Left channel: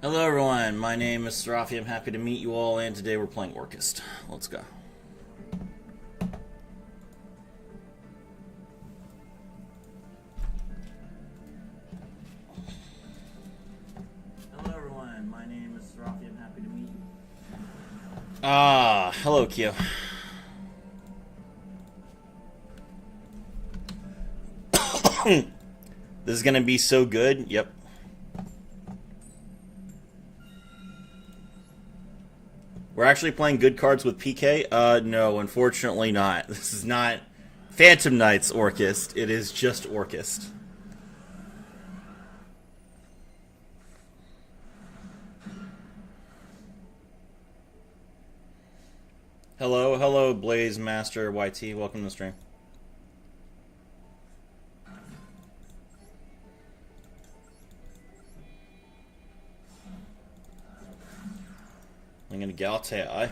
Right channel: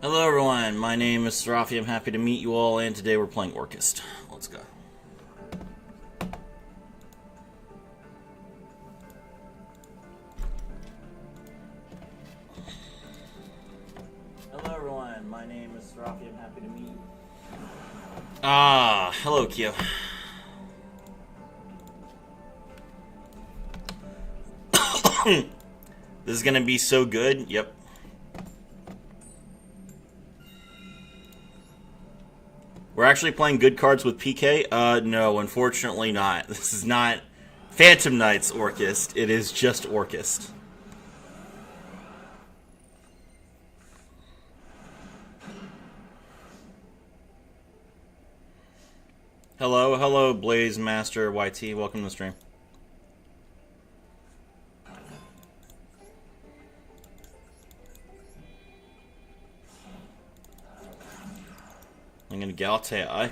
Hello everyone, my name is Serafi. I'm happy to meet you all, and today we're playing Orchest. Let's go. Hello everyone, my name is Serafi. I'm happy to meet you. Hello Q. This is gonna be so good, yep. We're actually playing good cards with PK? No, unfortunately not. This is not Phantom Knights Orchest. It is just Orchest. Hello, Blaze Master YT. Welcome to the stream. I'm gonna Galatea.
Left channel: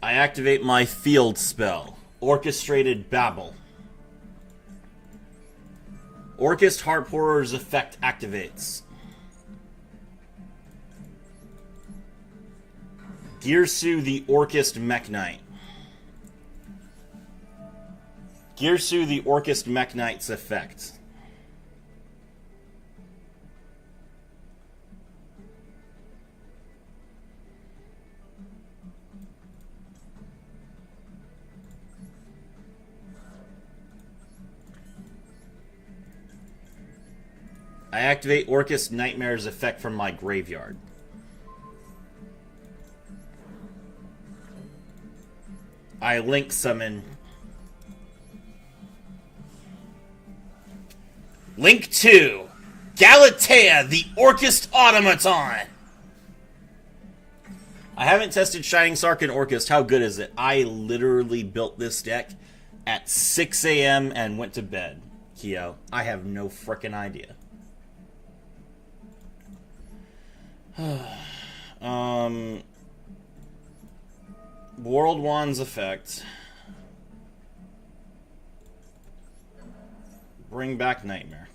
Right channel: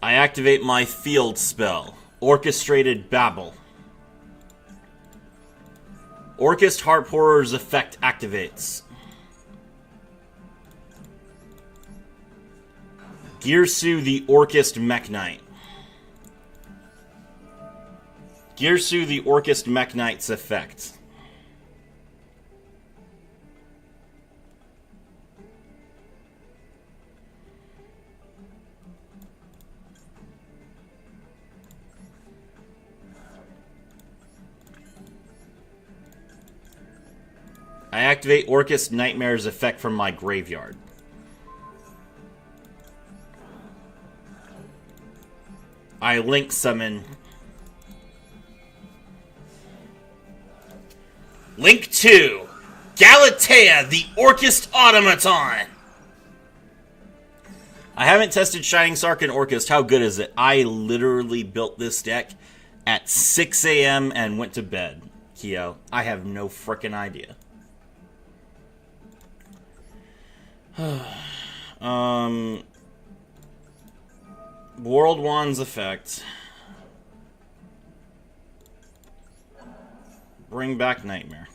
I activate my field spell. Orchestrated Babble. Orchest Harp Horror's effect activates. Girsu the Orchest Mech Knight. Girsu the Orchest Mech Knight's effect. I activate Orchest Nightmare's effect from my graveyard. I link summon. Link 2, Galatea, the Orchest Automaton. I haven't tested Shining Sark and Orchest. How good is it? I literally built this deck at 6 a.m. and went to bed, Keo. I have no frickin' idea. World Wand's effect. Bring back Nightmare.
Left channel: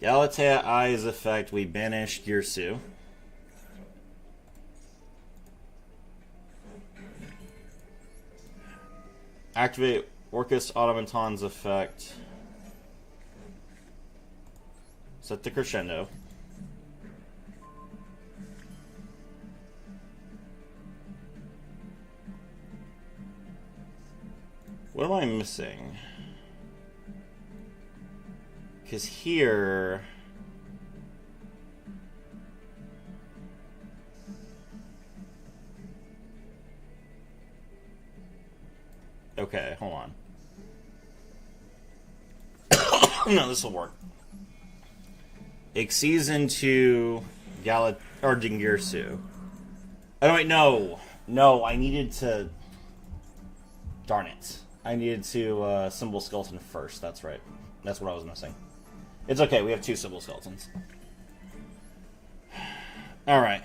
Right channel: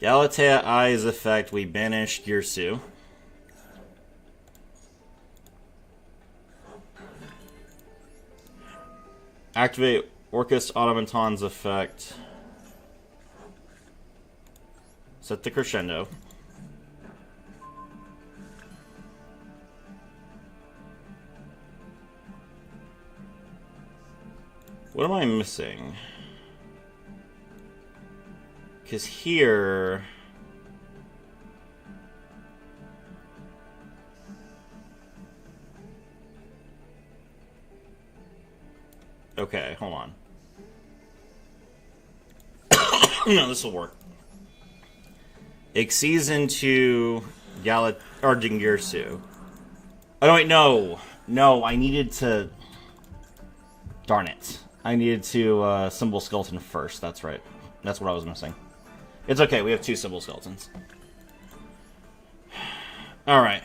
Galatea Eyes effect. We banish Girsu. Activate Orchest Automaton's effect. Set the Crescendo. What am I missing? Because here... Okay, hold on. No, this will work. Exceeds into Girsu. Oh, wait, no. No, I needed to... Darn it. I needed to Symbol Skeleton first. That's right. That's what I was missing. It's okay. We have 2 Symbol Skeletons. Alright.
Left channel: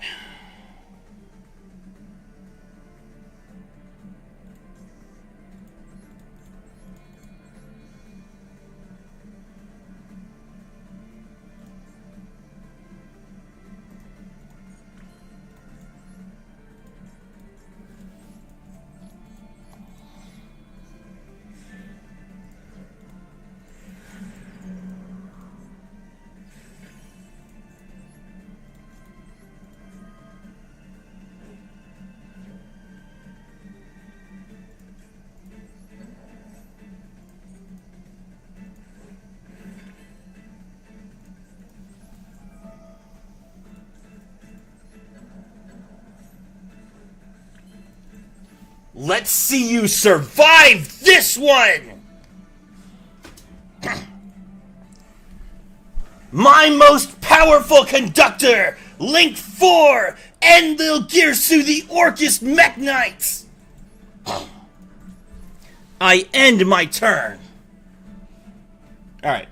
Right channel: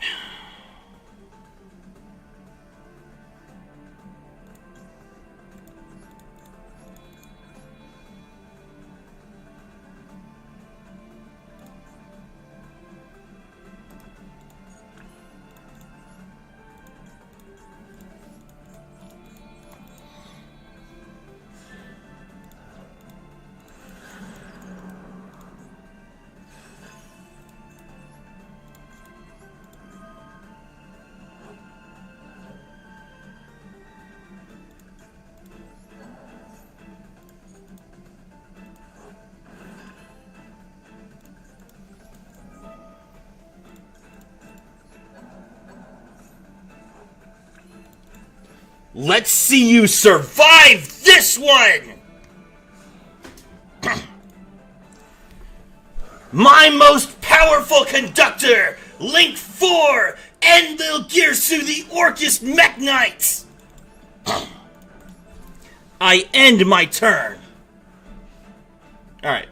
Let's see you survive this one! My most powerful conductor! Link 4! Enlil Girsu the Orchest Mech Knights! I end my turn. Alright.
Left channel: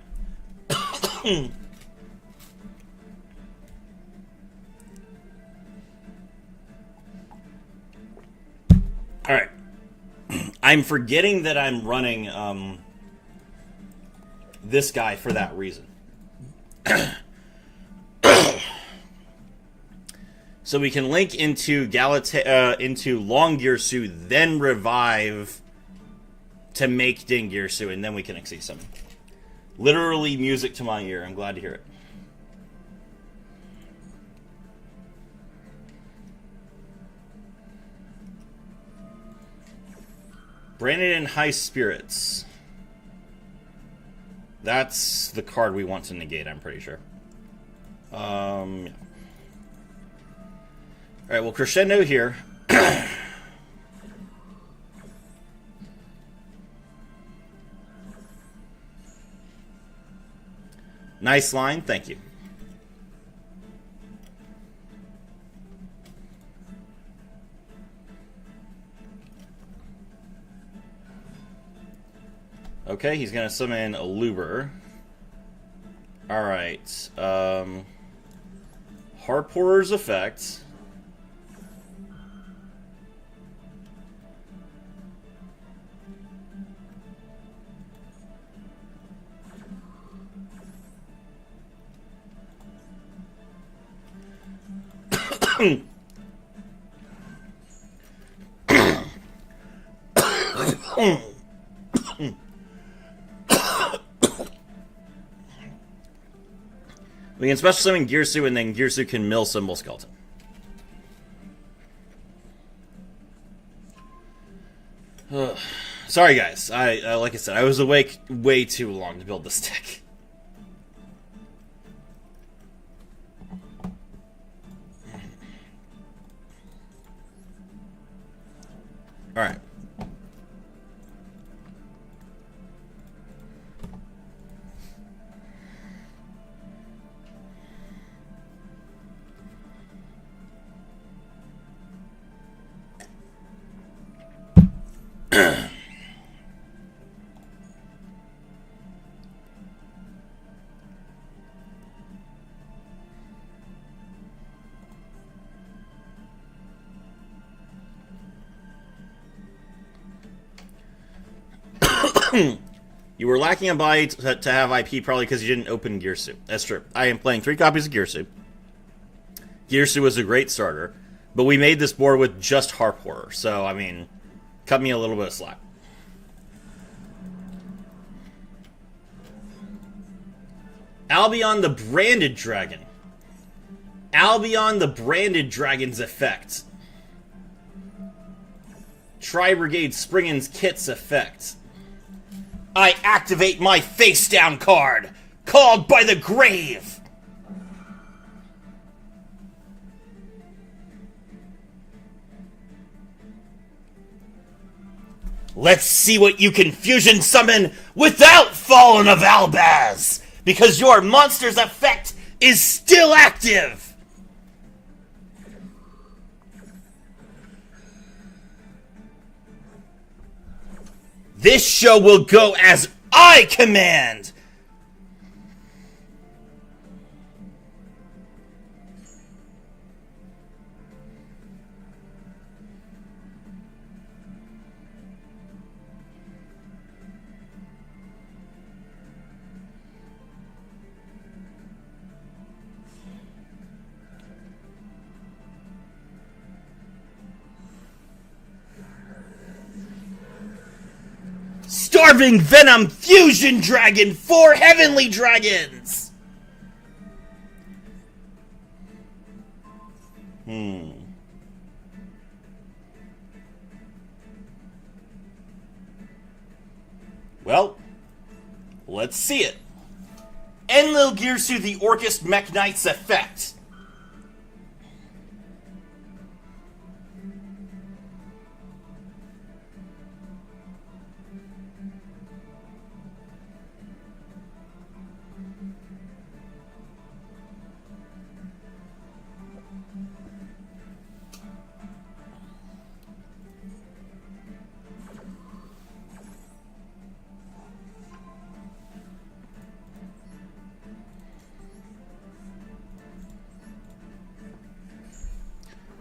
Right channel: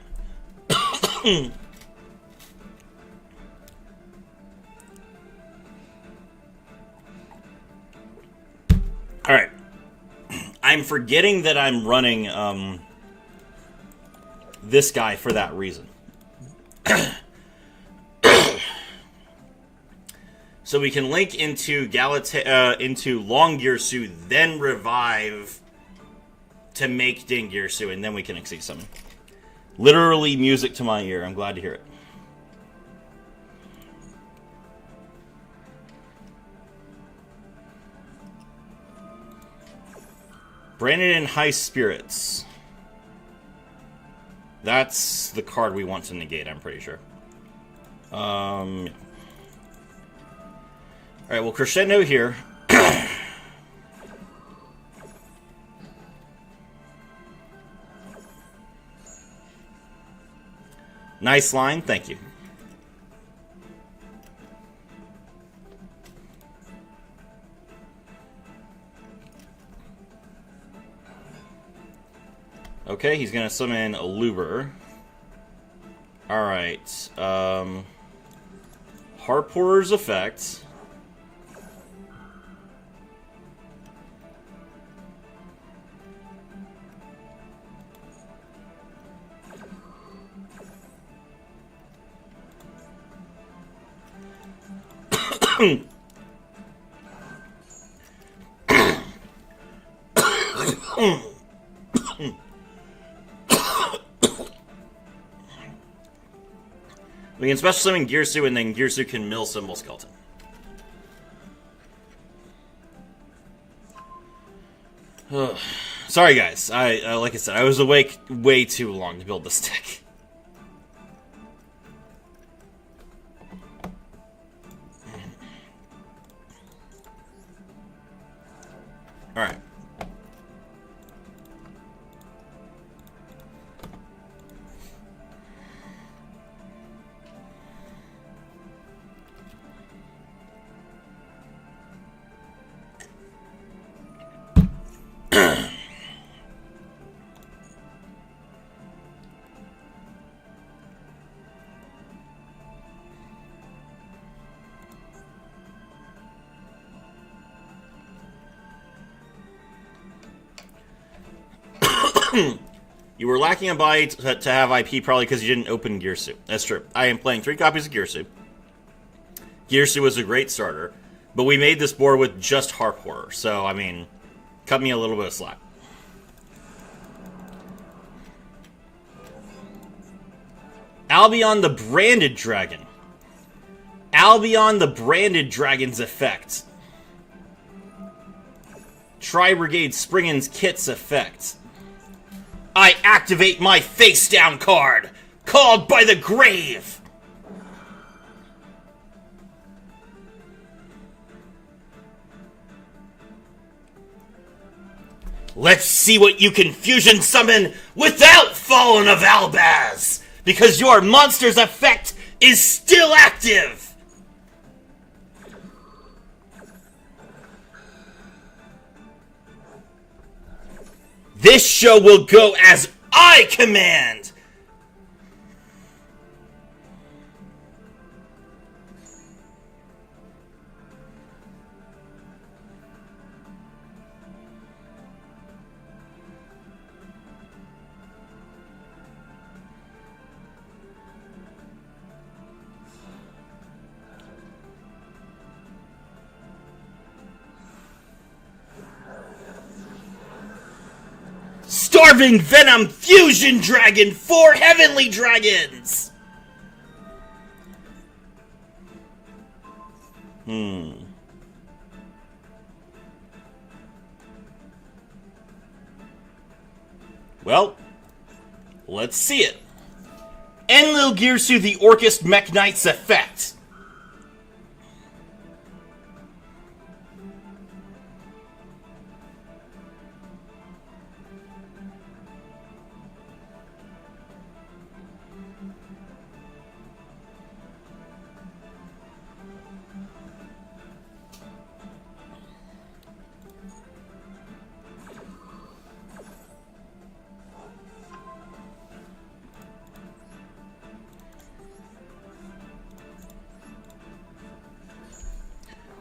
I'm forgetting that I'm running this guy for that reason. So we can link into into Long Girsu, then revive to make Ding Girsu, and then we can Exceed Summon. Literally music to my ear. I'm glad to hear it. Brandon in High Spirits. That's the card we want to negate, I'm pretty sure. Yeah. Alright, well, Crescendo here. Nice line, thank you. Okay, he's gonna summon a Luber. Alright, Harp Horror's effect. We can special summon Girsu, and then Girsu can mill Symbol Skeleton. Sorry, guys. I like I said, I was awake way too long to build this deck. All right. You were lacking a buy to have IP probably because you didn't open Girsu. That's true. I am playing 3 copies of Girsu. Girsu was a great starter, but we made this board with just Harp Horror, so, I mean, cut me a little bit of slack. Albion the Branded Dragon. Albion the Branded Dragon's effect. Tri-Brigade Springin's Kit's effect. I activate my face-down card, called by the grave. Let's see what you can fusion summon without Fallen of Albaz, because your monster's effect is still active. This show will go as I command! Starving Venom Fusion Dragon for Heavenly Dragons! Well, let's see it. Enlil Girsu the Orcust Mech Knight's effect.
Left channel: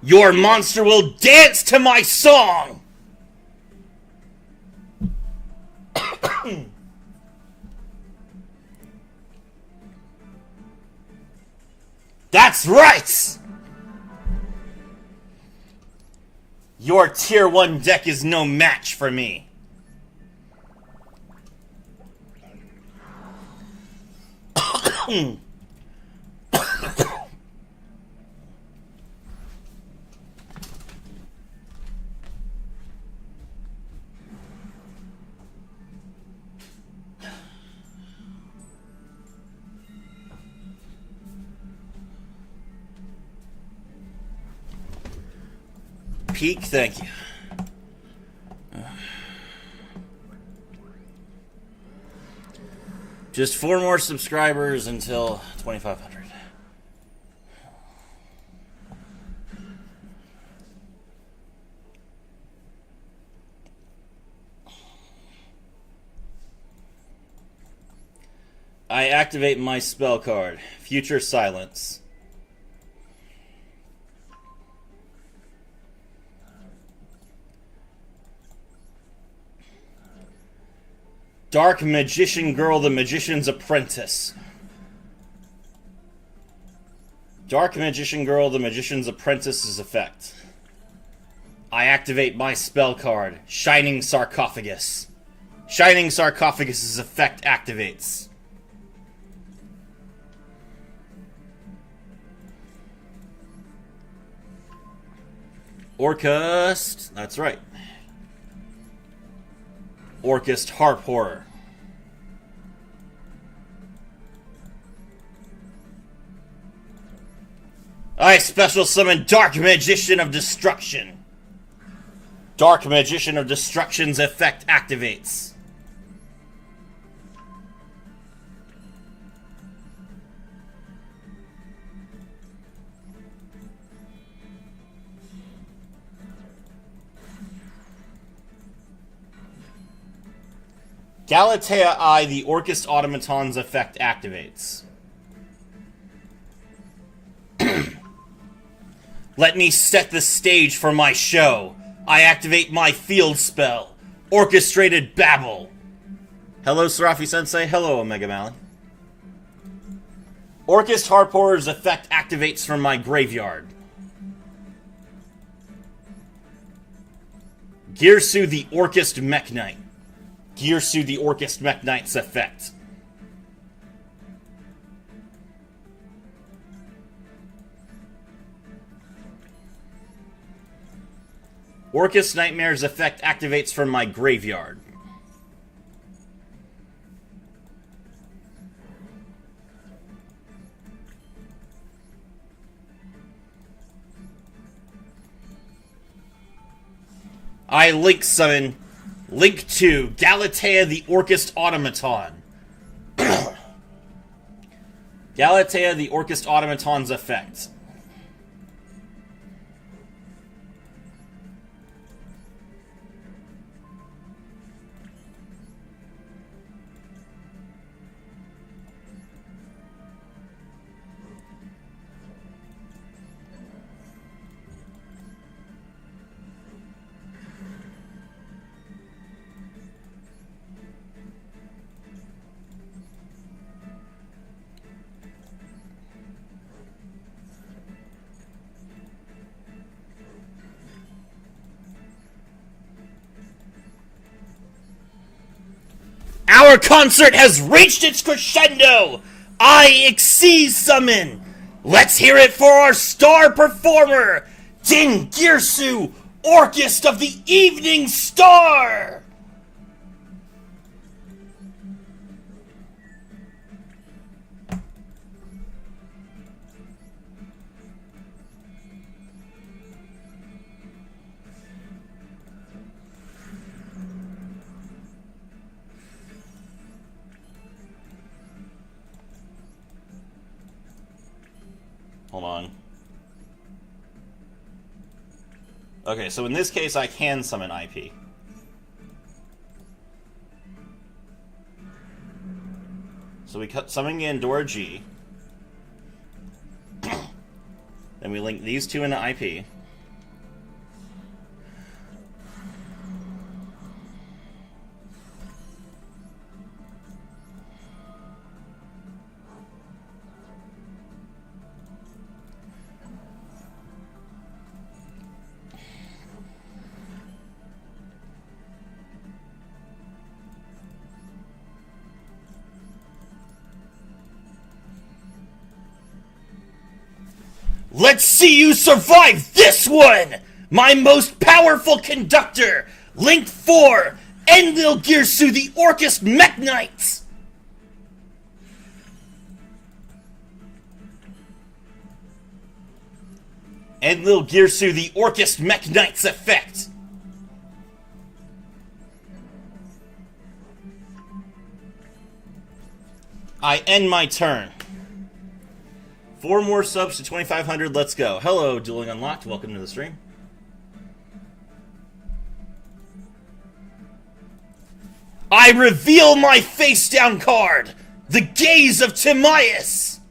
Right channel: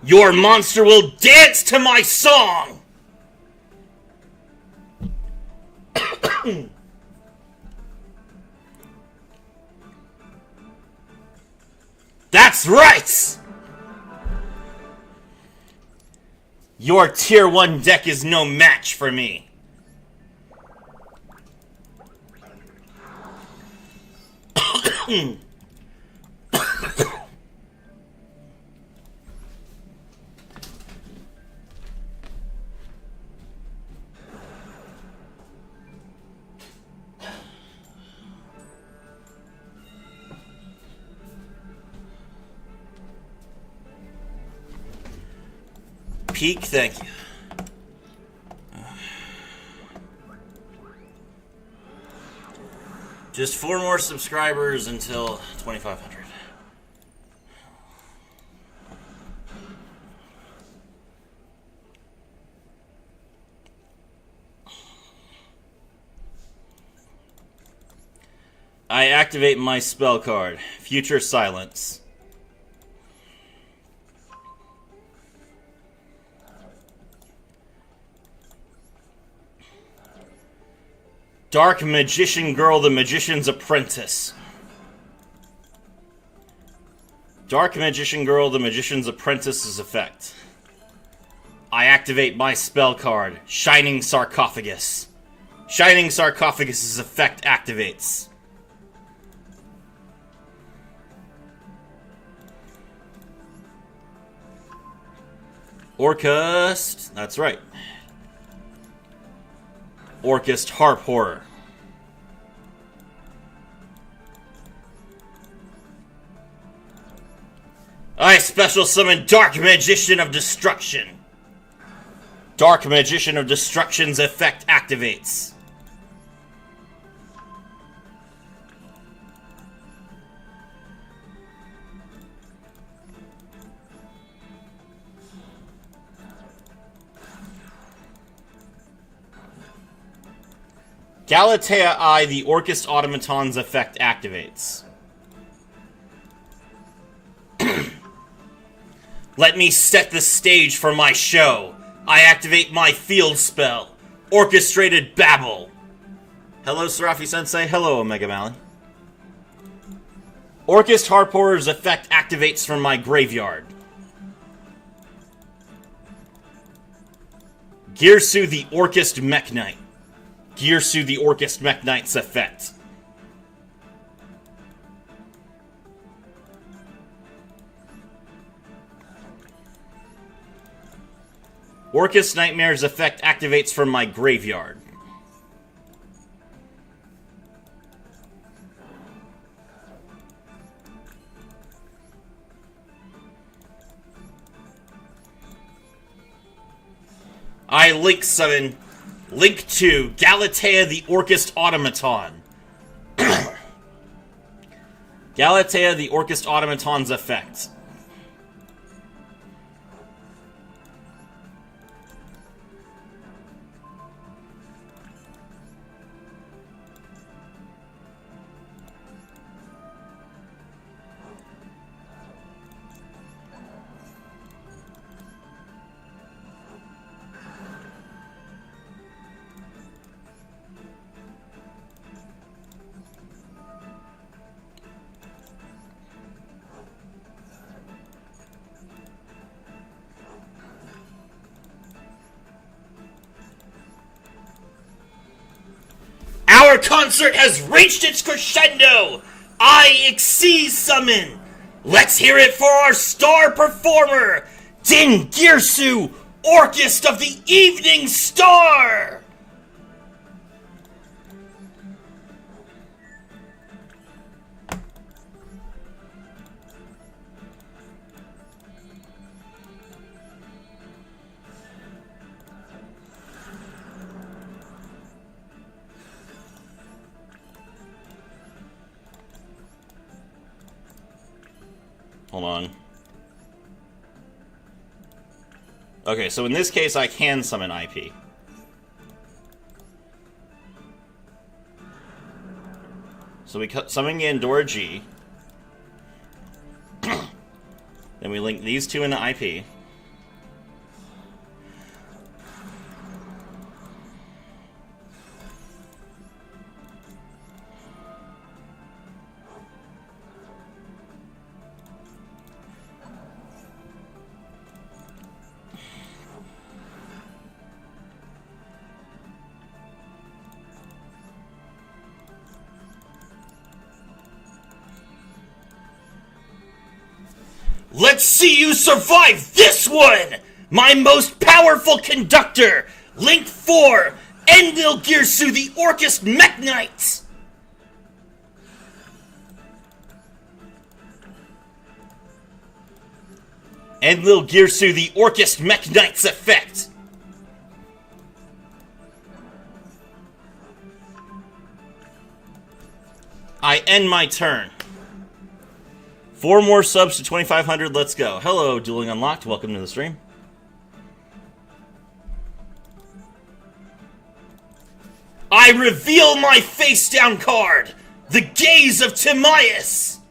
Your monster will dance to my song! That's right! Your tier 1 deck is no match for me. Peak, thank you. Just 4 more subscribers until 2,500. I activate my spell card, Future Silence. Dark Magician Girl, the Magician's Apprentice. Dark Magician Girl, the Magician's Apprentice's effect. I activate my spell card, Shining Sarcophagus. Shining Sarcophagus's effect activates. Orcust, that's right. Orcust Harp Horror. I special summon Dark Magician of Destruction. Dark Magician of Destruction's effect activates. Galatea Eye, the Orcust Automaton's effect activates. Let me set the stage for my show. I activate my field spell, Orchestrated Babble. Hello, Serafi-sensei. Hello, Omega Malin. Orcust Harp Horror's effect activates from my graveyard. Girsu, the Orcust Mech Knight. Girsu, the Orcust Mech Knight's effect. Orcust Nightmare's effect activates from my graveyard. I Link Summon Link 2, Galatea the Orcust Automaton. Galatea the Orcust Automaton's effect. Our concert has reached its crescendo! I Exceed Summon! Let's hear it for our star performer, Din Girsu, Orcust of the Evening Star! Hold on. Okay, so in this case, I can summon IP. So we summon Gandora G. Then we link these two into IP. Let's see you survive this one! My most powerful conductor, Link 4, Enlil Girsu the Orcust Mech Knight! Enlil Girsu the Orcust Mech Knight's effect! I end my turn. 4 more subs to 2,500. Let's go. Hello, Dueling Unlocked. Welcome to the stream. I reveal my face down card. The Gaze of Timaeus.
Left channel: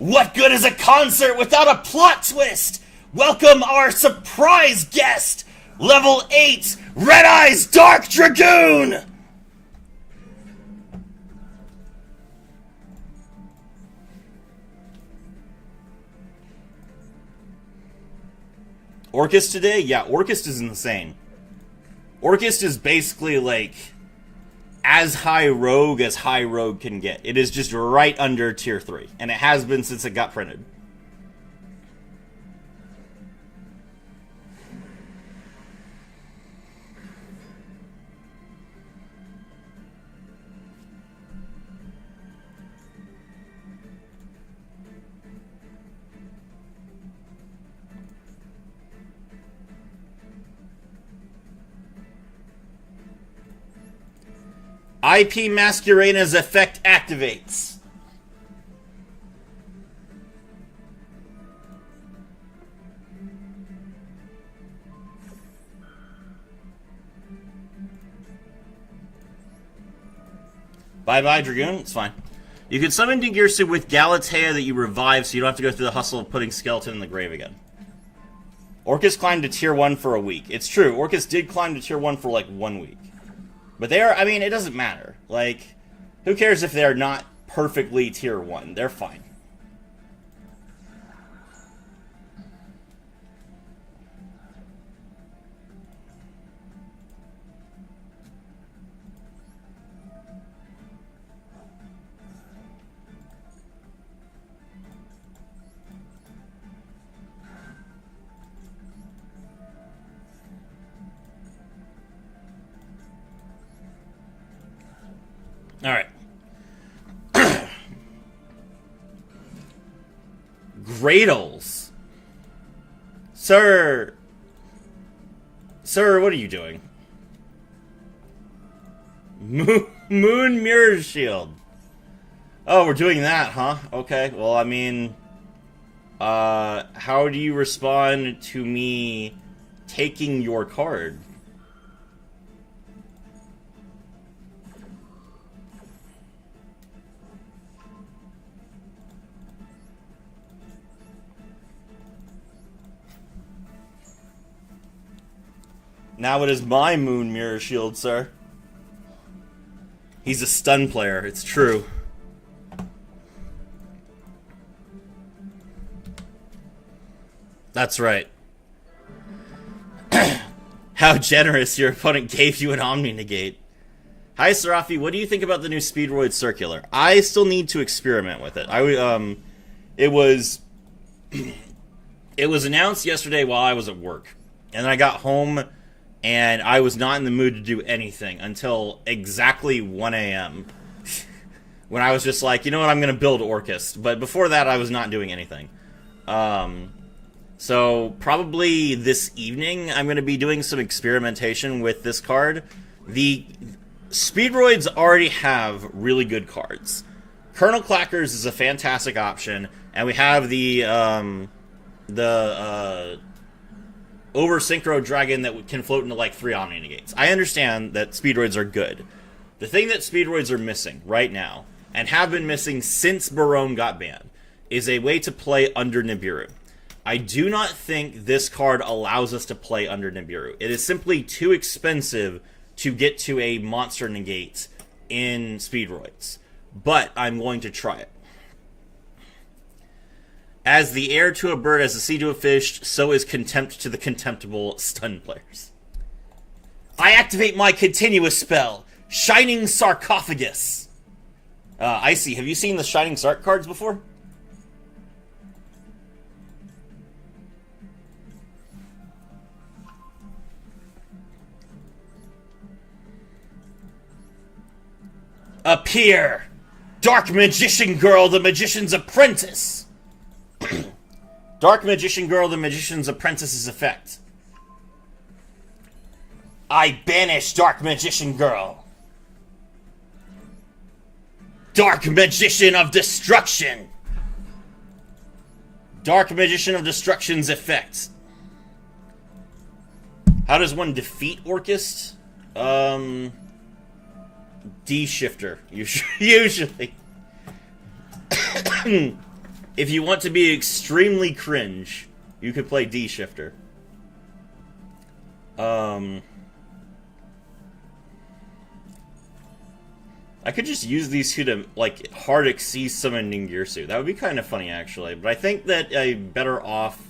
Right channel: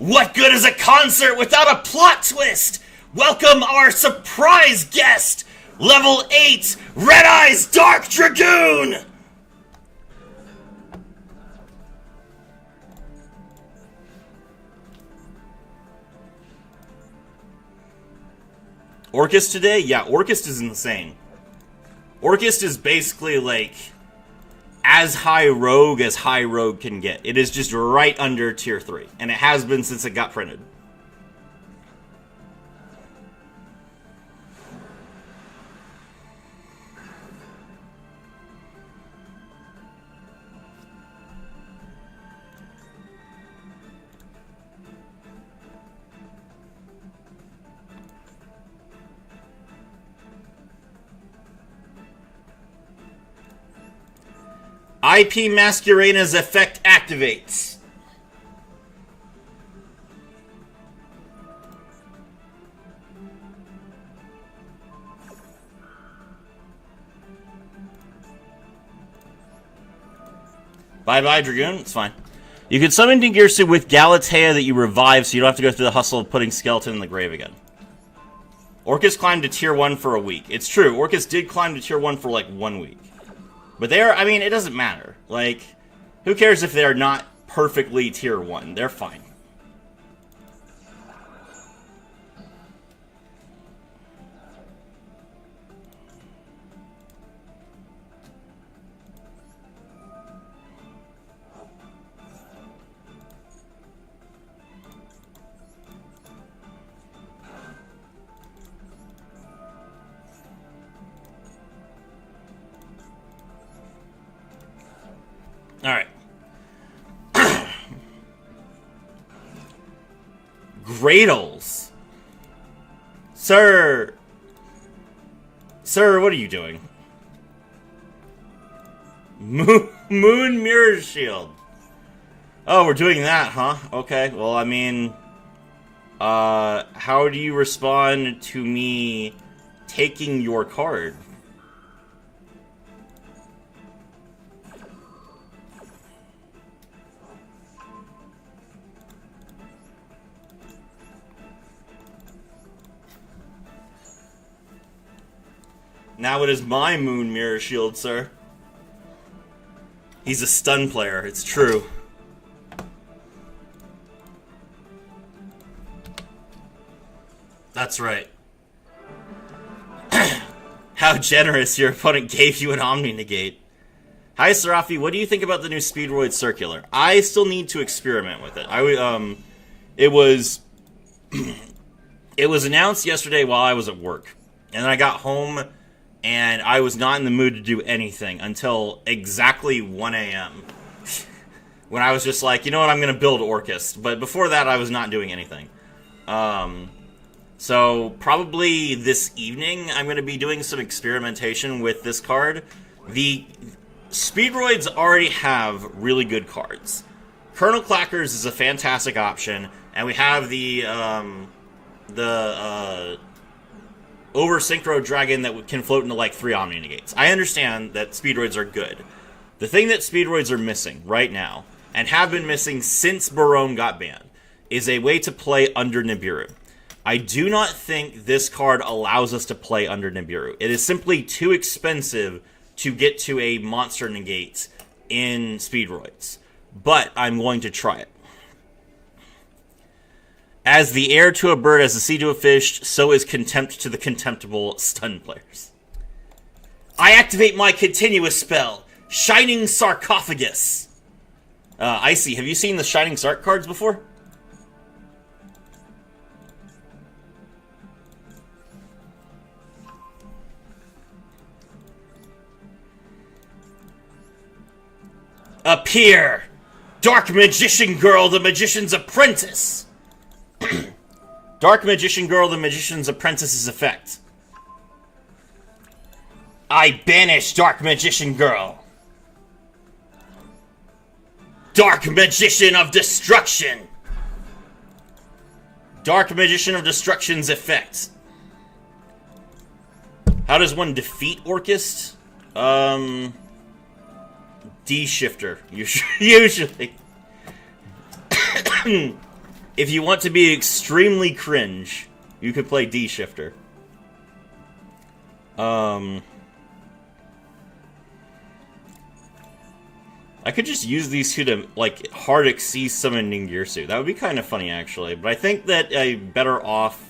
What good is a concert without a plot twist? Welcome our surprise guest, Level 8, Red Eyes Dark Dragoon! Orcust today? Yeah, Orcust is insane. Orcust is basically like as high rogue as high rogue can get. It is just right under tier 3, and it has been since it got printed. IP Masquerade's effect activates. Bye-bye, Dragoon. It's fine. You can summon Dingirsu with Galatea that you revive, so you don't have to go through the hustle of putting Skeleton in the grave again. Orcust climbed to tier 1 for a week. It's true, Orcust did climb to tier 1 for like 1 week. But they're, I mean, it doesn't matter. Like, who cares if they're not perfectly tier 1? They're fine. Alright. Gradles. Sir, what are you doing? Moon Mirror Shield. Oh, we're doing that, huh? Okay, well, I mean, how do you respond to me taking your card? Now it is my Moon Mirror Shield, sir. He's a stun player, it's true. That's right. How generous, your opponent gave you an Omni Negate. Hi, Serafi, what do you think about the new Speedroid Circular? I still need to experiment with it. It was announced yesterday while I was at work. And then I got home and I was not in the mood to do anything until exactly 1 a.m. when I was just like, you know what, I'm going to build Orcust. But before that, I was not doing anything. So probably this evening, I'm going to be doing some experimentation with this card. The Speedroids already have really good cards. Colonel Clackers is a fantastic option, and we have the over Synchro Dragon that can float into like 3 Omni Negates. I understand that Speedroids are good. The thing that Speedroids are missing right now, and have been missing since Barone got banned, is a way to play under Nibiru. I do not think this card allows us to play under Nibiru. It is simply too expensive to get to a monster negate in Speedroids. But I'm going to try it. As the heir to a bird, as the sea to a fish, so is contempt to the contemptible stun players. I activate my continuous spell, Shining Sarcophagus. Icy, have you seen the Shining Sarc cards before? Appear! Dark Magician Girl, the Magician's Apprentice! Dark Magician Girl, the Magician's Apprentice's effect. I banish Dark Magician Girl. Dark Magician of Destruction! Dark Magician of Destruction's effect. How does one defeat Orcust? D-shifter, usually. If you want to be extremely cringe, you could play D-shifter. I could just use these two to, like, hard exceed summon Ningirsu. That would be kind of funny, actually. But I think that I'm better off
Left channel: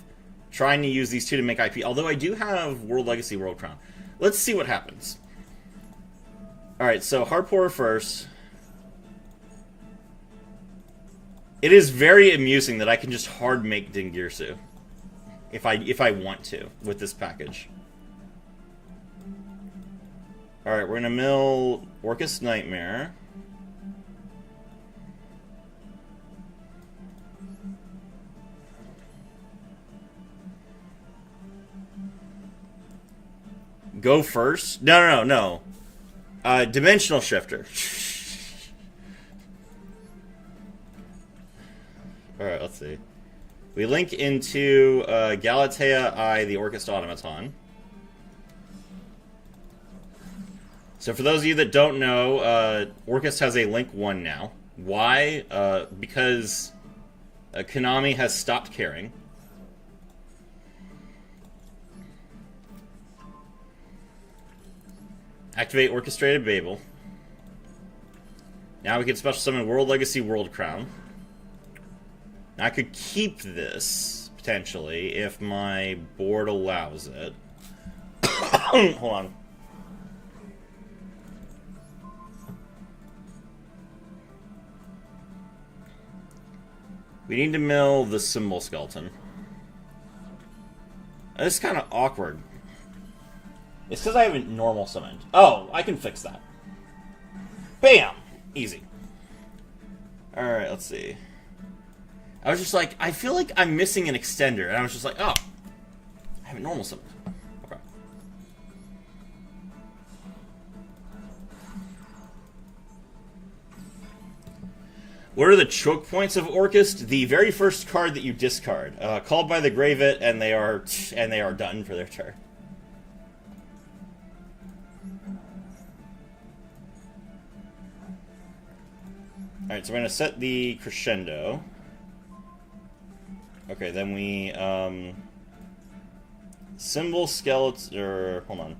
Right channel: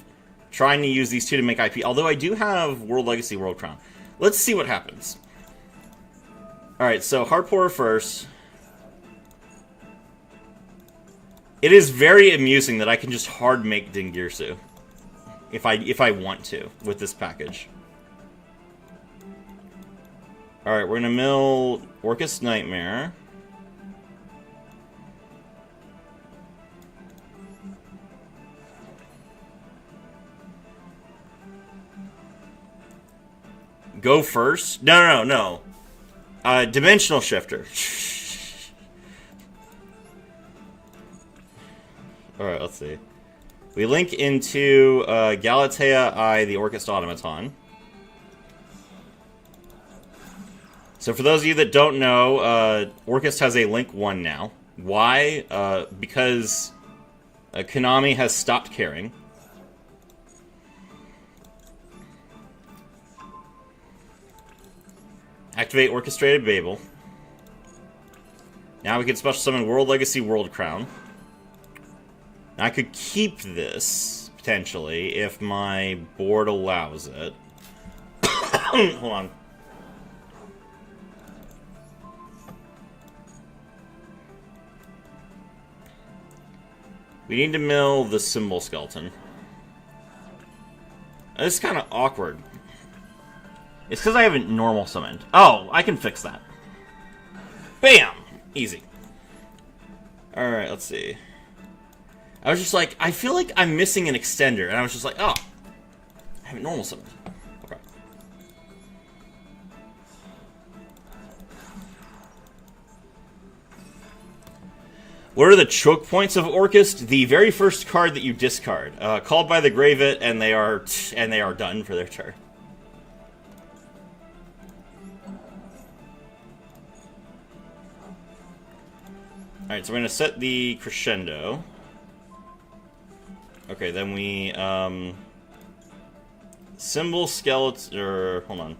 trying to use these two to make IP. Although I do have World Legacy, World Crown. Let's see what happens. Alright, so Hardpourer first. It is very amusing that I can just hard make Dingirsu. If I want to, with this package. Alright, we're gonna mill Orcust Nightmare. Go first? No. Dimensional Shifter. Alright, let's see. We link into Galatea I, the Orcust Automaton. So for those of you that don't know, Orcust has a Link 1 now. Why? Because Konami has stopped caring. Activate Orchestrated Babel. Now we can special summon World Legacy World Crown. Now I could keep this, potentially, if my board allows it. Hold on. We need to mill the Symbol Skeleton. This is kind of awkward. It's because I haven't normal summoned. Oh, I can fix that. Bam! Easy. Alright, let's see. I was just like, I feel like I'm missing an extender. And I was just like, oh. I haven't normal summoned. Okay. What are the choke points of Orcust? The very first card that you discard. Called by the Graveit, and they are done for their turn. Alright, so we're going to set the Crescendo. Okay, then we, Symbol Skeleton, or, hold on.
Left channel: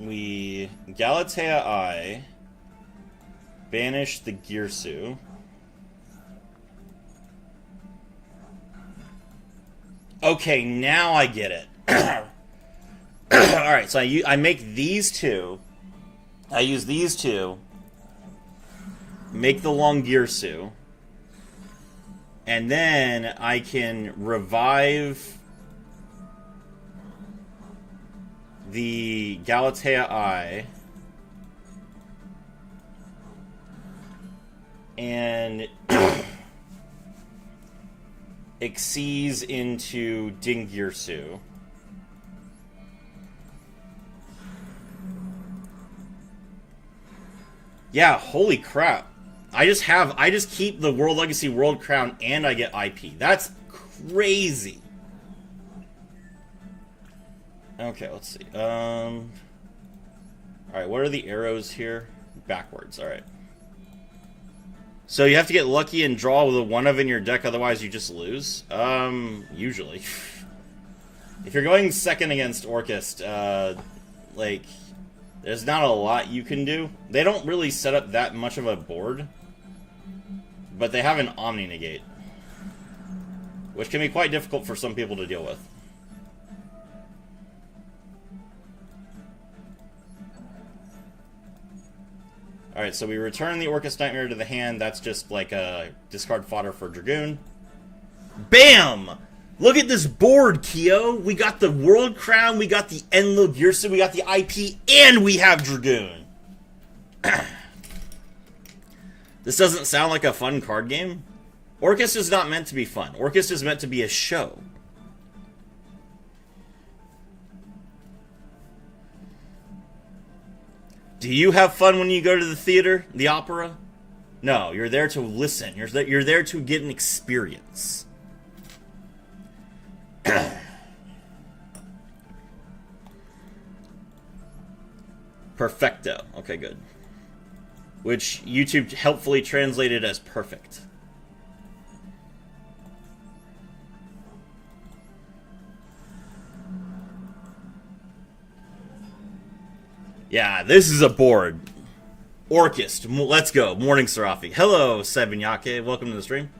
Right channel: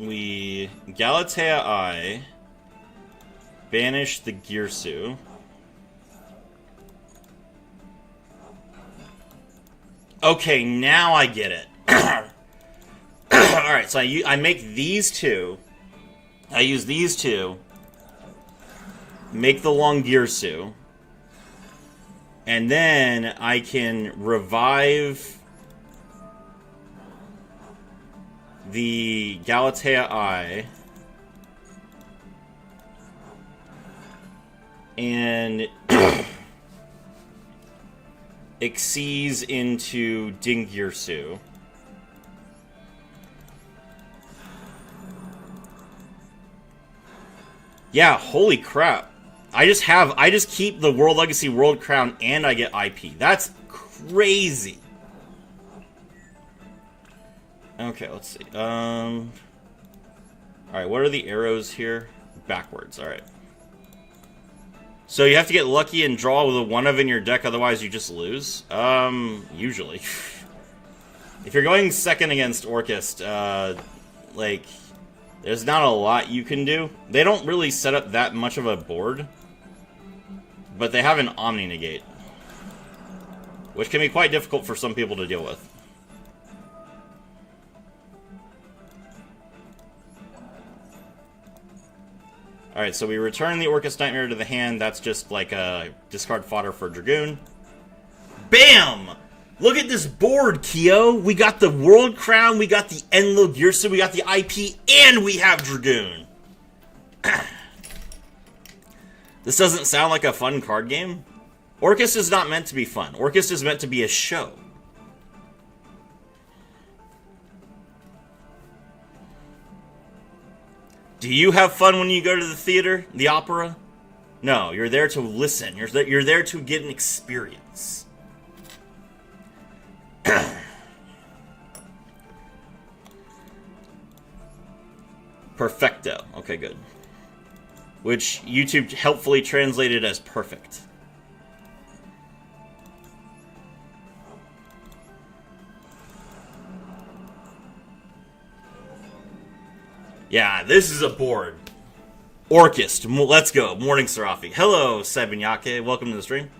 We Galatea I, banish the Girsu. Okay, now I get it. Alright, so I make these two. I use these two, make the long Girsu, and then I can revive the Galatea I, and Xyz into Dingirsu. Yeah, holy crap. I just keep the World Legacy World Crown and I get IP. That's crazy. Okay, let's see. Alright, what are the arrows here? Backwards, alright. So you have to get lucky and draw with a 1 of in your deck, otherwise you just lose? Usually. If you're going second against Orcust, like, there's not a lot you can do. They don't really set up that much of a board, but they have an Omni Negate, which can be quite difficult for some people to deal with. Alright, so we return the Orcus Nightmare to the hand. That's just like a discard fodder for Dragoon. Bam! Look at this board, Kyo. We got the World Crown, we got the Enlo Girsu, we got the IP, and we have Dragoon. This doesn't sound like a fun card game. Orcus is not meant to be fun. Orcus is meant to be a show. Do you have fun when you go to the theater, the opera? No, you're there to listen. You're there to get an experience. Perfecto. Okay, good. Which YouTube helpfully translated as perfect. Yeah, this is a board. Orcus, let's go. Morning, Serafi. Hello, Sebinyake. Welcome to the stream.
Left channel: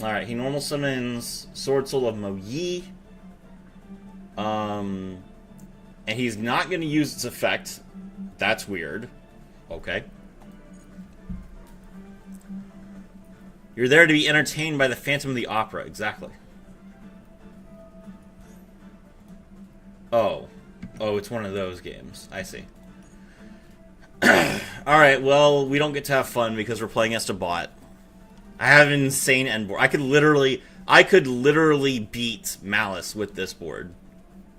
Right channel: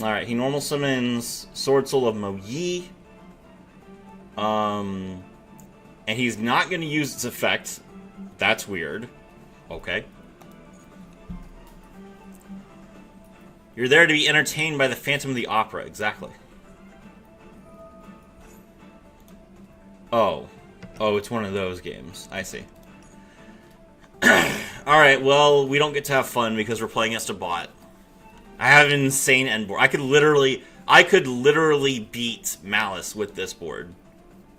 Alright, he normal summons Sword Soul of Mo Yi. And he's not going to use its effect. That's weird. Okay. You're there to be entertained by the Phantom of the Opera. Exactly. Oh. Oh, it's one of those games. I see. Alright, well, we don't get to have fun because we're playing as a bot. I have an insane end board. I could literally beat Malice with this board.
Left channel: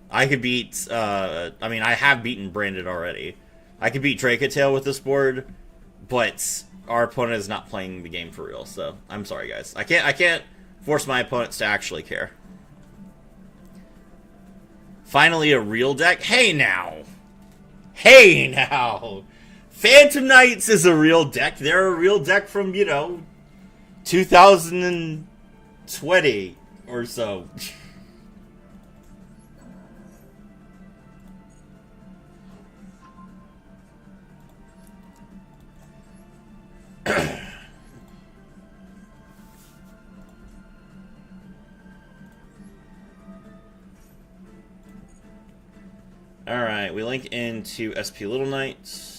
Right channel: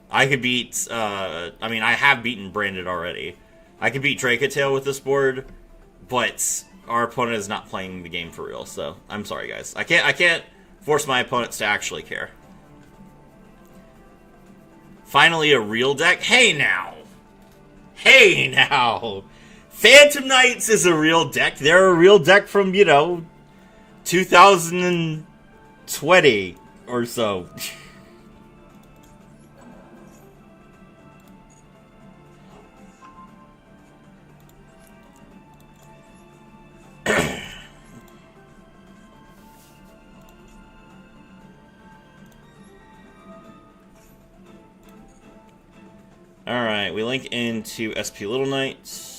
I could beat, I mean, I have beaten Branded already. I could beat Dracatail with this board, but our opponent is not playing the game for real, so I'm sorry, guys. I can't force my opponents to actually care. Finally, a real deck? Hey, now! Hey, now! Phantom Knights is a real deck. They're a real deck from, you know, 2020 or so. Alright, we link into SP Little Knights.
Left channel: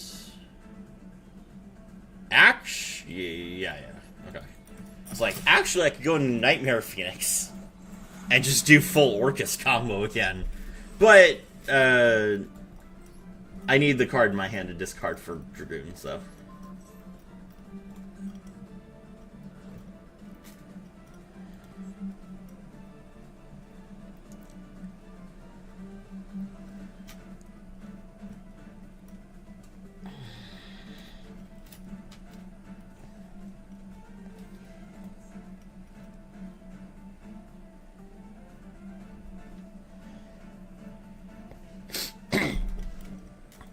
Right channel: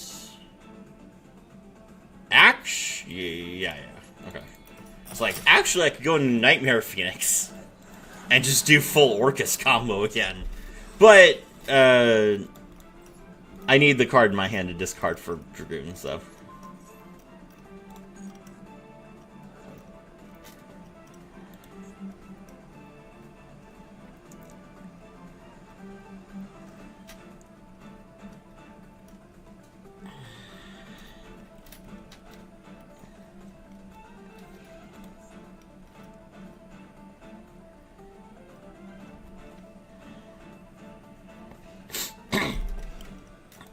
Yeah. Okay. It's like, actually, I could go into Nightmare Phoenix and just do full Orcus combo again. But, I need the card in my hand to discard for Dragoon, so.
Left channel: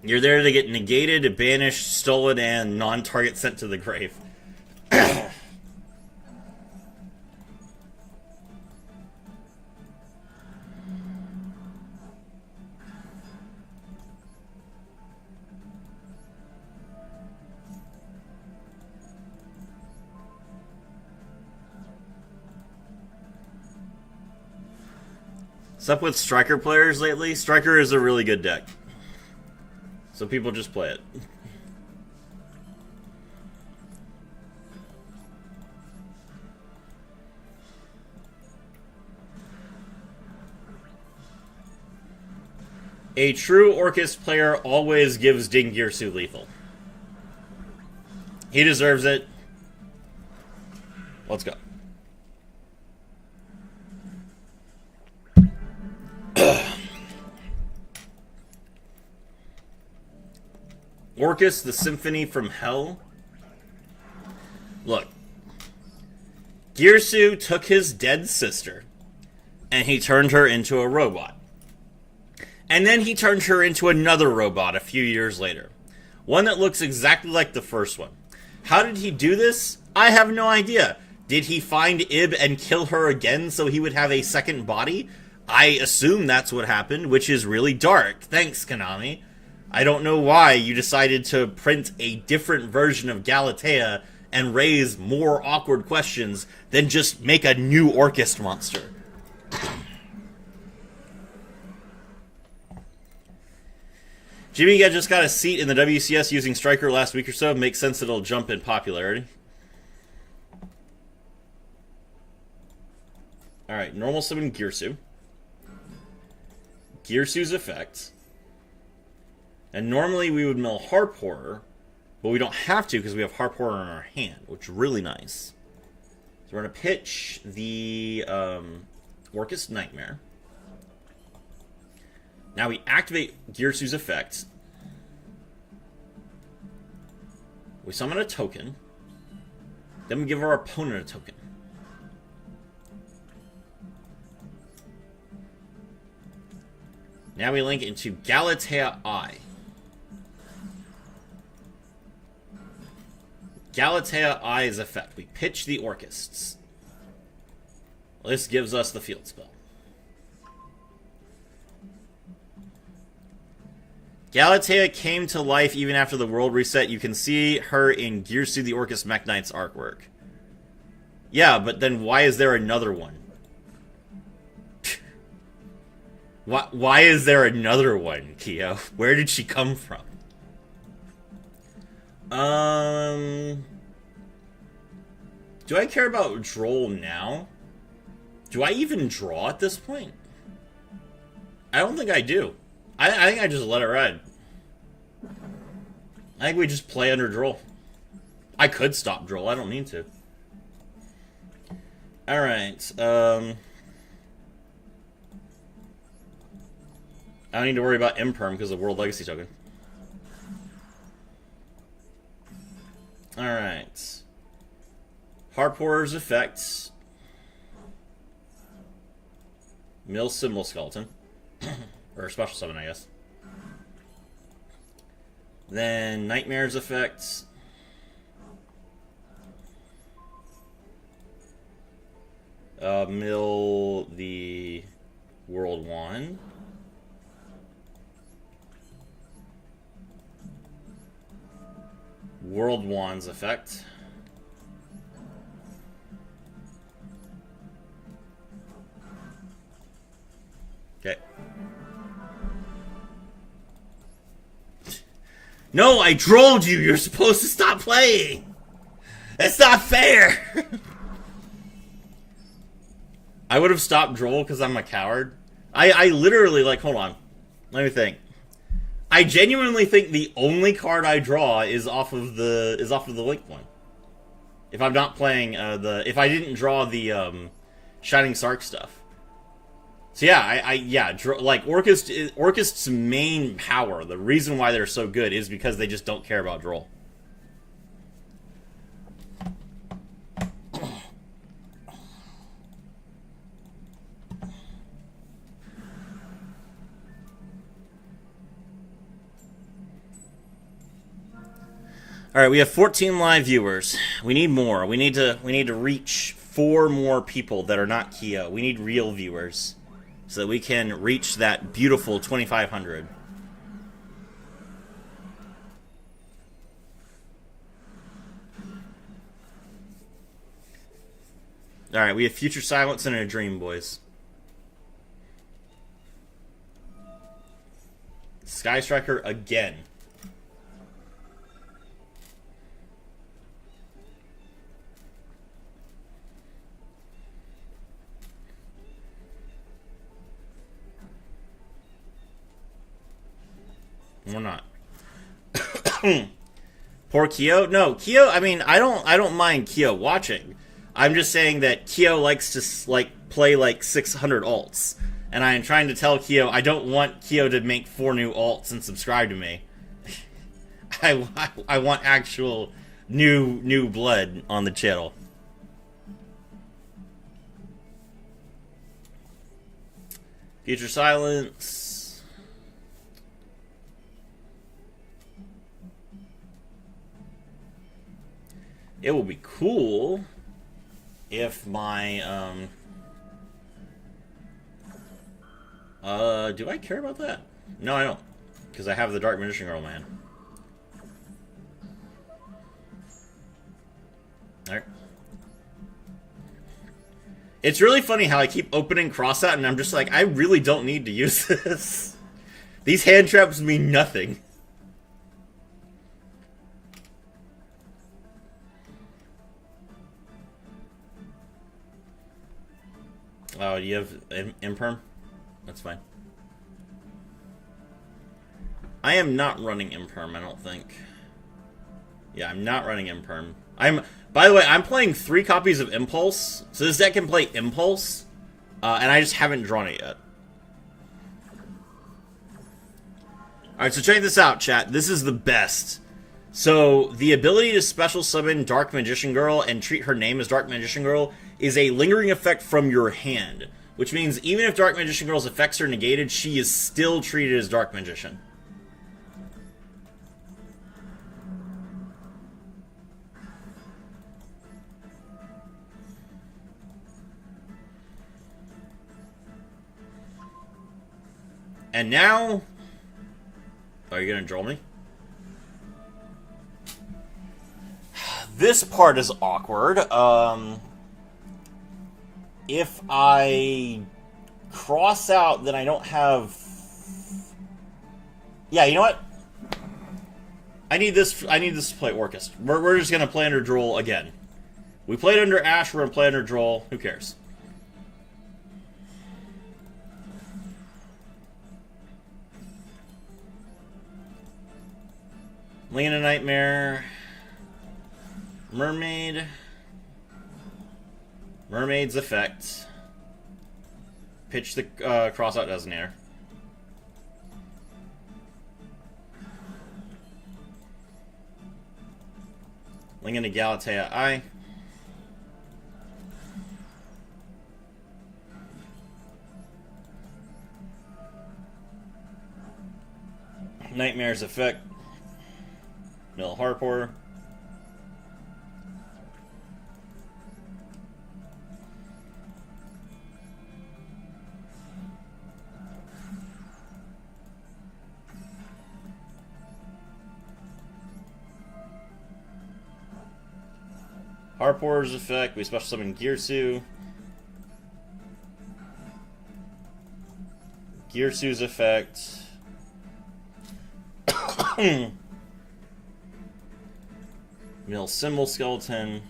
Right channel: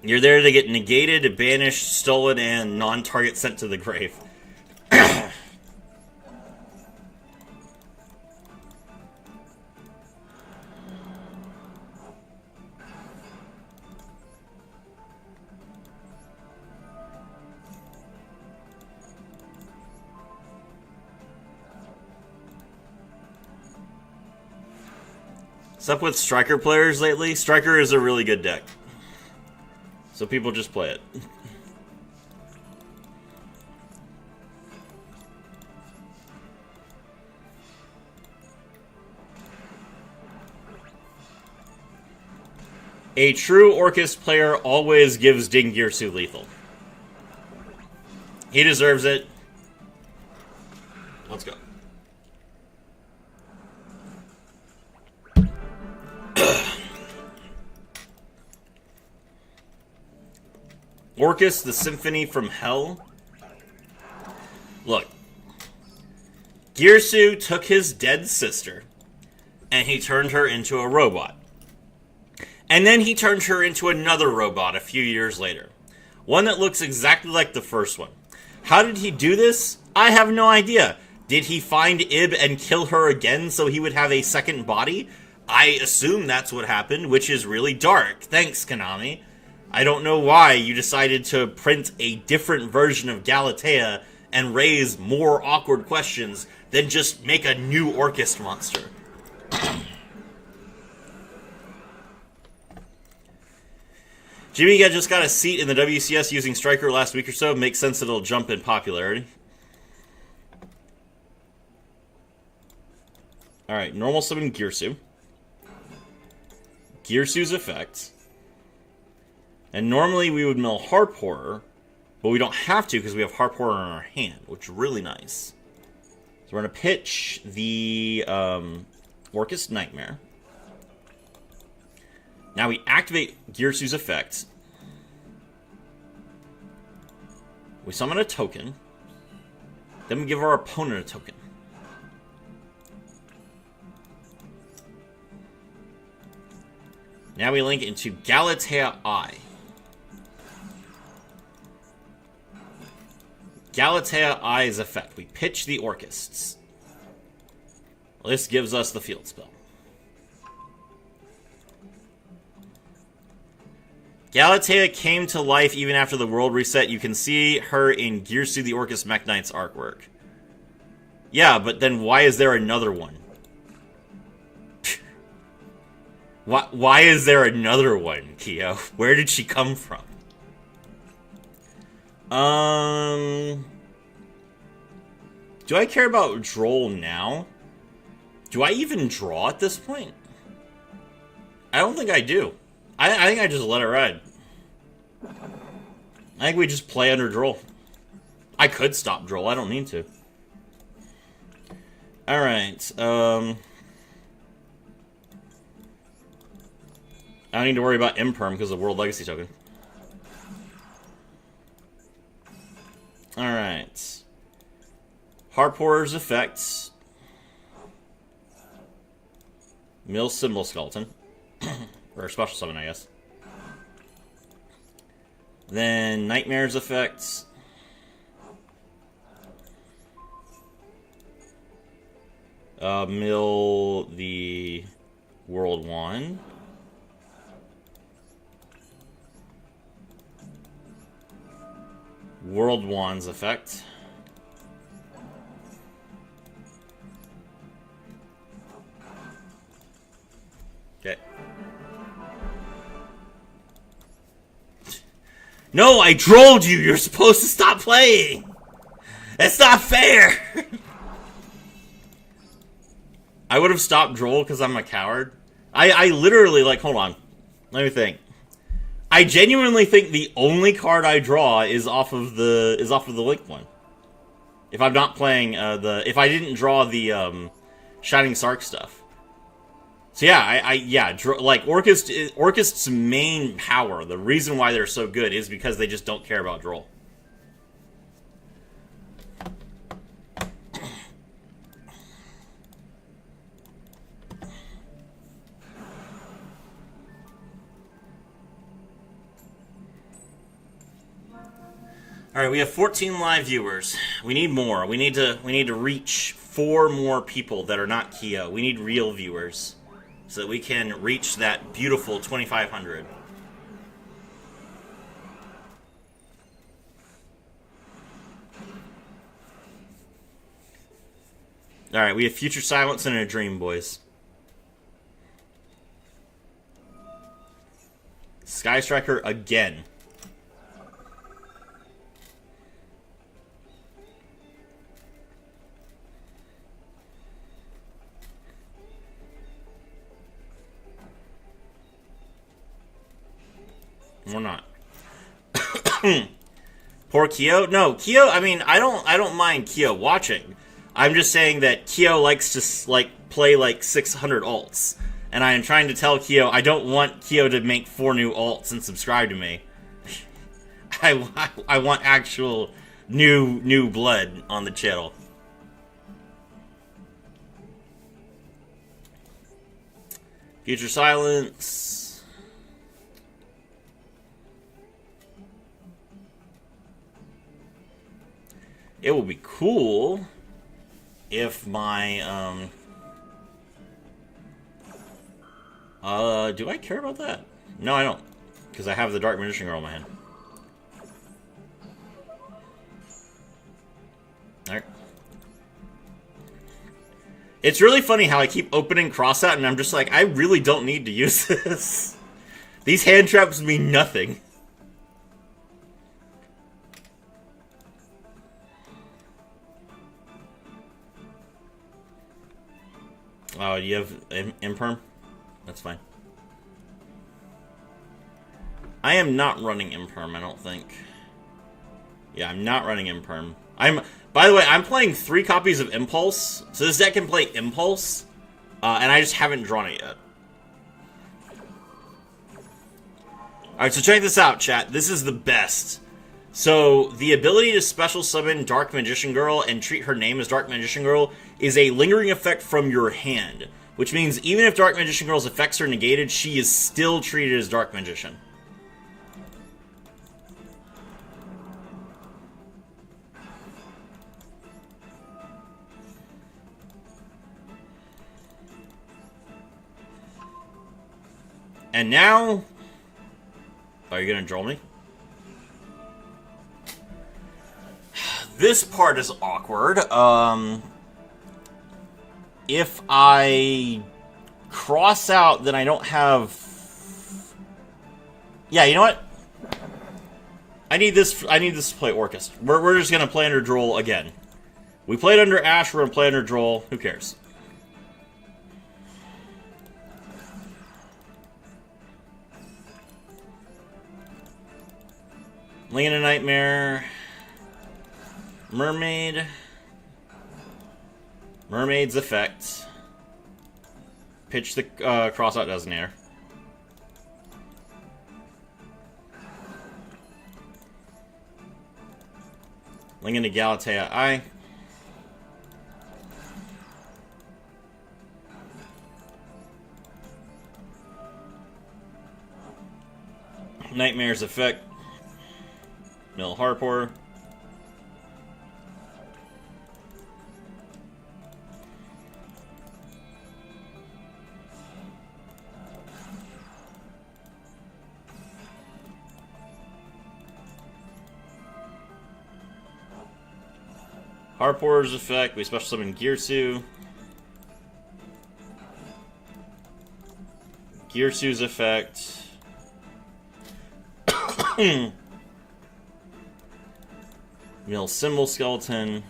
You're there to get negated, banished, stolen, and non-target sent to the grave. What's up with Striker players lately? Striker is a really good deck. So people just play it. A true Orcus player always gives Dingirsu lethal. He deserves it. Let's go. Orcus, the Symphony from Hell. Look. Girsu took his dead sister, and he turned her into a robot. And then he turned her into another robot a few years later. One that looks exactly like the first one. How did he do this? I have no idea. Did he find Ib and kill her again so he would have a second body? I assume that's what happened, which is really dark. Thanks, Konami. I don't know why you decided to print a different version of Galatea and raise more awkward questions than just make a new Orcust monster. Jimmy just got a seat in the WCS using Striker last week or so. Makes sense that it'll jump in popularity. Alright, normal summon Girsu. Girsu's effect. And normally we would mill Harp Horror, but we don't have to because we have Harp Horror in our hand, which is really nice. So we're going to pitch the Orcust Nightmare. Now we activate Girsu's effect. We summon a token. Then we give our opponent a token. Now we link into Galatea Eye. Galatea Eye's effect. We pitch the Orcusts. This gives us the field spell. Galatea came to life even after the world reset. You can see her in Girsu the Orcust Mech Knight's artwork. Yeah, but then why is there another one? Why is there another one, Keo? Where did she come from? Do I care about Droll now? Do I even draw at this point? I don't think I do. I think I just let it ride. I think we just play under Droll. I could stop Droll. I don't need to. Alright, I don't need to worry about Imperm because of World Legacy token. Alright. Harp Horror's effects. Mill Symbol Skeleton. Or Special Summon, I guess. Then Nightmare's effects. Mill the World Wand. World Wand's effect. Okay. No, I trolled you! You're supposed to stop playing! That's not fair! I would have stopped Droll because I'm a coward. I literally, like, hold on. Let me think. I genuinely think the only card I draw is off of the Link one. If I'm not playing if I didn't draw the Shining Sark stuff. So yeah, like Orcust's main power, the reason why they're so good is because they just don't care about Droll. All right, we have 14 live viewers. We need more. We need to reach 4 more people that are not Keo. We need real viewers so that we can reach that beautiful 2,500. All right, we have Future Silence and a Dream, boys. Sky Striker again. We're not. Poor Keo? No, Keo, I mean, I don't mind Keo watching. I'm just saying that Keo likes to, like, play, like, 600 alts. And I am trying to tell Keo, I don't want Keo to make 4 new alts and subscribe to me. I want actual new blood on the channel. Future Silence. It would be cool if my, do I care about that? No, I don't. Because I have the Dark Magician Girl in my hand. It's really funny how I keep opening Crossout and I'm just like, I really don't need to use this. These hand traps mean nothing. Oh, you have Imperm? That's fine. I am not running Imperm, I don't think. Yeah, I'm not running Imperm. By the way, I'm playing 3 copies of Impulse, so this deck can play Impulse, and I just haven't drawn it yet. Alright, so check this out, chat. This is the best. So, the ability to special summon Dark Magician Girl and treat her name as Dark Magician Girl is a lingering effect from your hand, which means even if Dark Magician Girl's effects are negated, she is still treated as Dark Magician. And now... Are you gonna draw me? This part is awkward. If I cross out, then I don't have... Yeah, you know what? I need this to play Orcust. We're just gonna play under Droll again. We played under Ash, we're gonna play under Droll. Who cares? Lane of Nightmare. Mermaid. Mermaid's effect. Pitch the Crossout Designator. Link into Galatea Eye. Nightmare's effect. Mill Harpor. Harpor's effect, we special summon Girsu. Girsu's effect. Mill Symbol Skeleton.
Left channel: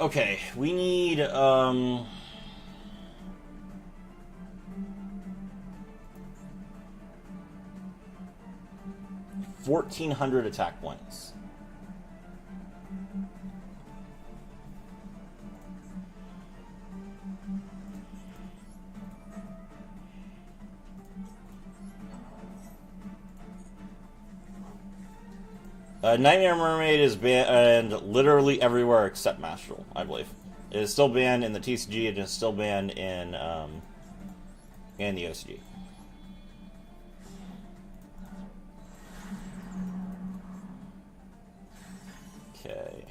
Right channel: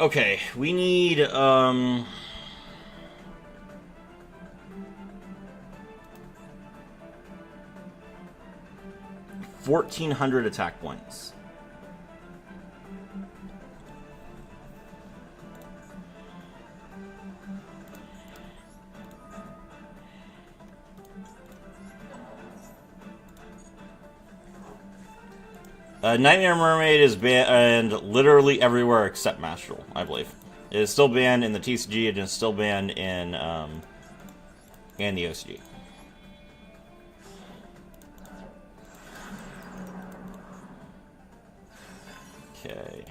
Okay, we need 1,400 attack points. Nightmare Mermaid is banned literally everywhere except Master Duel, I believe. It is still banned in the TCG, it is still banned in the OCG. Okay.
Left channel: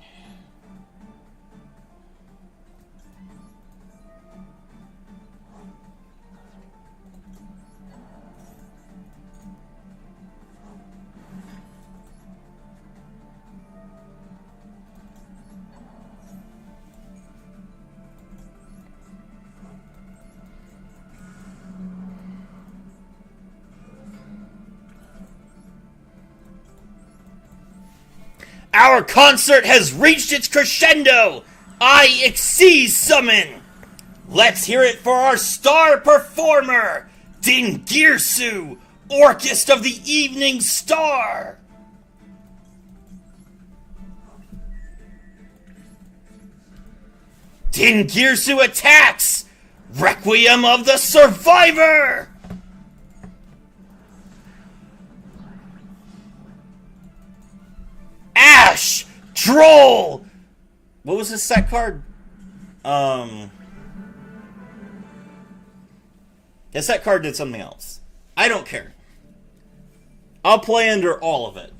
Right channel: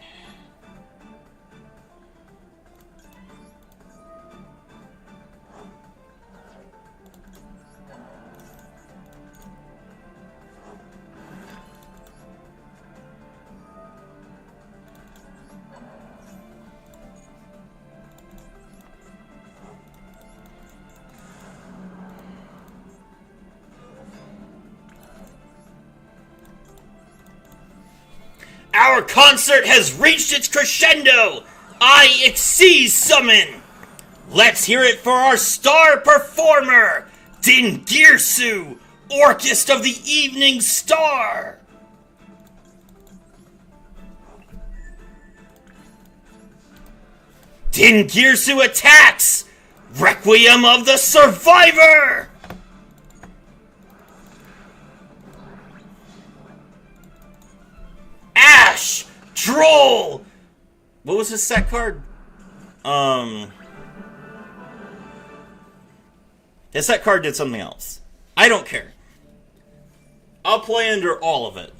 Our concert has reached its crescendo! I exceed summon! Let's hear it for our star performer, Din Girsu, Orcust of the Evening Star! Din Girsu attacks! Requiem of the Survivor! Ash! Droll! What was his set card? His set card did something else. I don't care. I'll play under all of it.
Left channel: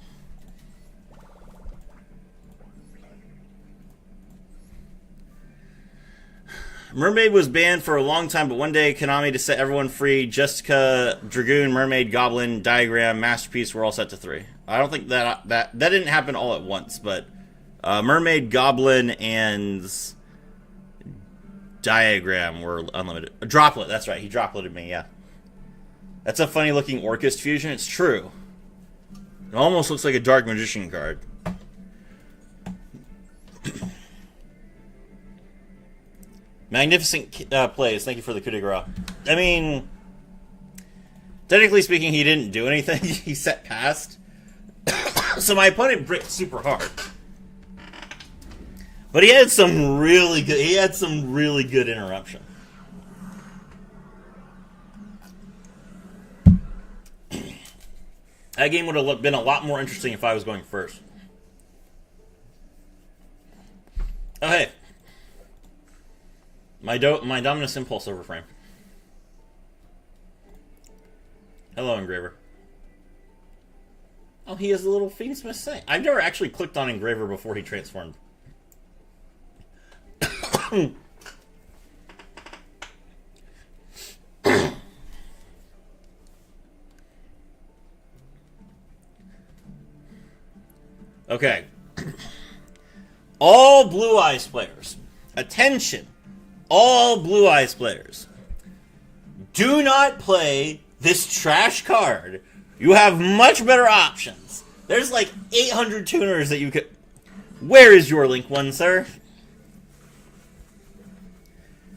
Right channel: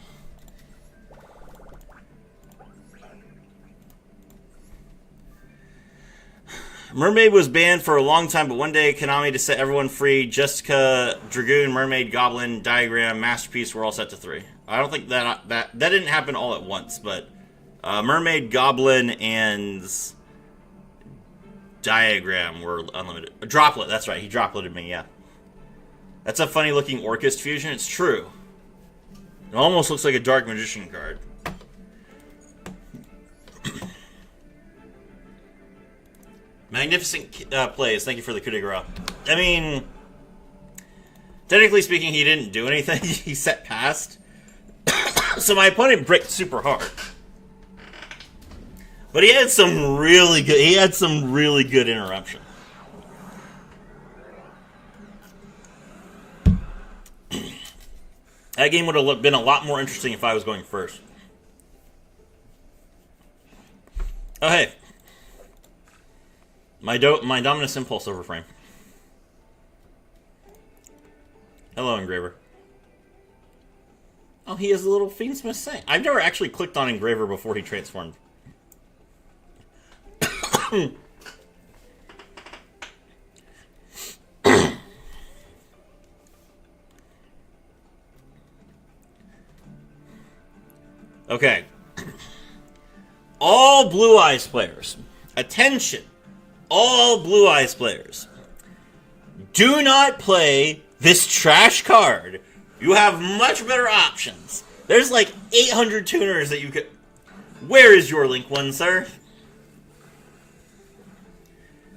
Mermaid was banned for a long time, but one day Konami to set everyone free. Jessica, Dragoon, Mermaid, Goblin, Diagram, Masterpiece were all set to 3. I don't think that didn't happen all at once, but Mermaid, Goblin, and Diagram were unlimited. A droplet, that's right. He dropleted me, yeah. That's a funny looking Orcust fusion. It's true. It almost looks like a Dark Magician card. Magnificent plays. Thank you for the coup de grace. I mean, technically speaking, he didn't do anything. He set past. So my opponent bricked super hard. But he had some really good interruption. That game would have been a lot more interesting if I was going first. Oh, hey. My Dominus Impulse overframe. Hello, Engraver. Oh, he has a little Fiendsmith Saint. I've never actually clicked on Engraver before he transformed. Okay. All Blue Eyes players. Attention. All Blue Eyes players. Do not play this trash card. You have much better options. There's like 800 tuners that you could... Where is your Link One, sir?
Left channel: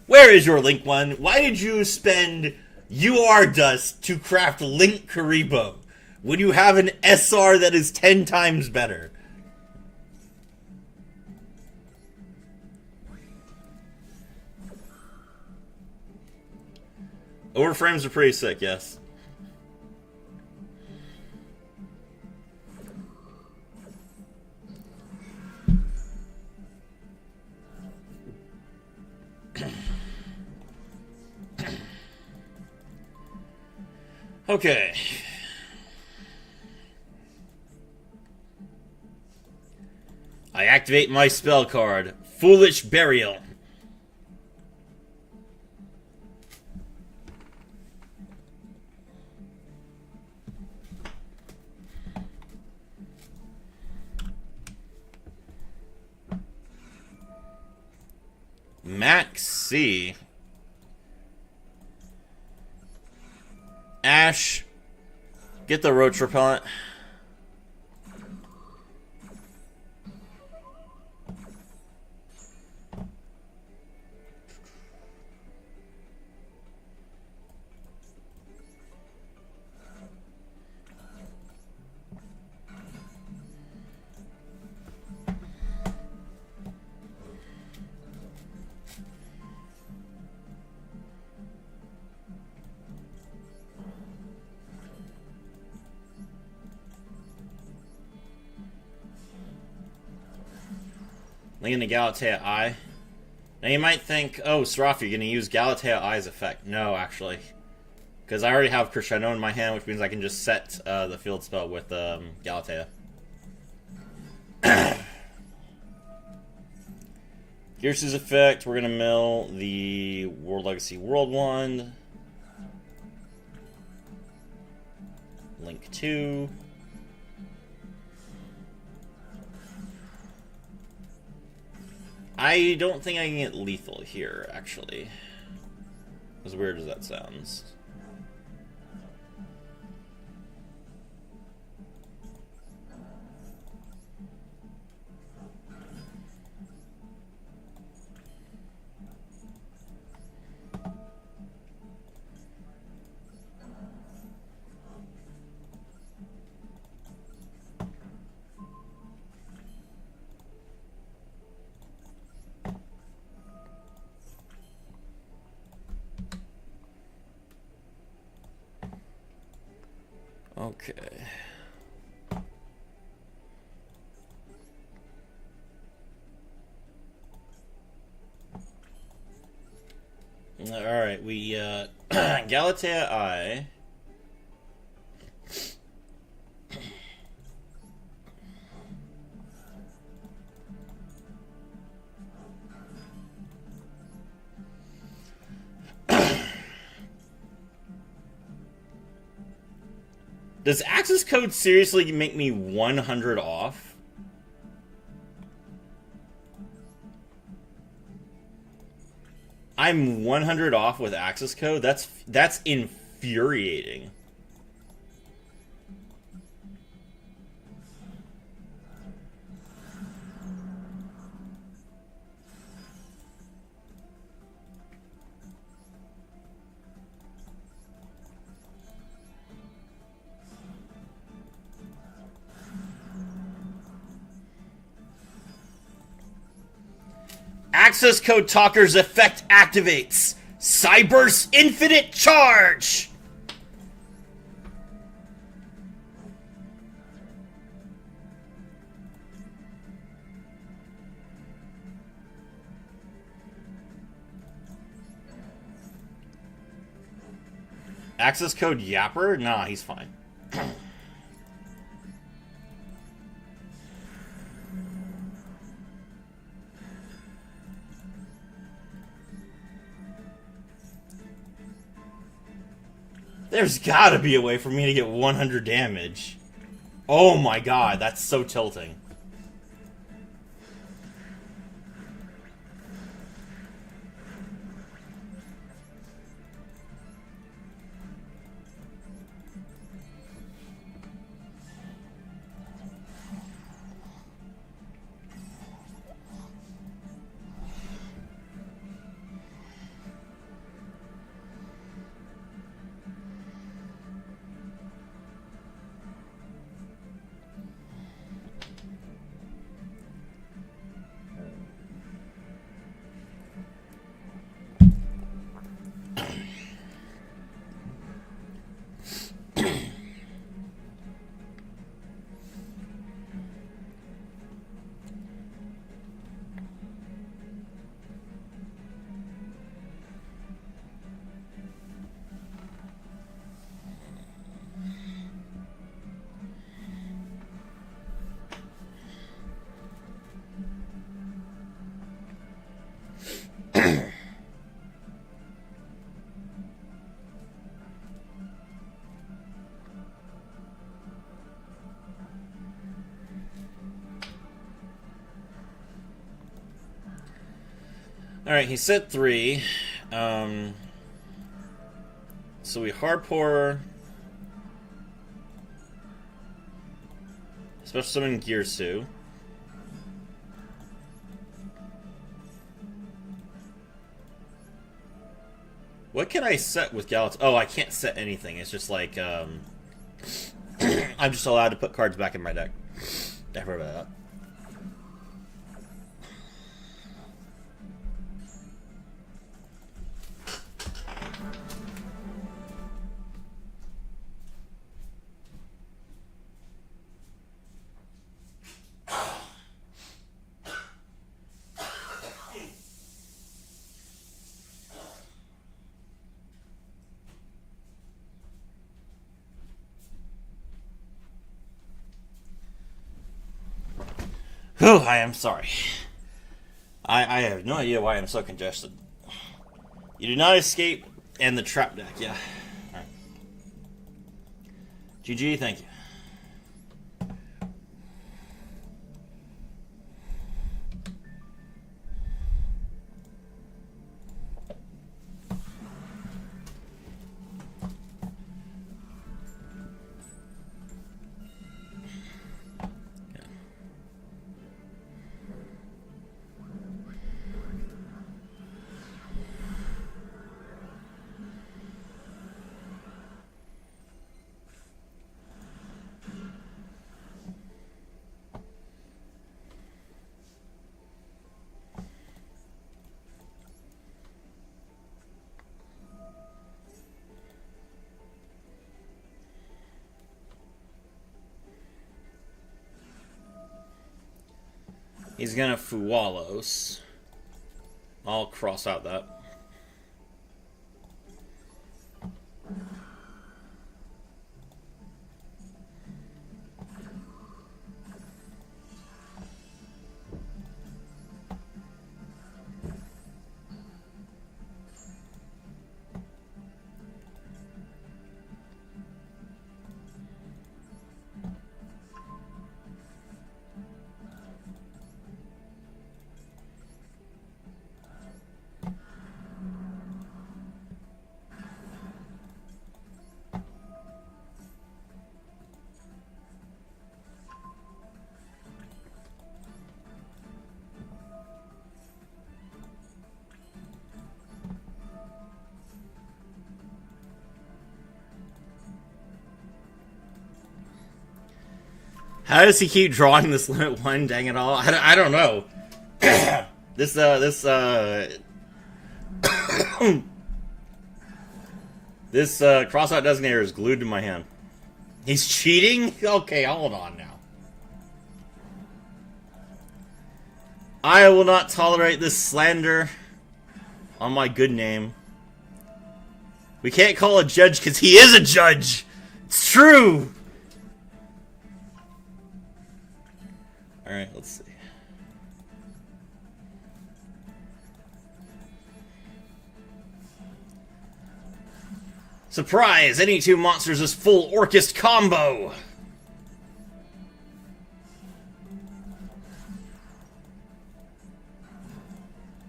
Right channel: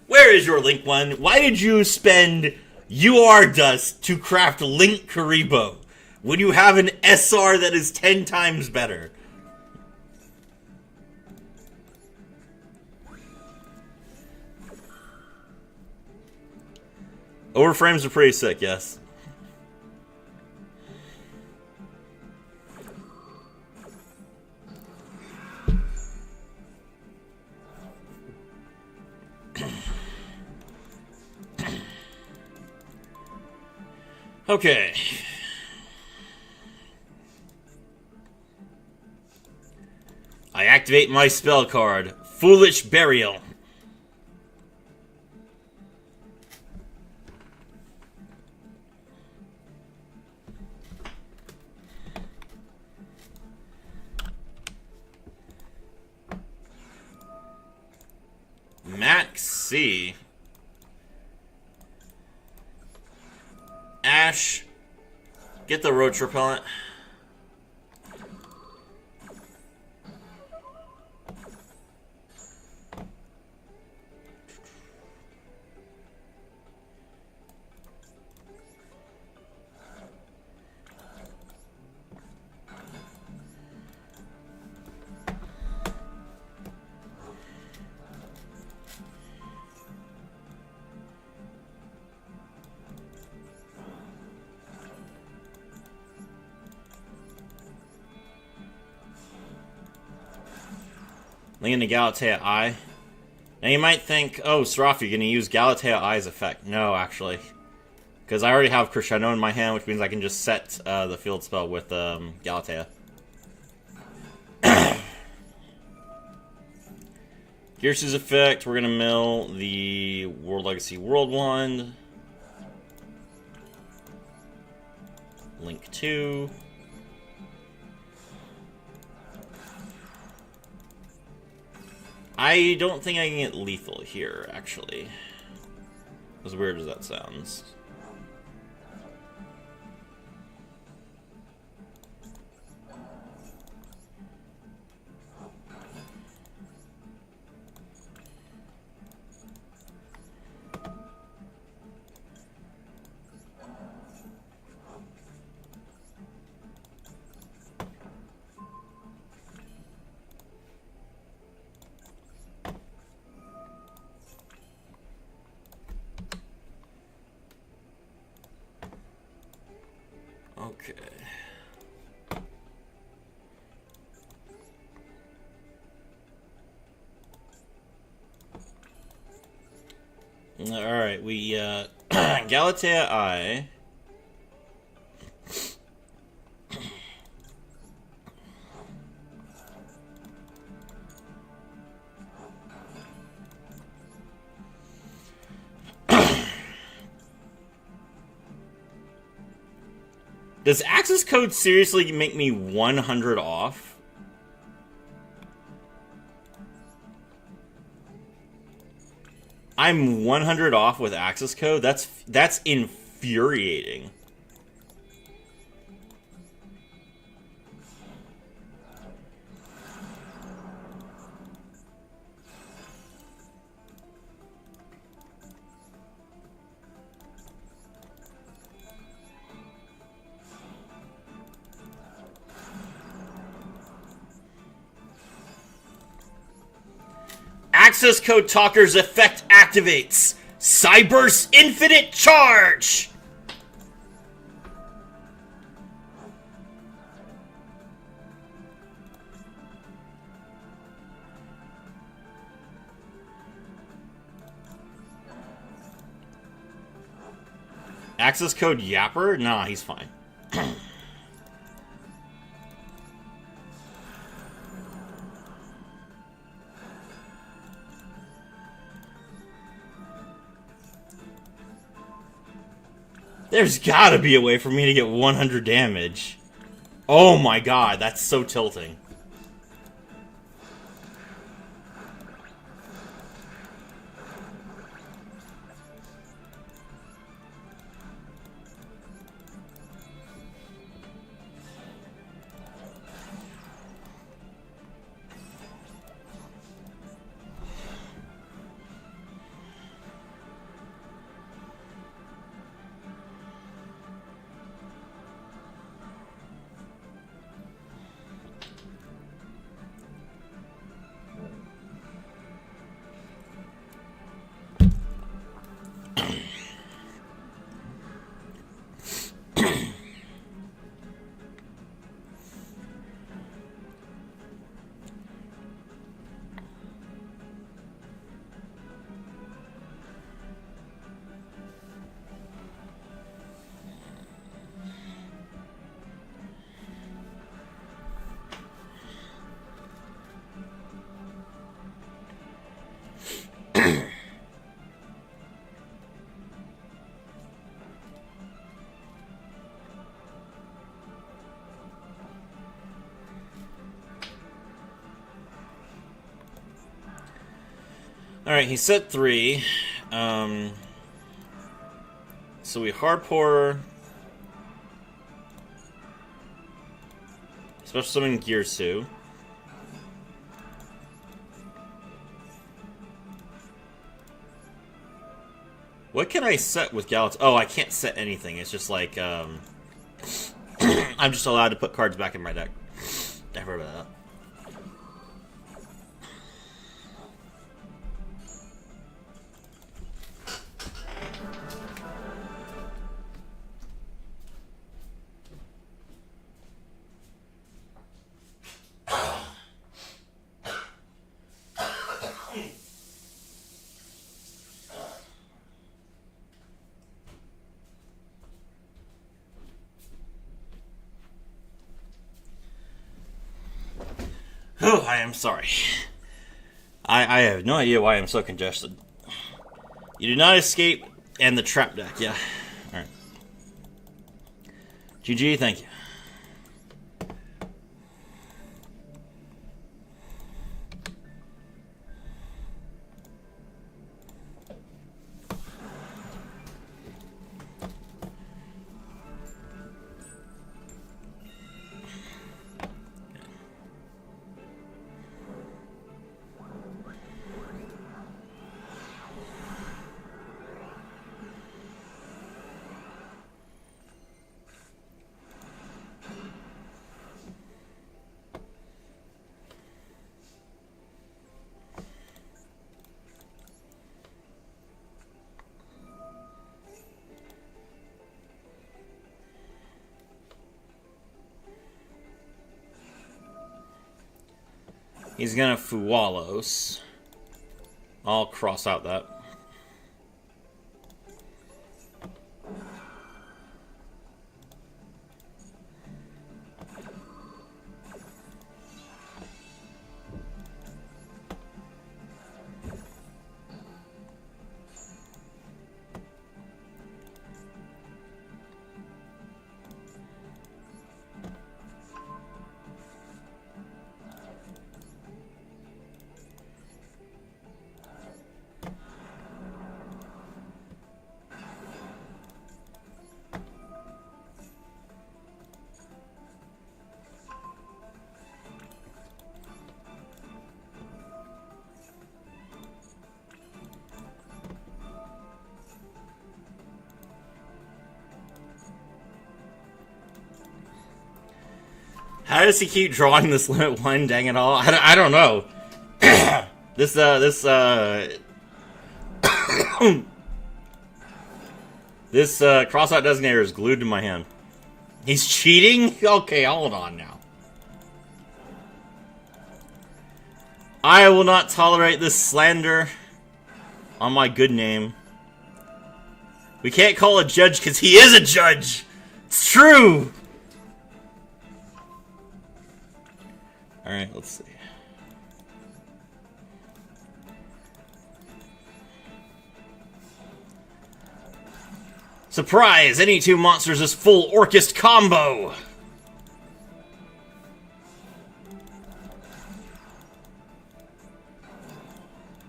Where is your Link One? Why did you spend UR Dust to craft Link Karibo when you have an SR that is 10 times better? Overframes are pretty sick, yes. Okay. I activate my spell card, Foolish Burial. Max C. Ash. Get the roach repellent. Link into Galatea Eye. Now you might think, oh, Serafi, you're going to use Galatea Eye's effect. No, actually. Because I already have Crescendo in my hand, which means I can just set the field spell with Galatea. Gearsu's effect, we're going to mill the World Legacy World Wand. Link 2. I don't think I can get lethal here, actually. As weird as that sounds. Okay. Alright, we, Galatea Eye. Does access code seriously make me 100 off? I'm 100 off with access code. That's infuriating. Access code talker's effect activates. Cyber's infinite charge. Access code Yapper? Nah, he's fine. There's gotta be a way for me to get 100 damage. Oh my god, that's so tilting. Alright, he set 3. So we hardpour. Special summon Gearsu. What can I set with Galat? Oh, I can't set anything. It's just like, I'm just allowed to put cards back in my deck. I heard about that. Oh, I am sorry. I have no idea why I'm so congested. You do not escape, and the trap deck, yeah. Alright. GG, thank you. He's gonna Fuwalos. I'll cross out that. How does he keep drawing this limit 1? Dang it all! I don't know. this cross-out designator is glued to my hand. He's cheating? Okay, hold on now. I will not tolerate this slander on my good name. We can't call a judge because he is a judge! It's true! Alright, let's see. Surprise! Any 2 monsters is full Orchest combo!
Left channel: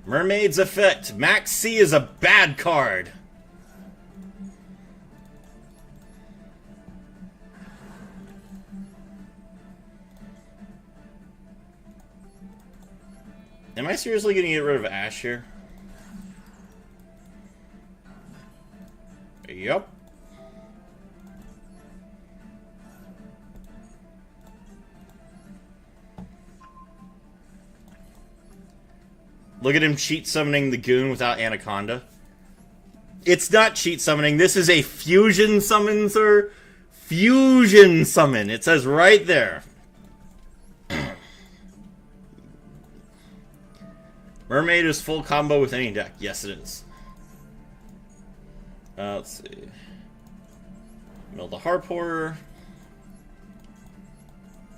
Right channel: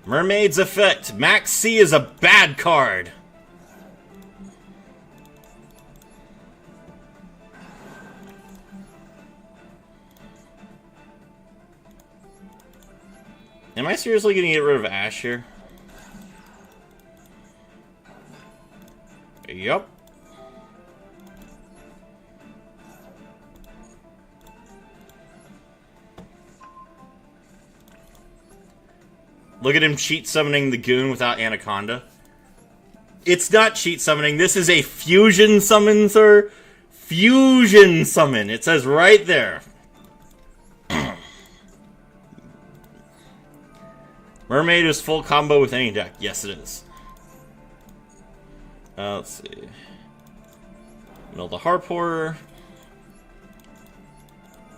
Mermaid's Effect. Max C is a bad card. Am I seriously going to get rid of Ash here? Yup. Look at him cheat summoning the goon without Anaconda. It's not cheat summoning. This is a fusion summon, sir. Fusion summon. It says right there. Mermaid is full combo with any deck. Yes, it is. Let's see. Mill the Harporer.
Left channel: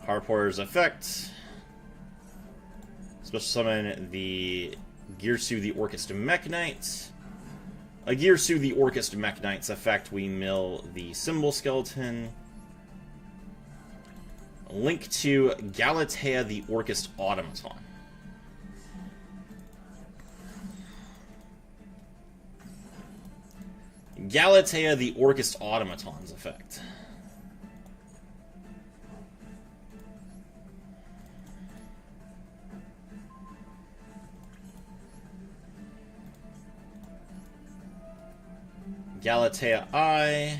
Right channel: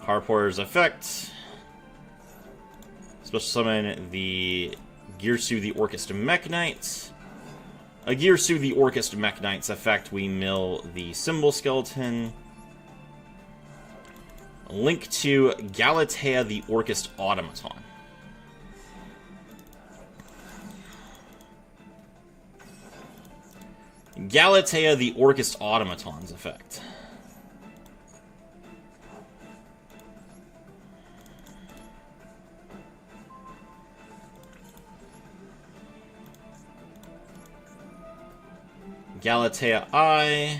Harporer's effect. Special summon the Girsu the Orchest Mech Knight. A Girsu the Orchest Mech Knight's effect, we mill the Symbol Skeleton. A link to Galatea the Orchest Automaton. Galatea the Orchest Automaton's effect. Galatea I.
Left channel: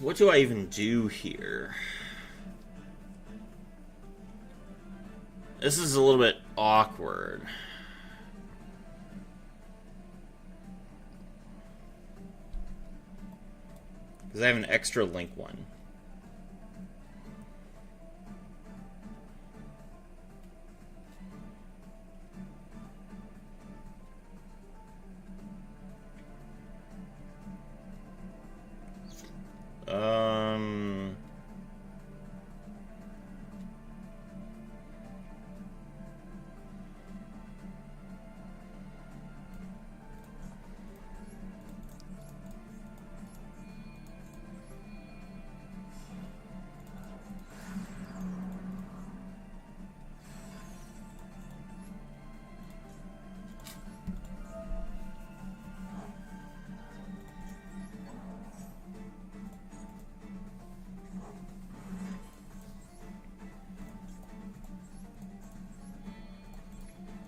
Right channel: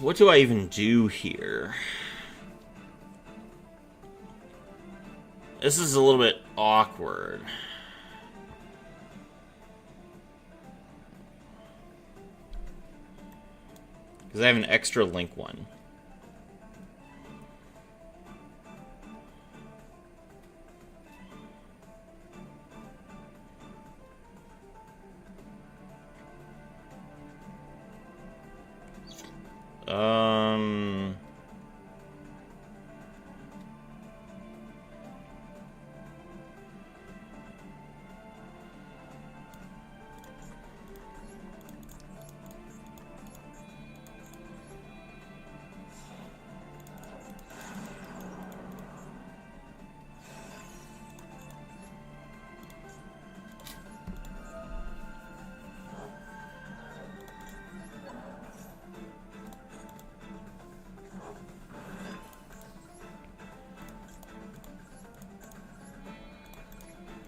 What do I even do here? This is a little bit awkward. Because I have an extra link one.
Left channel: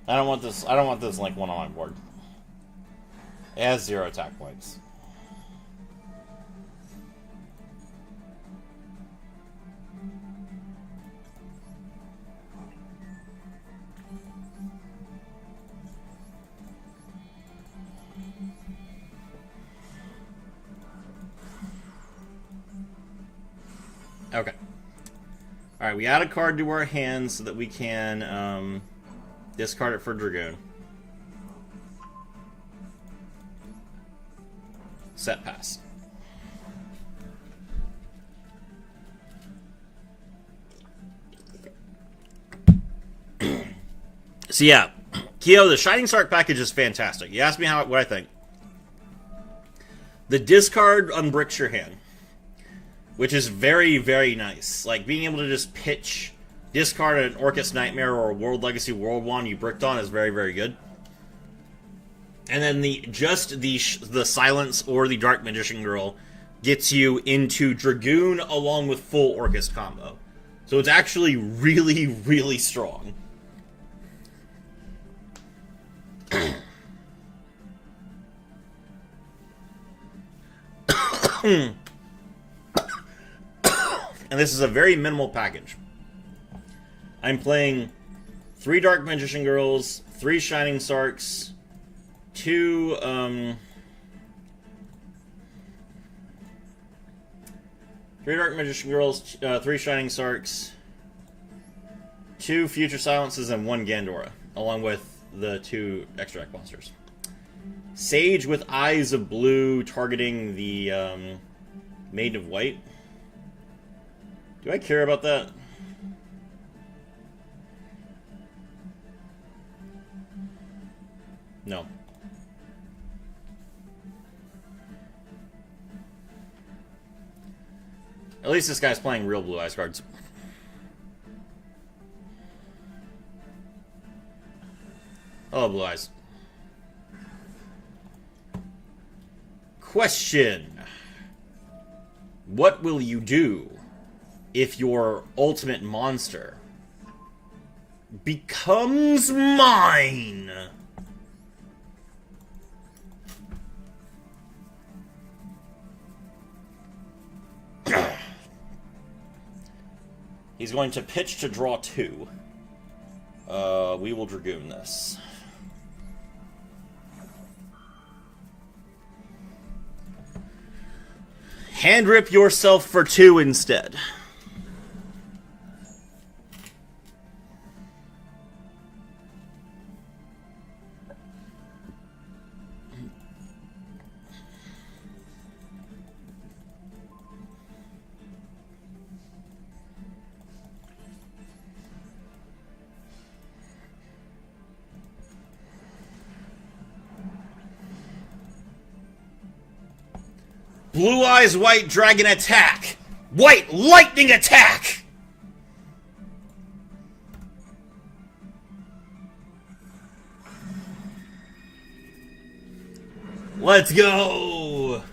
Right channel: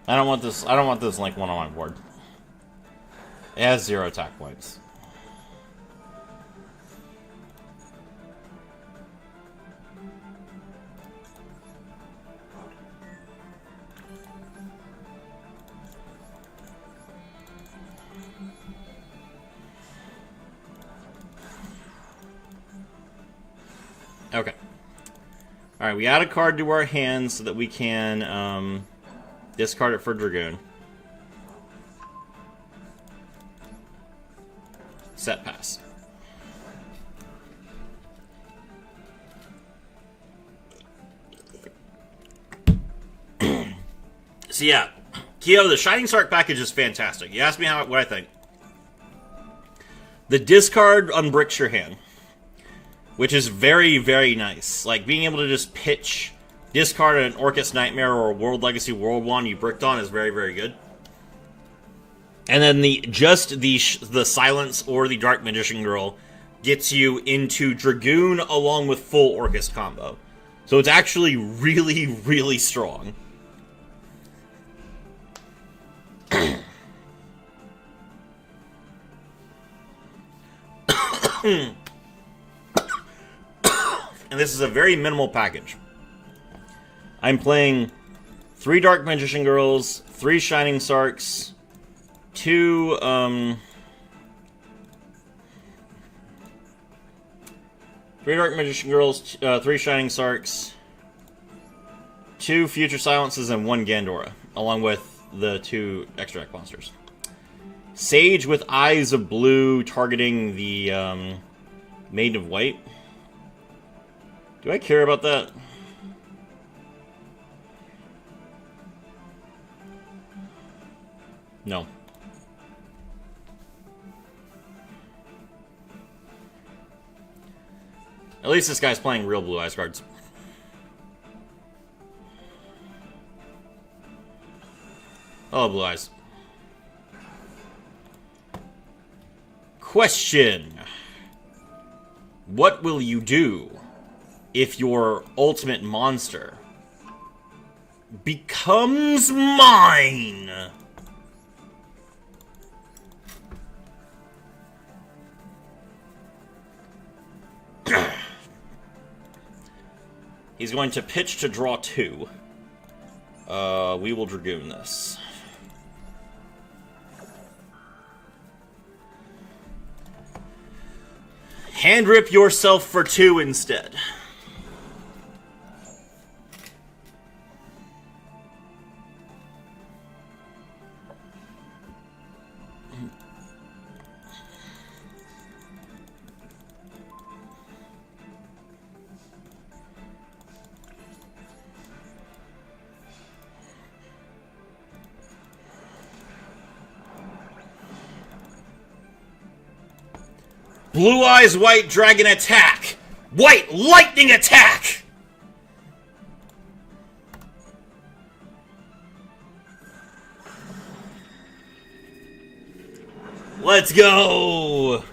I don't want this link one on my board. It has 0 attack points. Okay. Alright, we add a card to our hand so that we can discard it for Dragoon. Set pass. So yeah, Kyo, the Shining Spark package is fantastic. You asked me what I think. The discard unbricks your hand, which is very, very nice. Like, being able to just pitch, discard an Orchest Nightmare or a World Legacy World Wand you bricked on is very, very good. And then the Silence or the Dark Magician Girl gets you into Dragoon along with full Orcus combo. So it's actually really, really strong. And this is a very minimal package. I'm playing 3 Dark Magician Girls, 3 Shining Sarks, 2, 3 Dark Magician Girls, 3 Shining Sarks, 2 Future Silences, and 1 Gandora, along with the 2 extra deck monsters. Sage with Eyes of Blue, targeting the Maiden of White. Do I care about that? No. At least this guy's playing real Blue Eyes cards. Oh, Blue Eyes. Question. What will you do if your ultimate monster becomes mine? He's going to pitch to draw 2. We will Dragoon this. Hand rip yourself for 2 instead. Blue Eyes White Dragon attack! White Lightning attack! Let's go!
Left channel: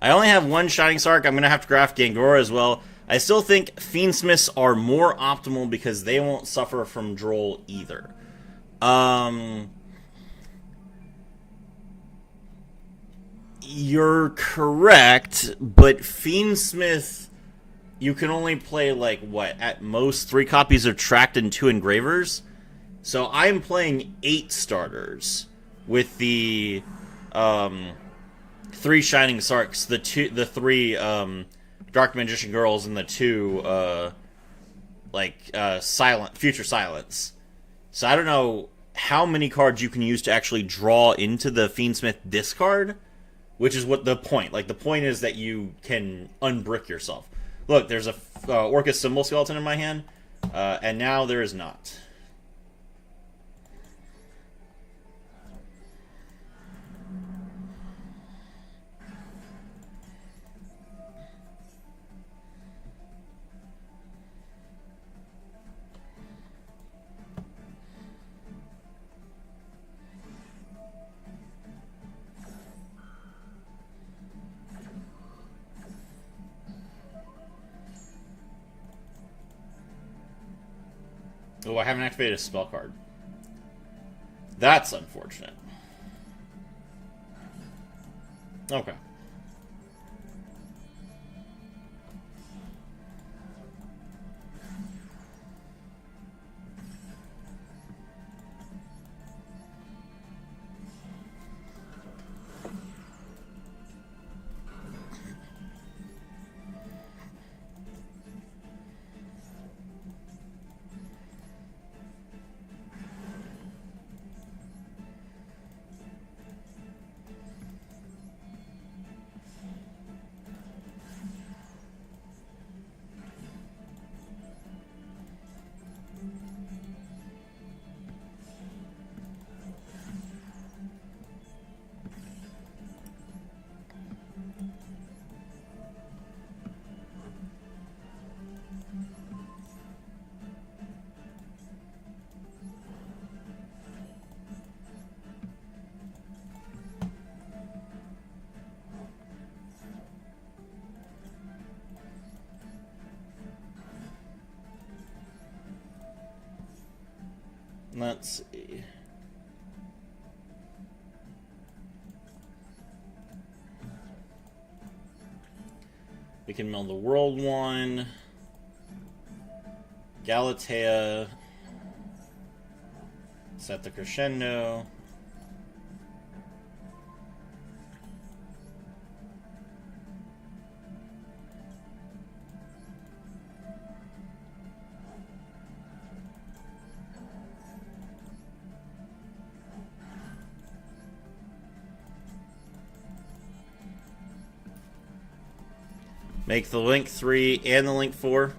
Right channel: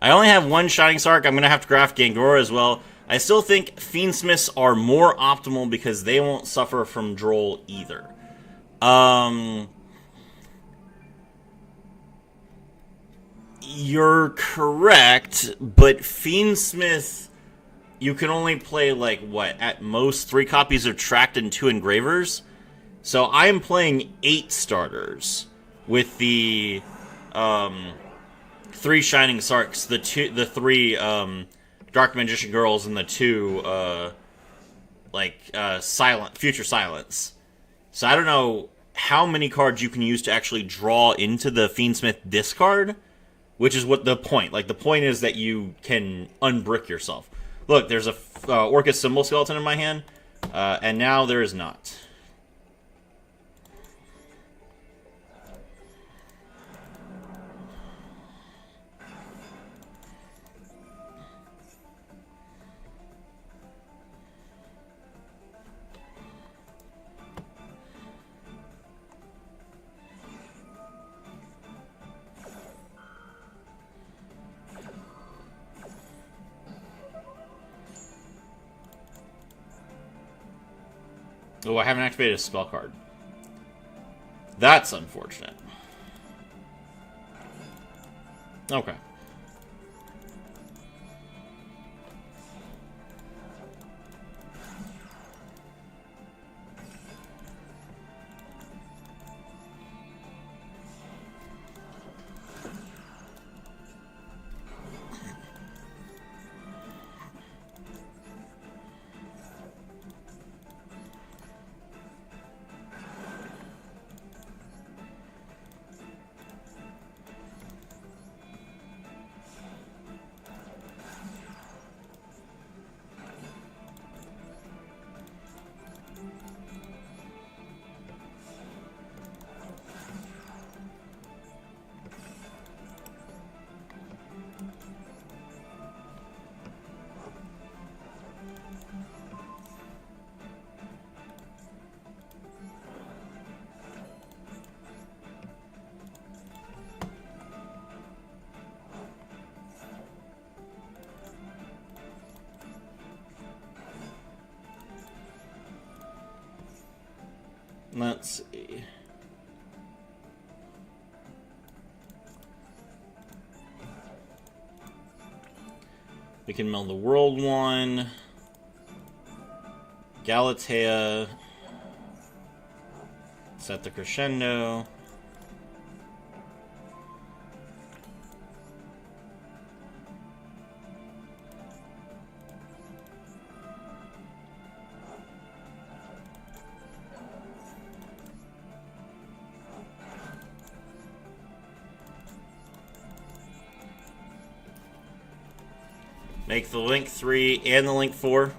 I only have 1 Shining Sark. I'm going to have to craft Gangora as well. I still think Fiendsmiths are more optimal because they won't suffer from Droll either. You're correct, but Fiendsmith, you can only play, like, what, at most 3 copies of Tract and 2 Engravers? So I'm playing 8 starters with the 3 Shining Sarks, the 3 Dark Magician Girls, and the 2 Future Silence. So I don't know how many cards you can use to actually draw into the Fiendsmith discard, which is what the point. Like, the point is that you can unbrick yourself. Look, there's a Orcus Symbol Skeleton in my hand, and now there is not. Oh, I haven't activated a spell card. That's unfortunate. Okay. Let's see. We can mill the world one. Galatea. Set the Crescendo. Make the link 3 and the link 4.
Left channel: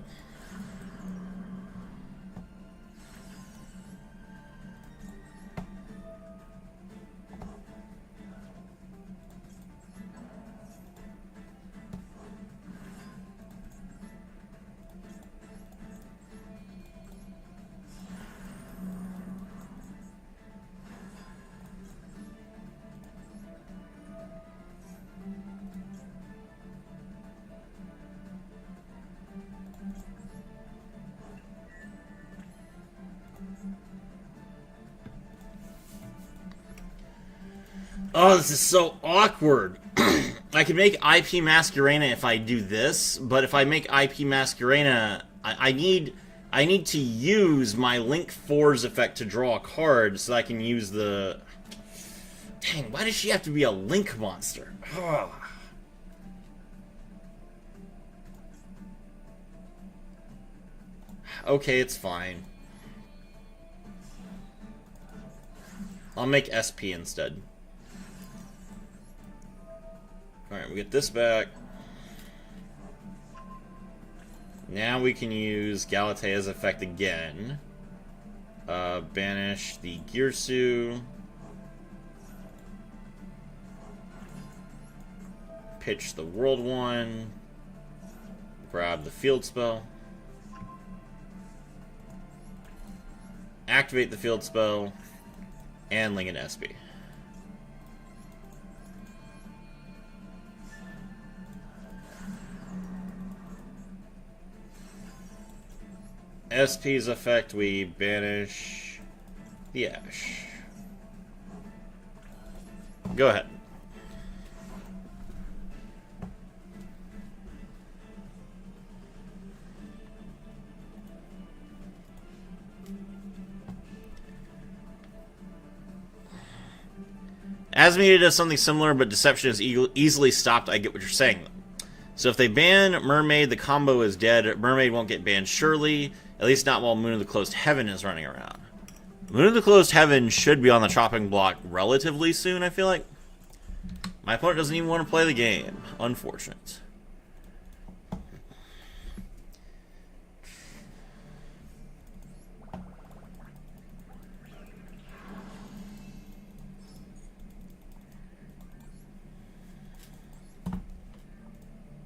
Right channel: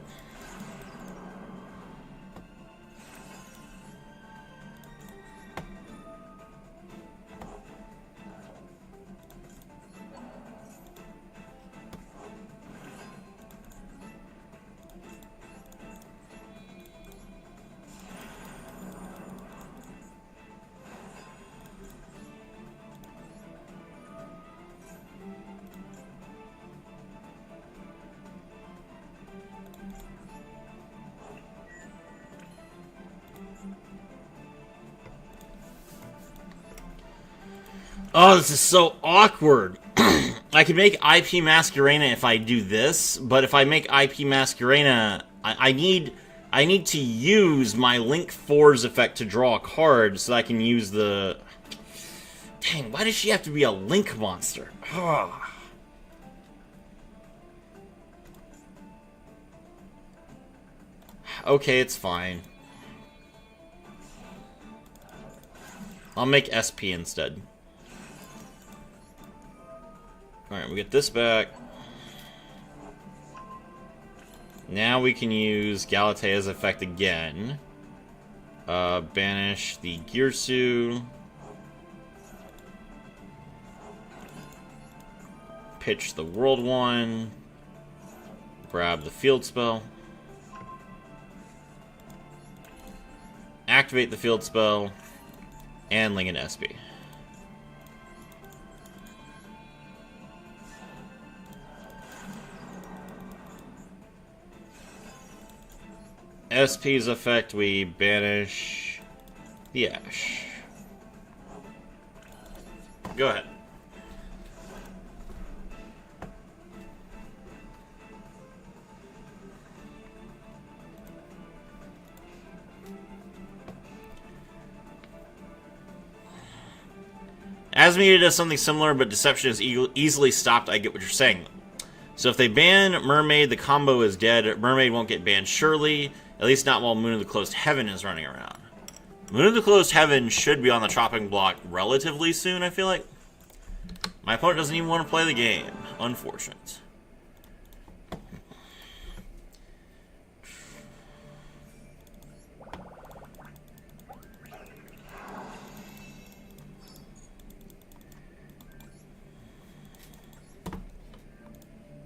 Oh, this is so awkward. I could make IP Masquerena if I do this, but if I make IP Masquerena, I need to use my Link 4's effect to draw a card so that I can use the... Dang, why does she have to be a Link monster? Oh. Okay, it's fine. I'll make SP instead. Alright, we get this back. Now we can use Galatea's effect again. Banish the Girsu. Pitch the world one. Grab the field spell. Activate the field spell. And link an SP. SP's effect, we banish the Ash. Go ahead. Asmita does something similar, but Deception is easily stopped. I get what you're saying. So if they ban Mermaid, the combo is dead. Mermaid won't get banned, surely. At least not while Moon of the Closed Heaven is running around. Moon of the Closed Heaven should be on the chopping block relatively soon, I feel like. My opponent doesn't even want to play the game. Unfortunate.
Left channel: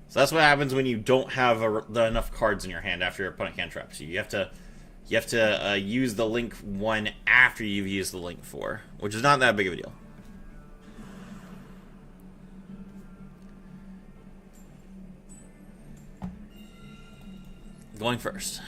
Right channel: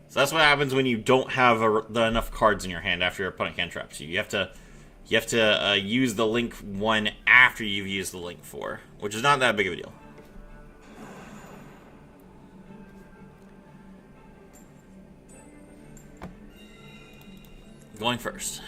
So that's what happens when you don't have enough cards in your hand after your opponent cantraps you. You have to use the Link 1 after you've used the Link 4, which is not that big of a deal. Going first.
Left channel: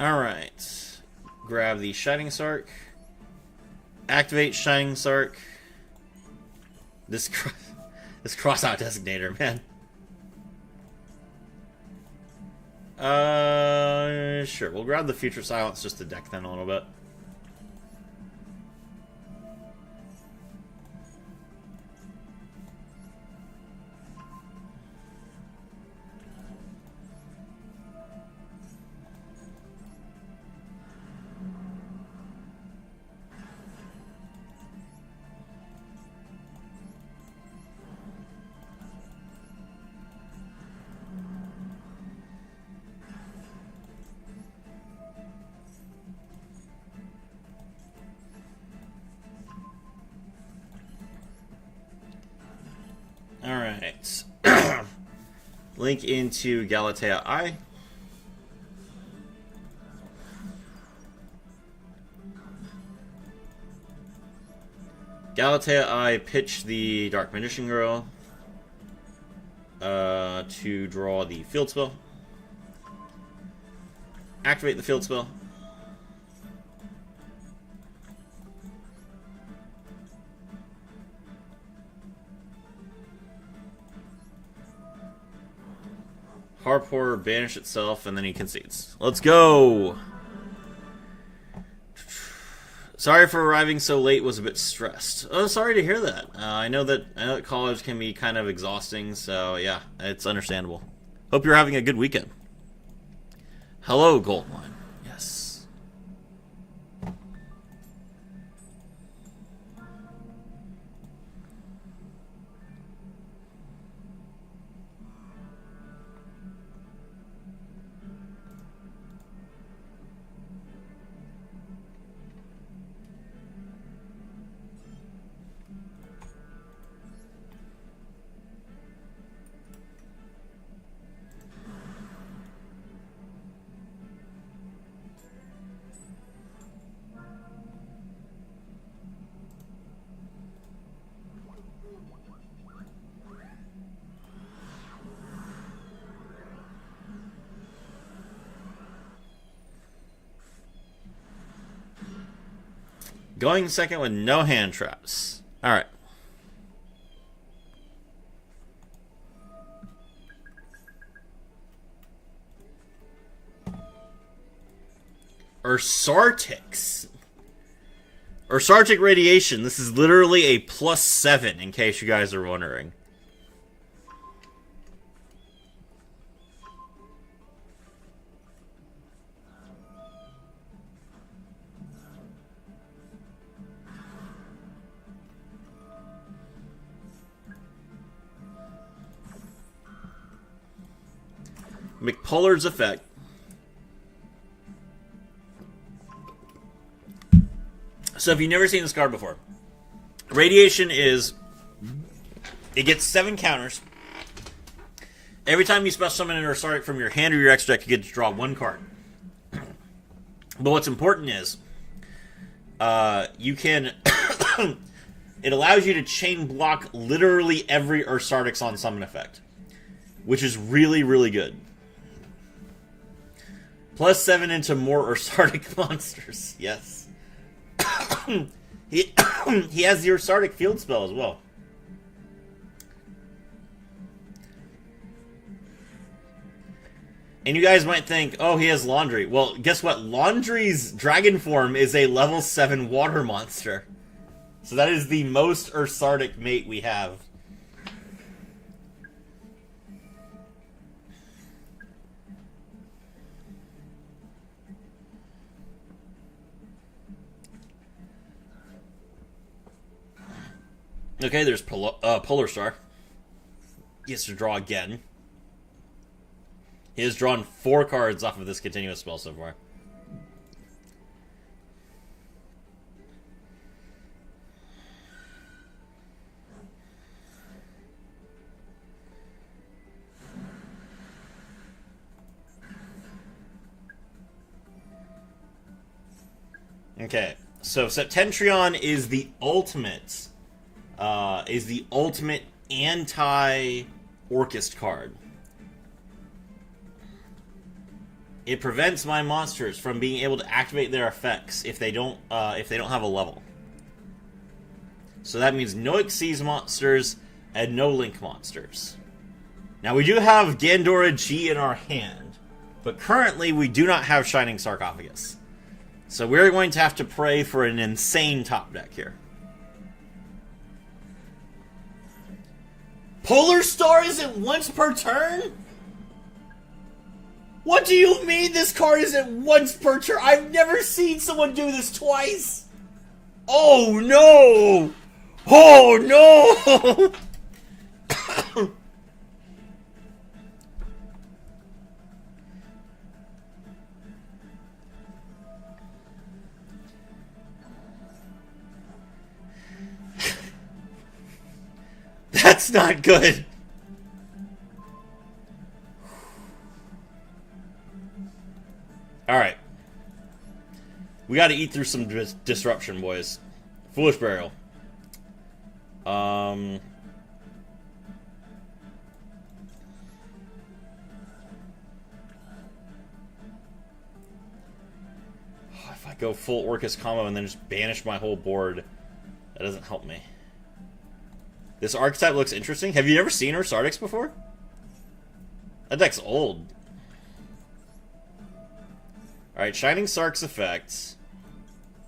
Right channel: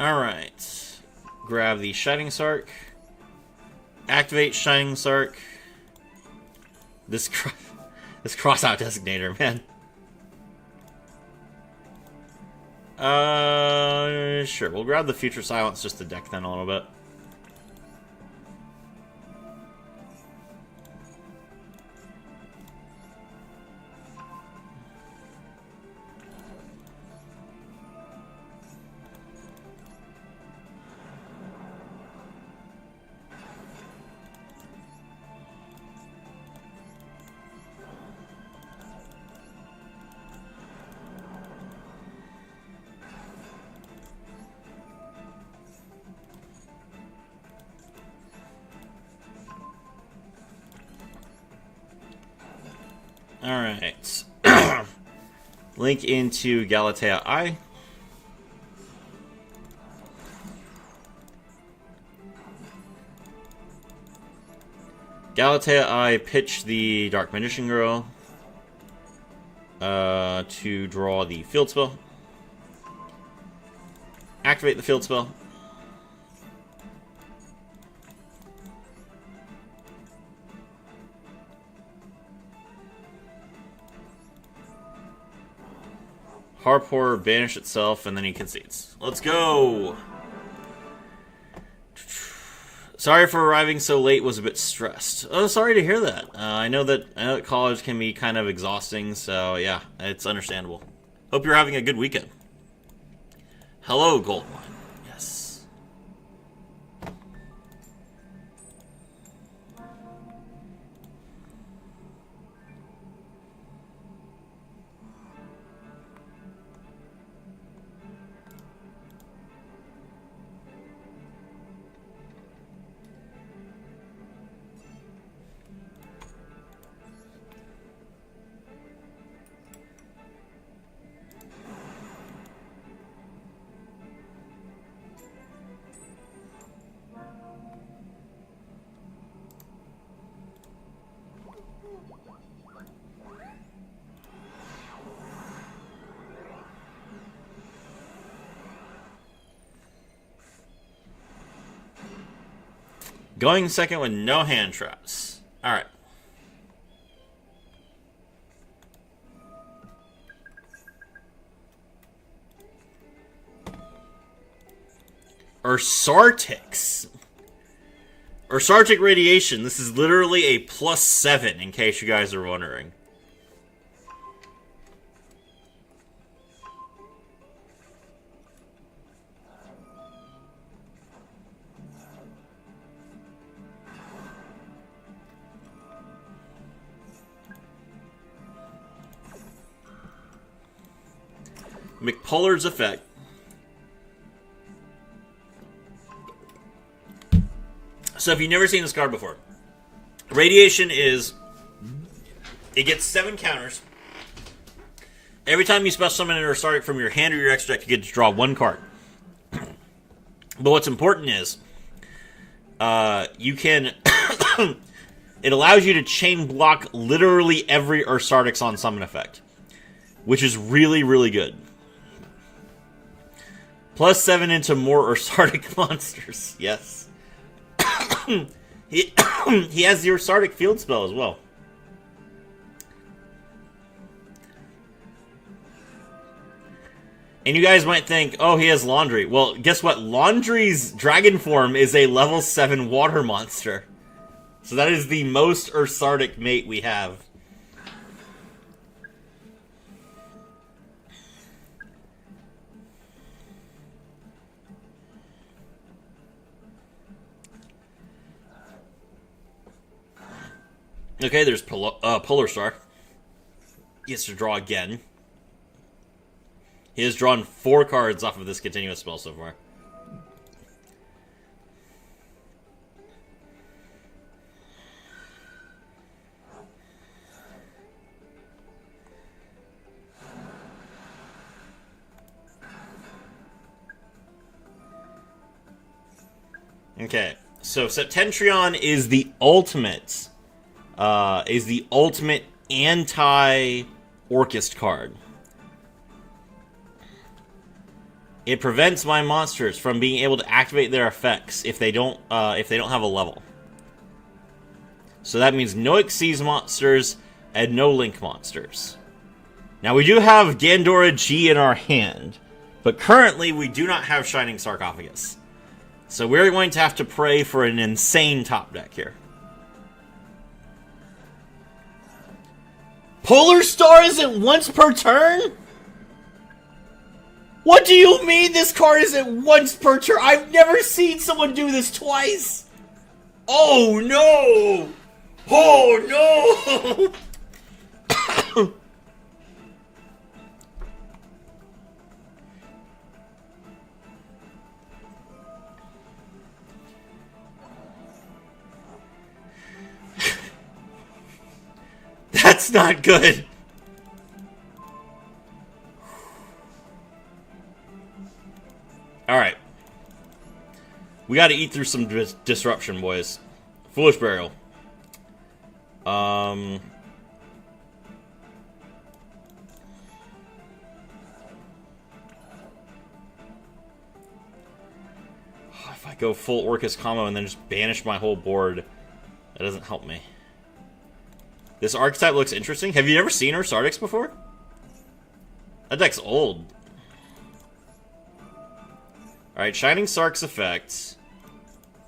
Alright. Grab the Shining Sark. Activate Shining Sark. This cross-out designator, man. Sure. We'll grab the Future Silence just to deck them a little bit. Alright. Link into Galatea I. Galatea I pitch the Dark Magician Girl to draw the field spell. Activate the field spell. Harpor banish itself, and then he concedes. Let's go! Sorry for arriving so late, was a bit stressed. Oh, sorry to hear that. I know that college can be kind of exhausting, so yeah, it's understandable. Hope you're having a good weekend. Hello, Goldmine. Yes. Going second with no hand traps. Alright. Ursartix. Ursartic Radiation. This is literally a +7, in case you guys are wondering. McPuller's effect. So if you've never seen this card before, Radiation is, it gets 7 counters. Every time you special summon an Ursartic from your hand or your extra deck, you get to draw 1 card. But what's important is, you can, it allows you to chain block literally every Ursartic's on summon effect, which is really, really good. +7 into more Ursartic monsters. Yes. he has the Ursartic field spell as well. And you guys might think, oh, he has Laundry. Well, guess what? Laundry's dragon form is a level 7 water monster. So that is the most Ursartic mate we have. Okay, there's Polar Star. He has to draw again. He has drawn 4 cards off of this continuous spell so far. Okay, so Septentrion is the ultimate anti-Orcust card. It prevents my monsters from being able to activate their effects if they don't have a level. So that means no Xyz monsters and no Link monsters. Now we do have Gandora G in our hand, but currently we do not have Shining Sarcophagus. So we're going to have to pray for an insane top deck here. Polar Star isn't once per turn? What do you mean this card isn't once per turn? I've never seen someone do this twice. Oh no! Oh no! That's not good. Alright. We gotta eat through some disruption, boys. Foolish Burial. If I go full Orcus combo and then just banish my whole board, that doesn't help me. This archetype looks interesting. Have you ever seen Ursartix before? That deck's old. Alright, Shining Sark's effect.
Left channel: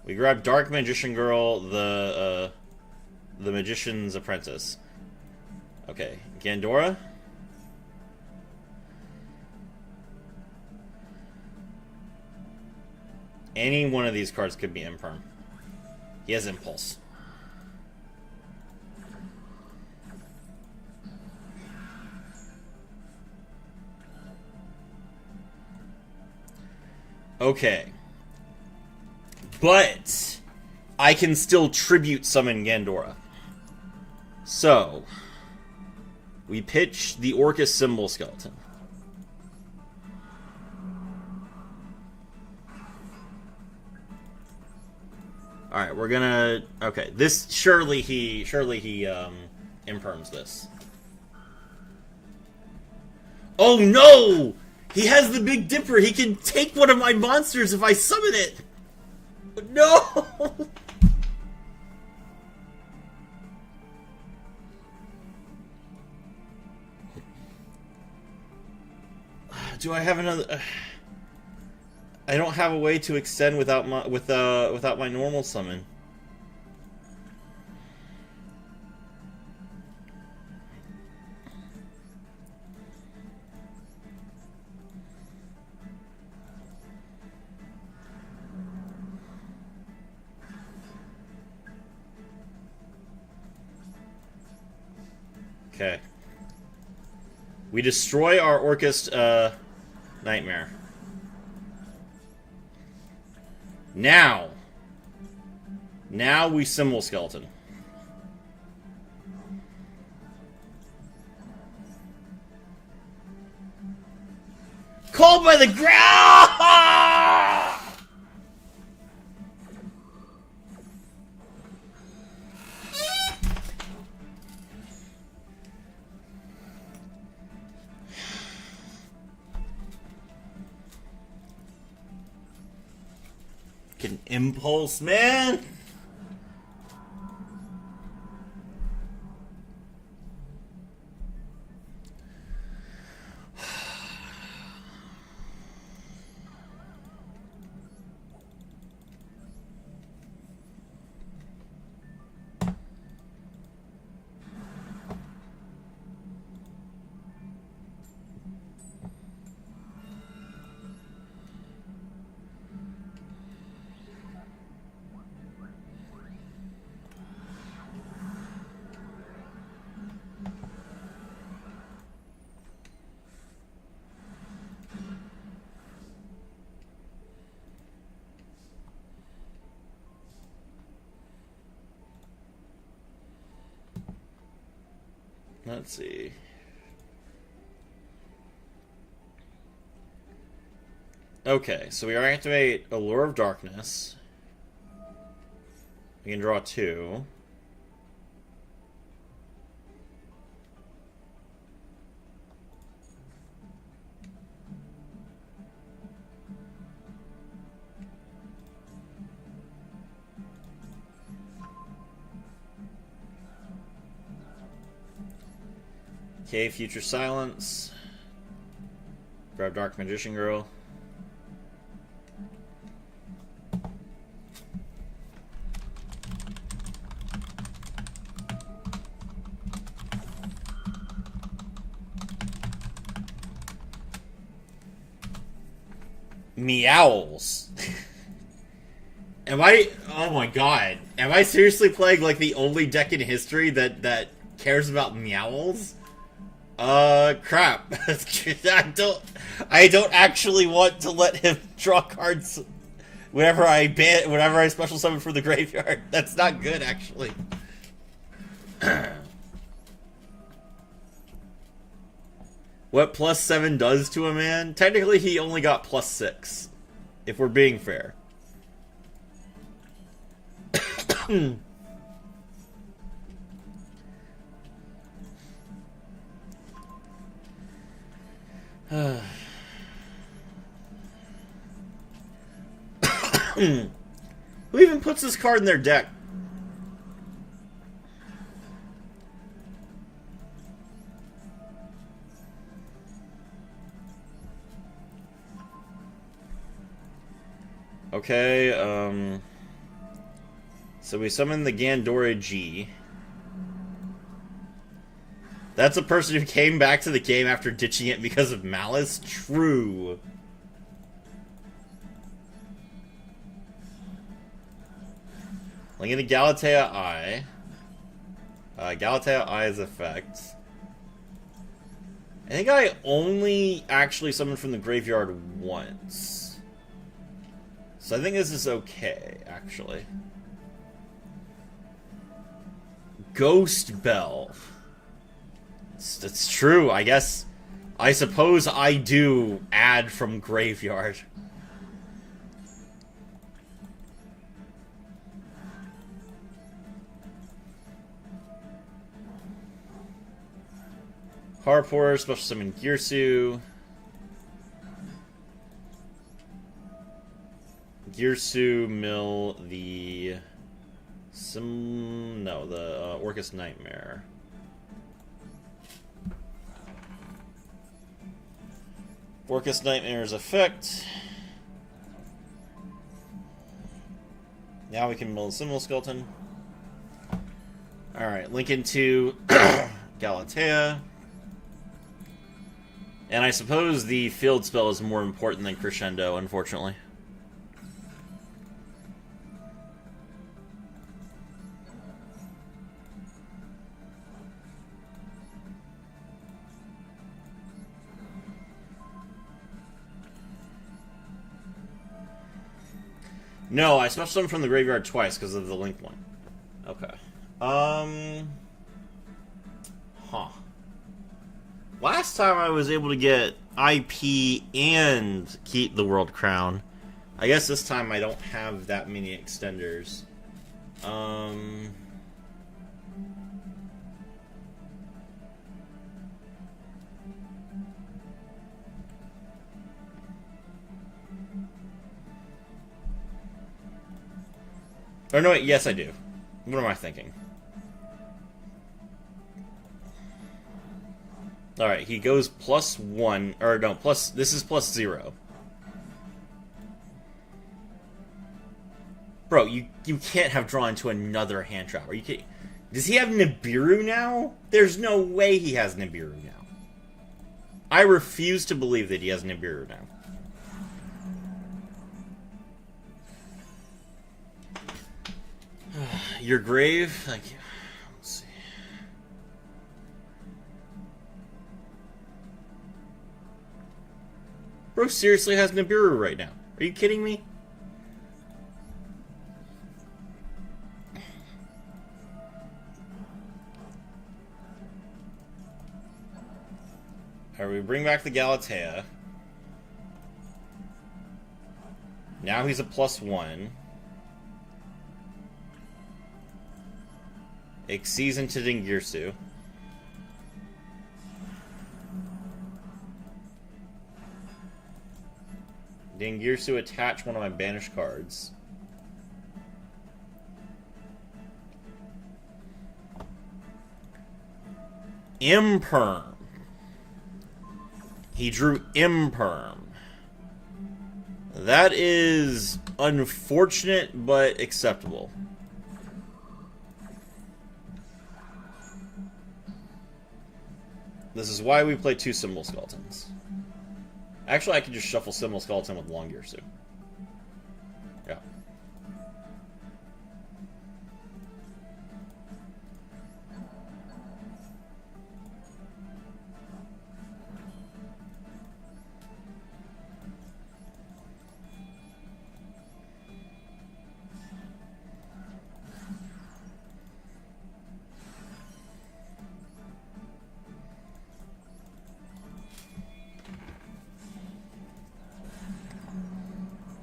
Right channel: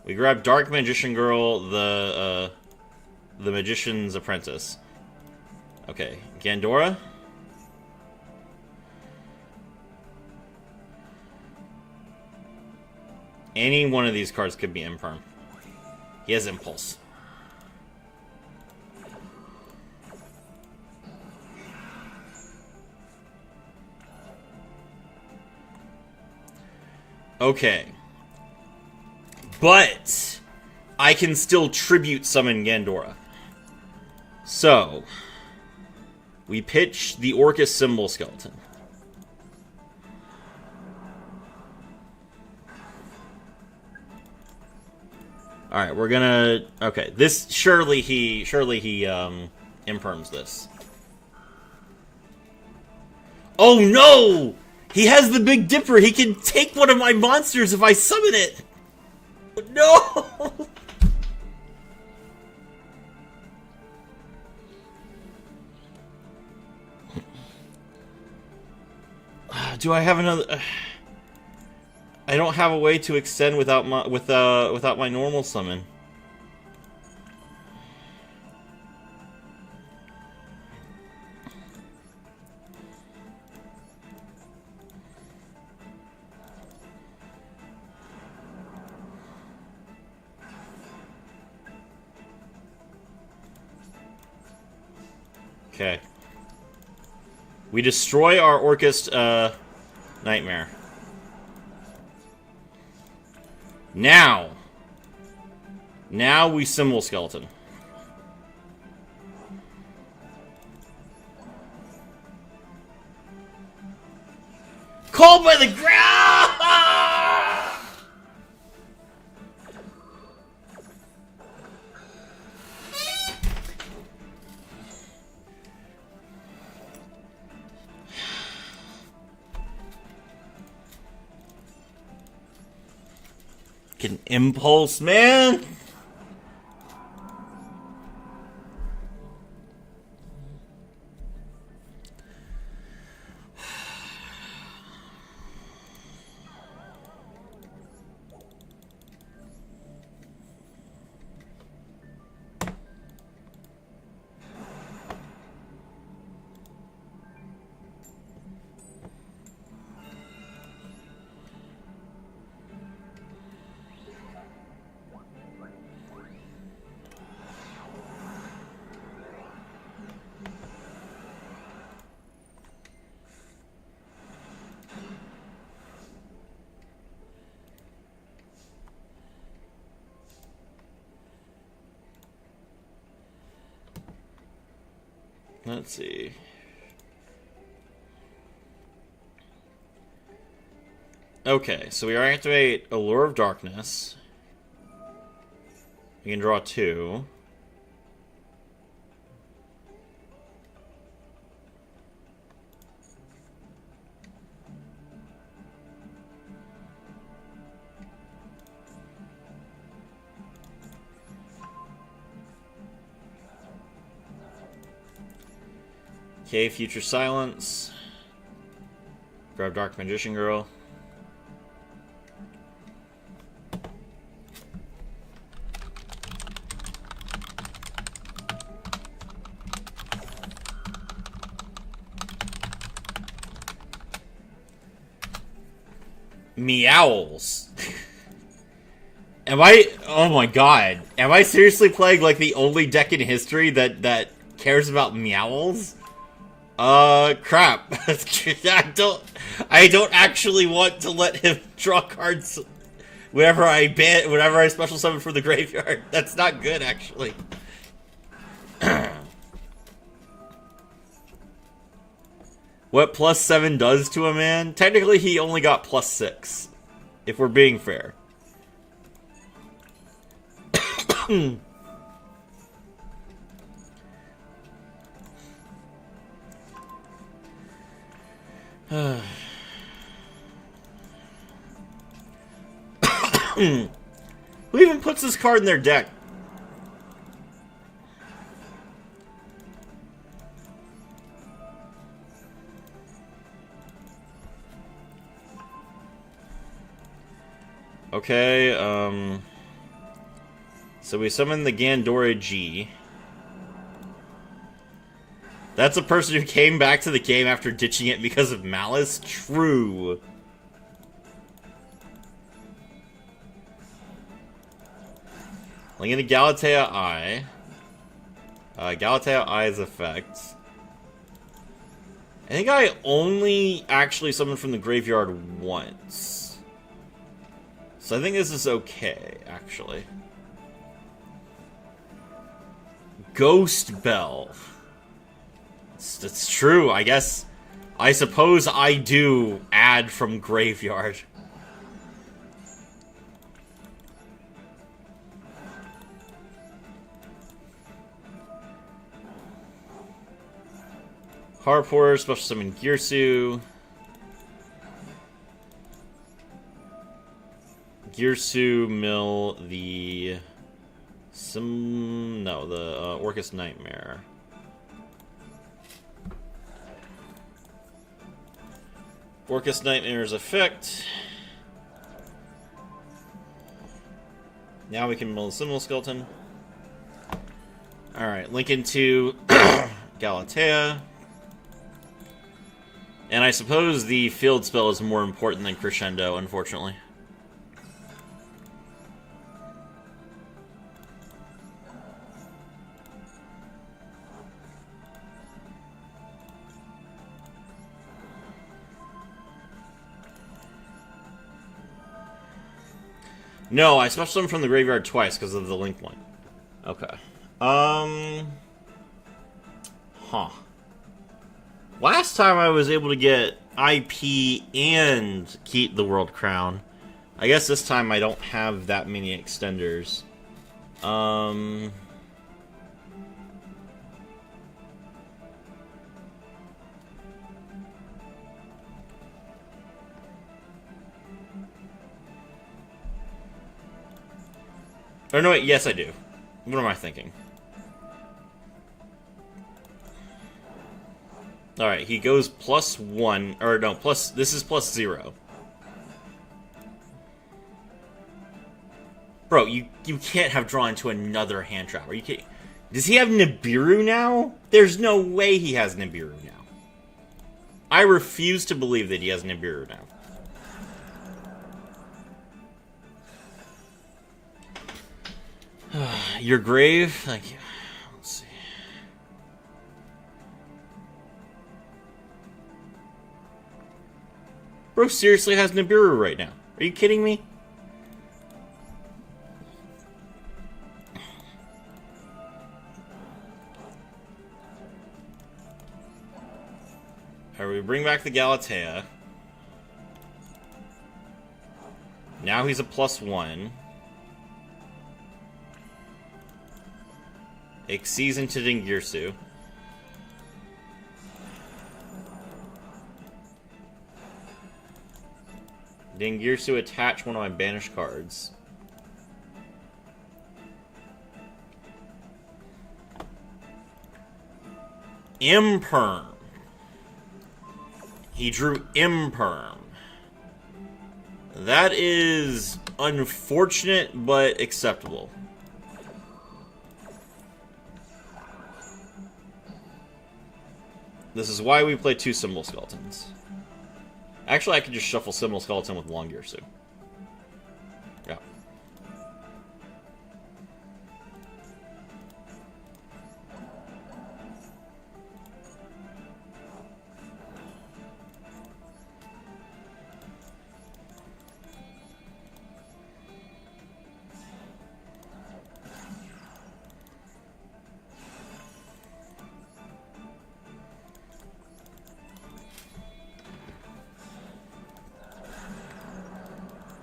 We grab Dark Magician Girl, the Magician's Apprentice. Okay, Gandora. Any one of these cards could be Imperm. He has Impulse. Okay. But I can still tribute summon Gandora. So we pitch the Orcus Symbol Skeleton. Alright, we're gonna... Okay, this... Surely he imperms this. Oh no! He has the Big Dipper! He can take one of my monsters if I summon it! No! Do I have another... I don't have a way to extend without my normal summon. Okay. We destroy our Orcus Nightmare. Now we Symbol Skeleton. Called by the ground! An impulse, man. Let's see. Okay, so we activate Allure of Darkness. We can draw 2. Okay, Future Silence. Grab Dark Magician Girl. Meowls. Am I... Oh my god. Am I seriously playing like the only deck in history that cares about Meowls? Crap. I don't actually want to let him draw cards whenever I special summon from the graveyard. That's not good, actually. what +7 does to a man. Technically, he only got +6, if we're being fair. Who even puts this card in their deck? Okay, so we summon the Gandora G. That's a person who came back to the game after ditching it because of malice? True. Linking to Galatea Eye. Galatea Eye's effect. I think I only actually summoned from the graveyard once. So I think this is okay, actually. Ghost Bell. It's true, I guess. I suppose I do add from graveyard. Harpor, special summon Girsu. Girsu mill the Orcus Nightmare. Orcus Nightmare's effect. Now we can mill the Symbol Skeleton. Alright, link into Galatea. And I suppose the field spell is more important than Crescendo, unfortunately. No, I special summoned from the graveyard twice because of the link point. Okay. Huh. Last time I was able to get IP and keep the World Crown. I guess this time I don't have that many extenders. Or no, wait, yes I do. What am I thinking? Alright, he goes +1, or no, this is +0. Bro, you can't have drawn into another hand trap. Are you kidding? Does he have Nibiru now? There's no way he has Nibiru now. I refuse to believe that he has Nibiru now. Your grave? Thank you. Let's see. Bro seriously has Nibiru right now. Are you kidding me? Alright, we bring back the Galatea. Now he's a +1. Exceeds into Dingirsu. Dingirsu, attach one of my banished cards. Imperm. He drew Imperm. That is unfortunate, but acceptable. This is why we play 2 Symbol Skeletons. Actually, I could just shuffle Symbol Skeleton with Long Girsu. Yeah.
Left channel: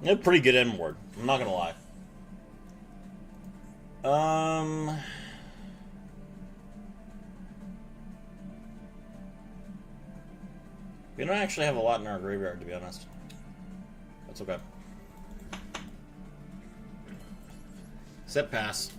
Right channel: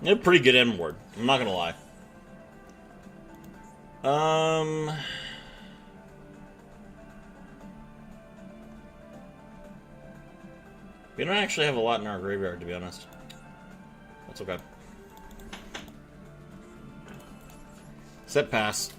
Yeah, pretty good end ward. I'm not gonna lie. We don't actually have a lot in our graveyard, to be honest. That's okay. Set pass.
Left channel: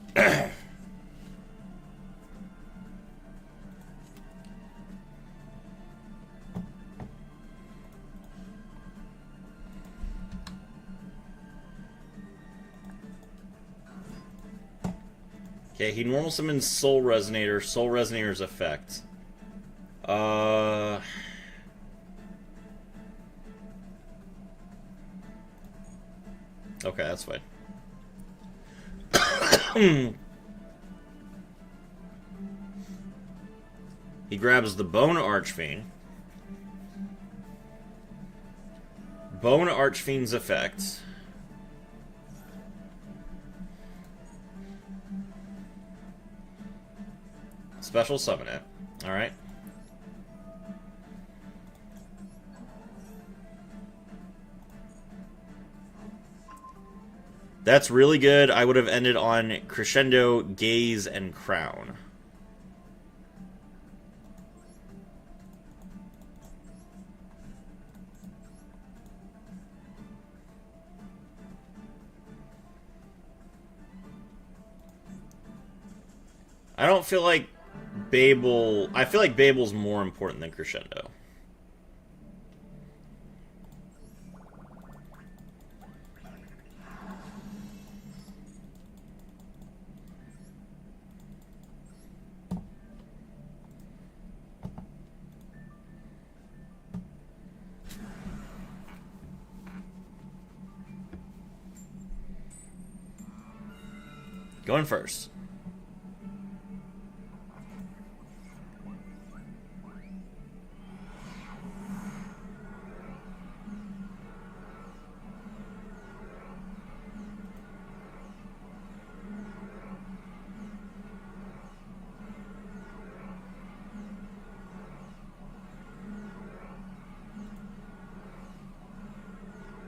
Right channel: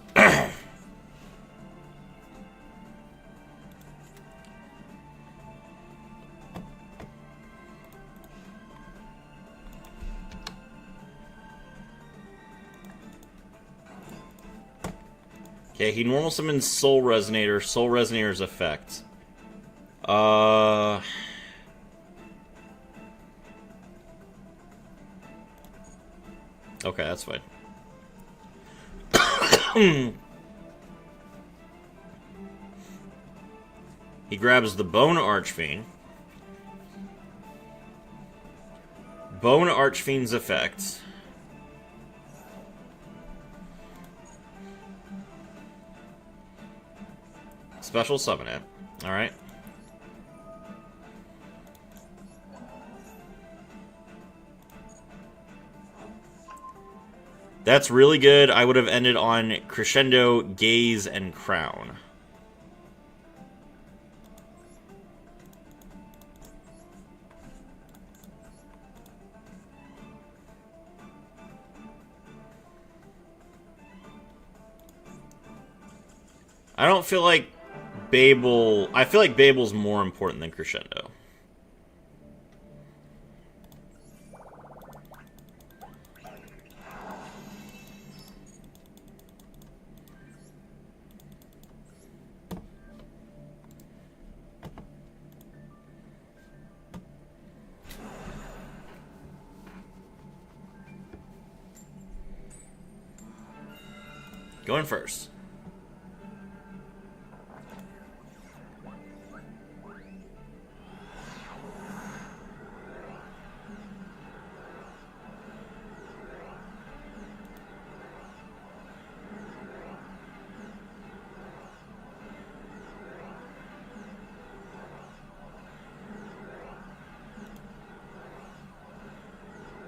Okay, he normal summons Soul Resonator. Soul Resonator's effect. Okay, that's fine. He grabs the Bone Archfiend. Bone Archfiend's effect. Special summon it. Alright. That's really good. I would have ended on Crescendo, Gaze, and Crown. I don't feel like Babel... I feel like Babel's more important than Crescendo. Going first.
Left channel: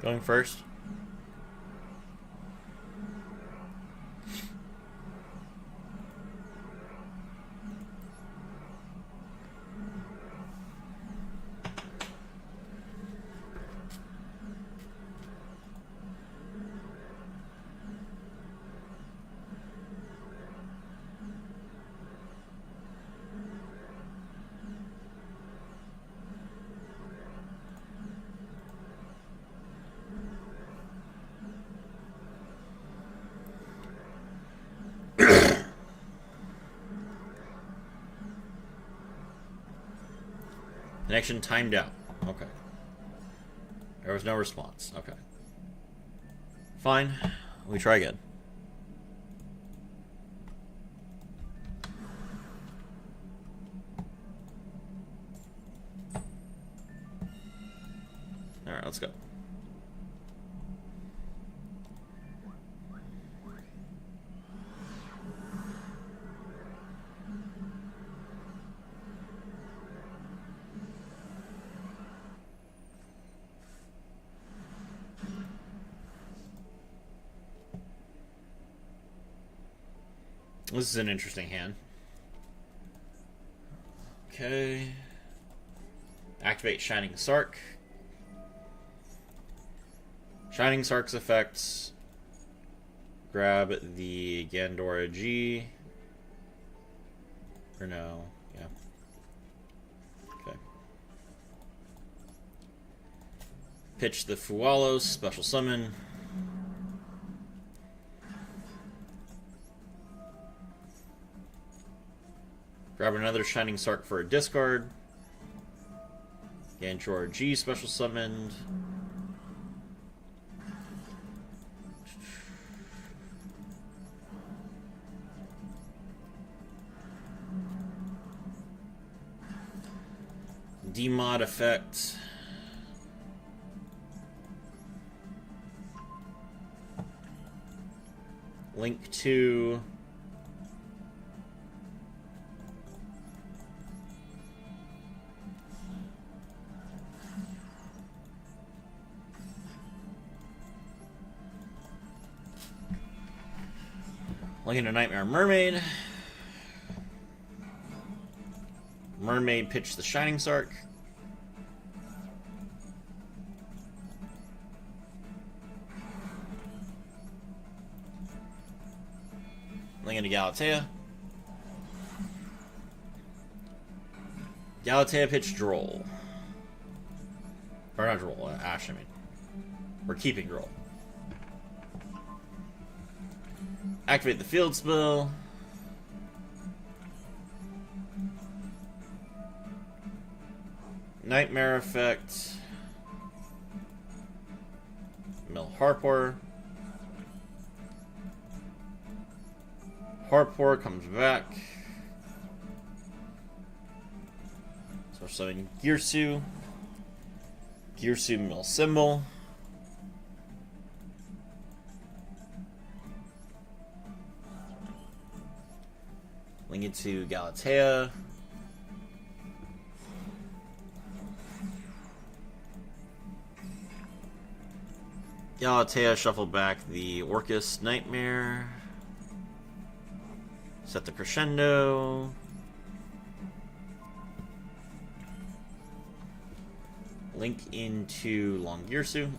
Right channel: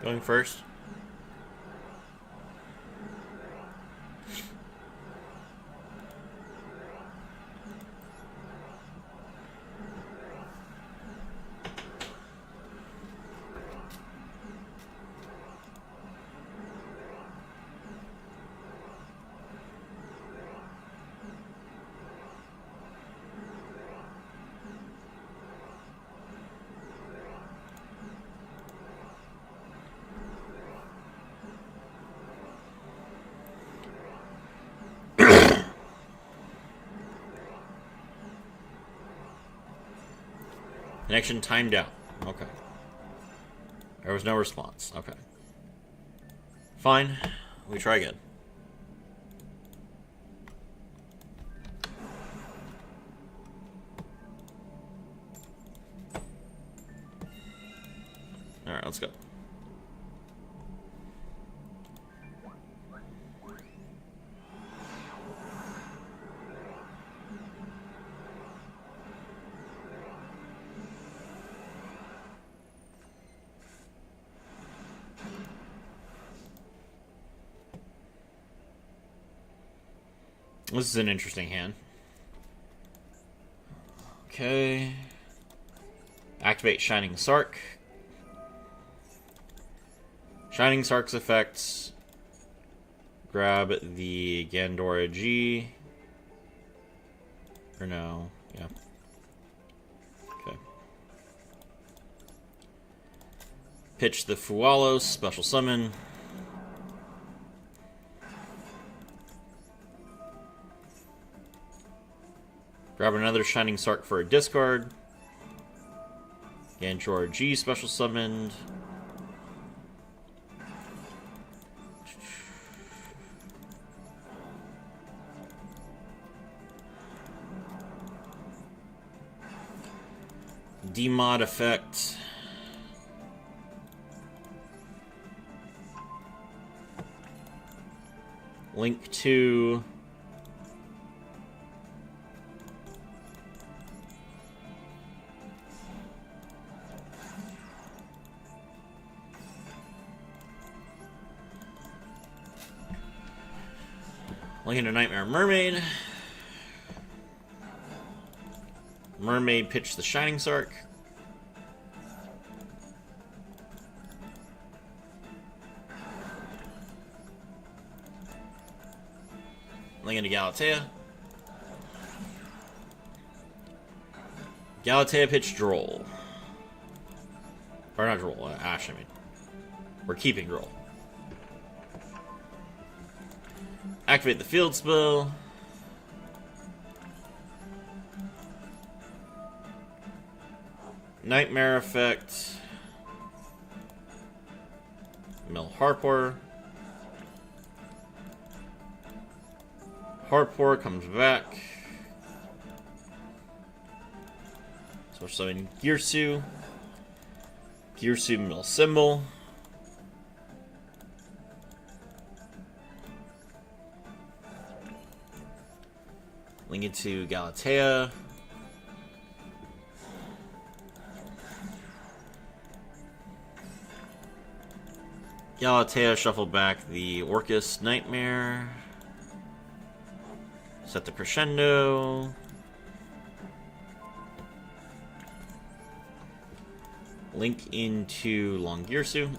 Going first. Connection timed out. Okay. There was no response. Okay. Fine. We try again. Alright, let's go. This is an interesting hand. Okay. Activate Shining Sark. Shining Sark's effects. Grab the Gandora G. Or no. Yeah. Okay. Pitch the Fualos. Special summon. Grab another Shining Sark for a discard. Gandora G special summoned. Demod effect. Link to Looking at Nightmare Mermaid. Mermaid pitched the Shining Sark. Looking to Galatea. Galatea pitched Droll. Or not Droll, Ash, I mean. We're keeping Droll. Activate the field spell. Nightmare effect. Mill Harpor. Harpor comes back. So we're summoning Girsu. Girsu Mill Symbol. Link it to Galatea. Galatea, shuffle back the Orcus Nightmare. Set the Crescendo. Link into Longirsu.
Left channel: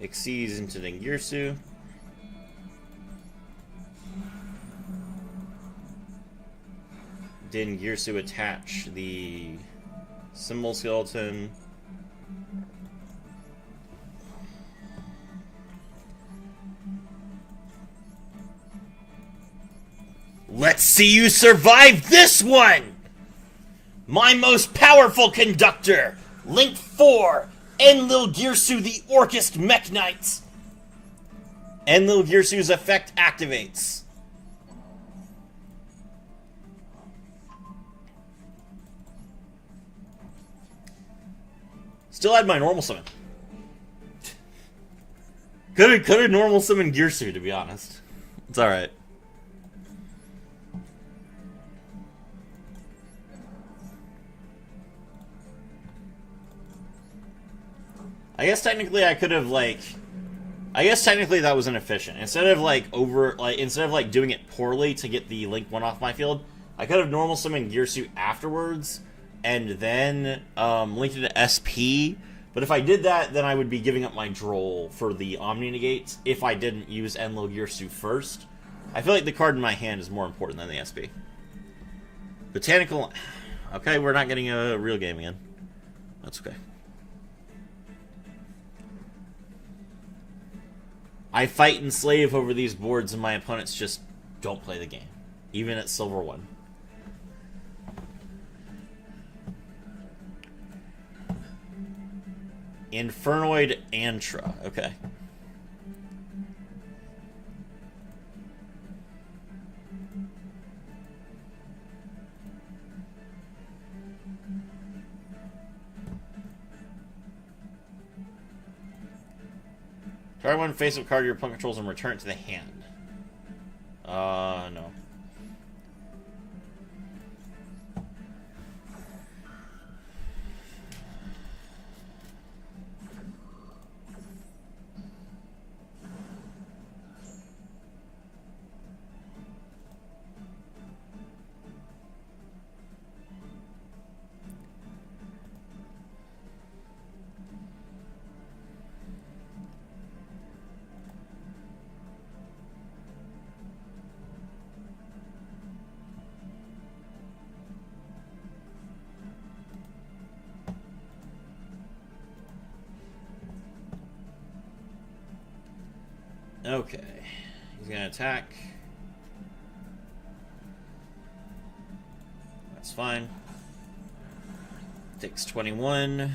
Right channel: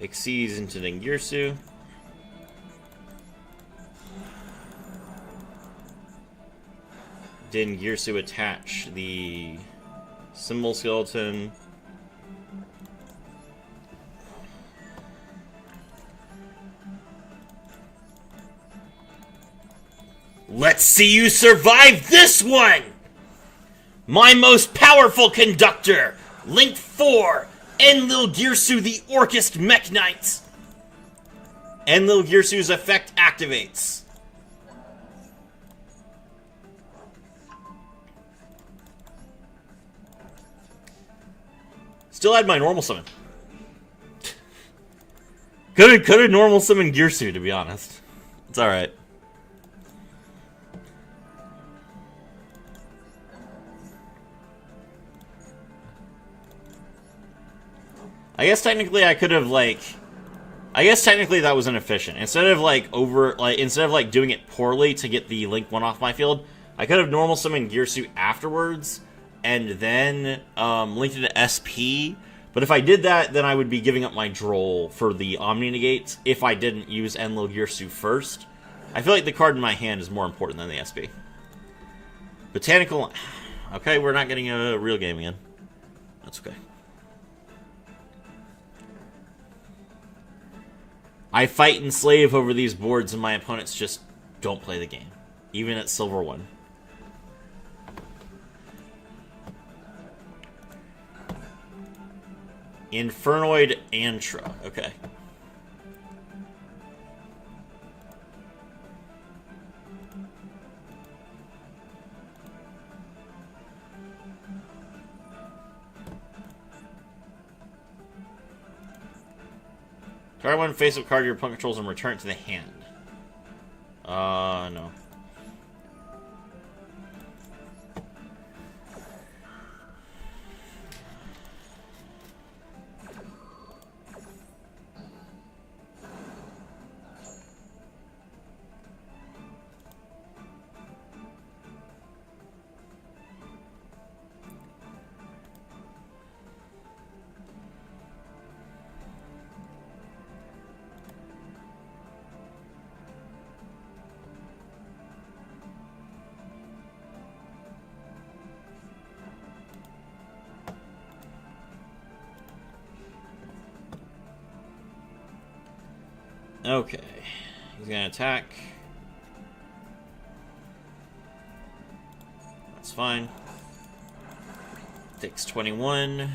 Exceeds into Dengirsu. Dengirsu attach the symbol skeleton. Let's see you survive this one! My most powerful conductor! Link 4! Enlil Girsu, the Orcust Mech Knight. Enlil Girsu's effect activates. Still had my normal summon. Could have normal summoned Girsu, to be honest. It's alright. I guess technically I could have, like... I guess technically that was inefficient. Instead of, like, doing it poorly to get the Link 1 off my field, I could have normal summoned Girsu afterwards, and then, linked it to SP. But if I did that, then I would be giving up my Droll for the Omni Negates if I didn't use Enlil Girsu first. I feel like the card in my hand is more important than the SP. Botanical... Okay, we're not getting a real game again. That's okay. I fight and slave over these boards, and my opponents just don't play the game. Even at Silver 1. Infernoid Antra. Okay. Try one face-up card your opponent controls and return it to the hand. No. Okay. He's gonna attack. That's fine. Takes 21.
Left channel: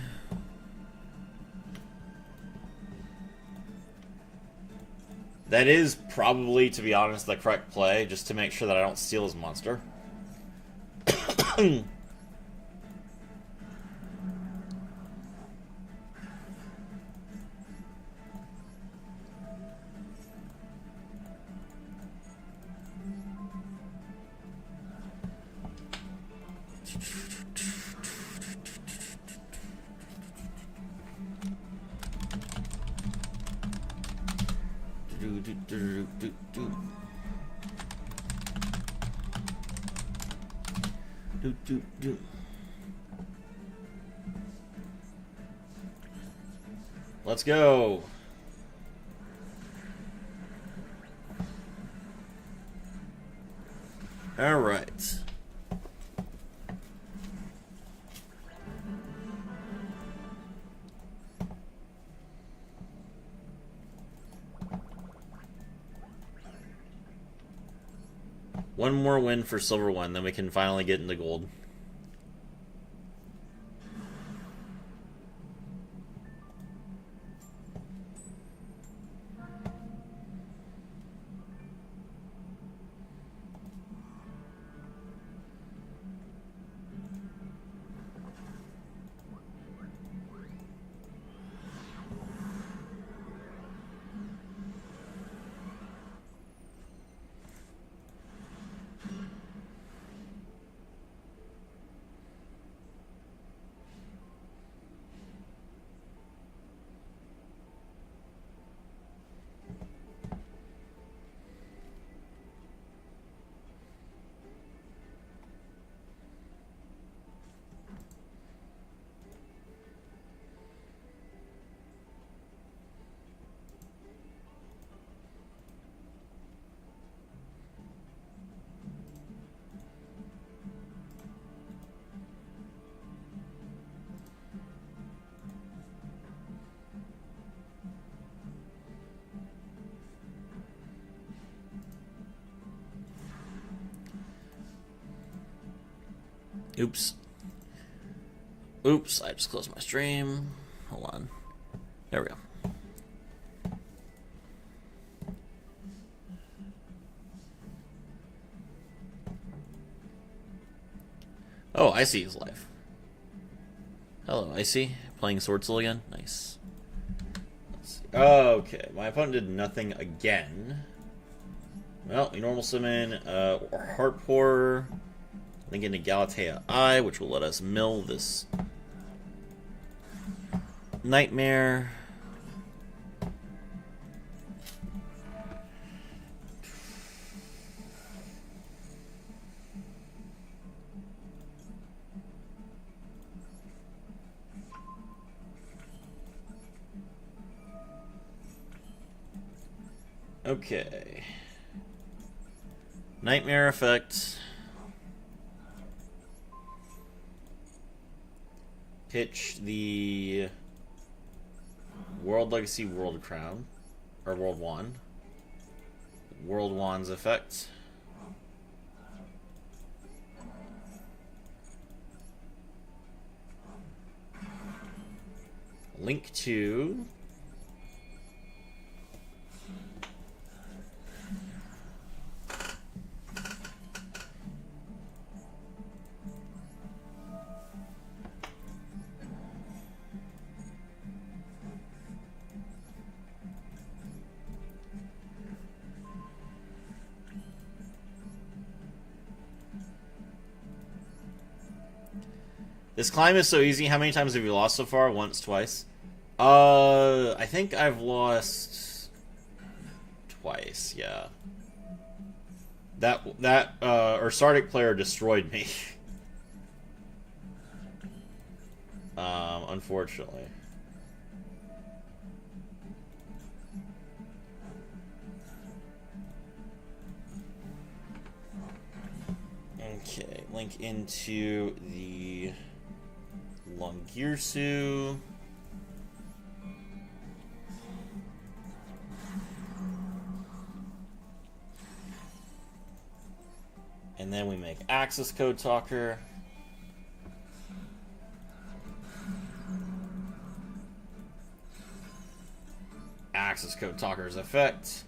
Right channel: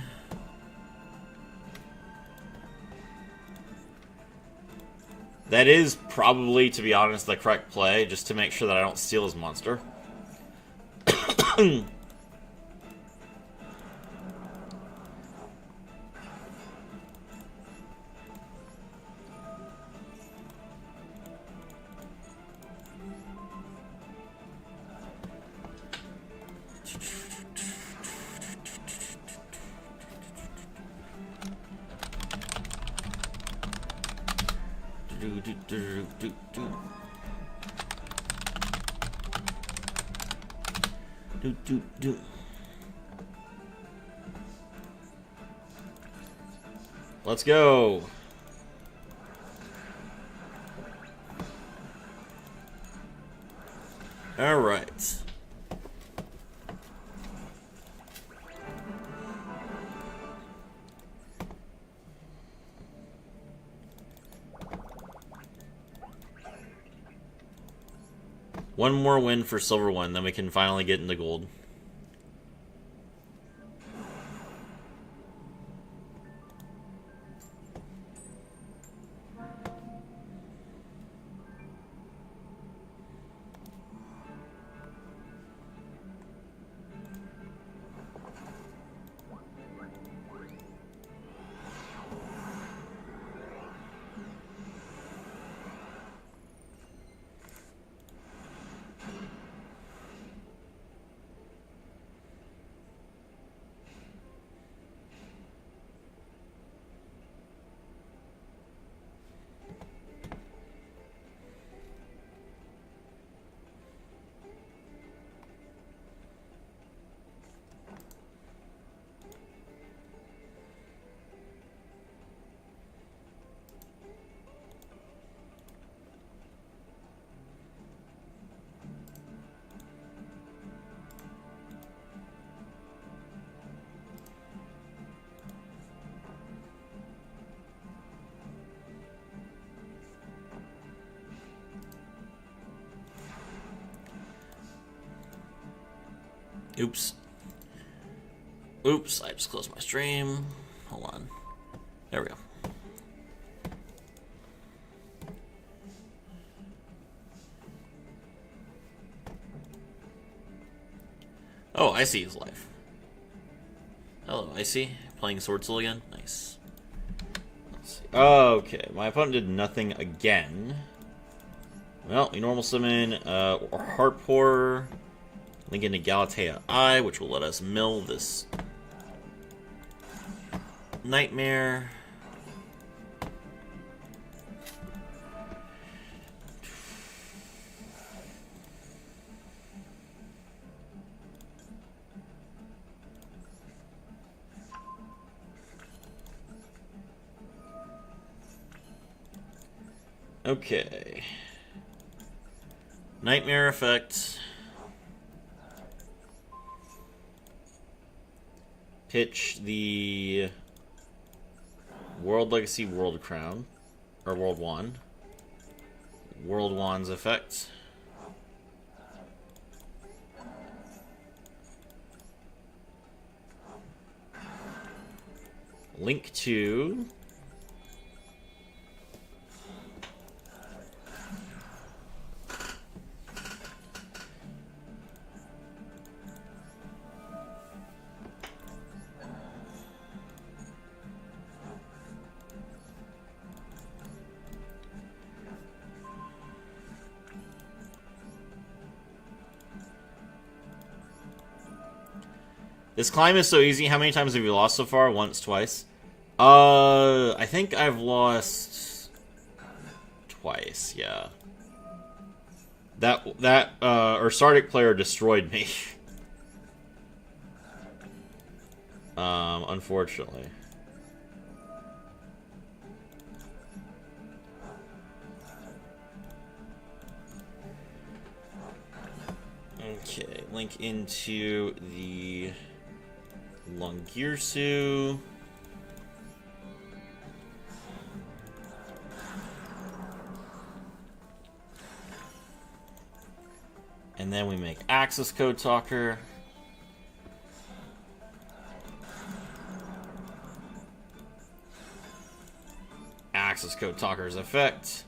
That is probably, to be honest, the correct play, just to make sure that I don't steal his monster. Let's go. All right. One more win for Silver 1, then we can finally get into Gold. Oops. Oops, I just closed my stream. Hold on. There we go. Oh, Icy is live. Hello, Icy. Playing Swordsoul again? Nice. Let's see. Okay, my opponent did nothing again. Well, we normal summon Heart Pourer, link into Galatea Eye, which will let us mill this Nightmare. Okay. Nightmare effect. Pitch the World Legacy World Crown. Or World Wand. World Wand's effect. Link to this climb is so easy. How many times have you lost so far? Once, twice? I think I've lost twice, yeah. That Ursardic player destroyed me. Unfortunately. Okay, link into the Longirsu. And then we make access code talker. Access code talker's effect.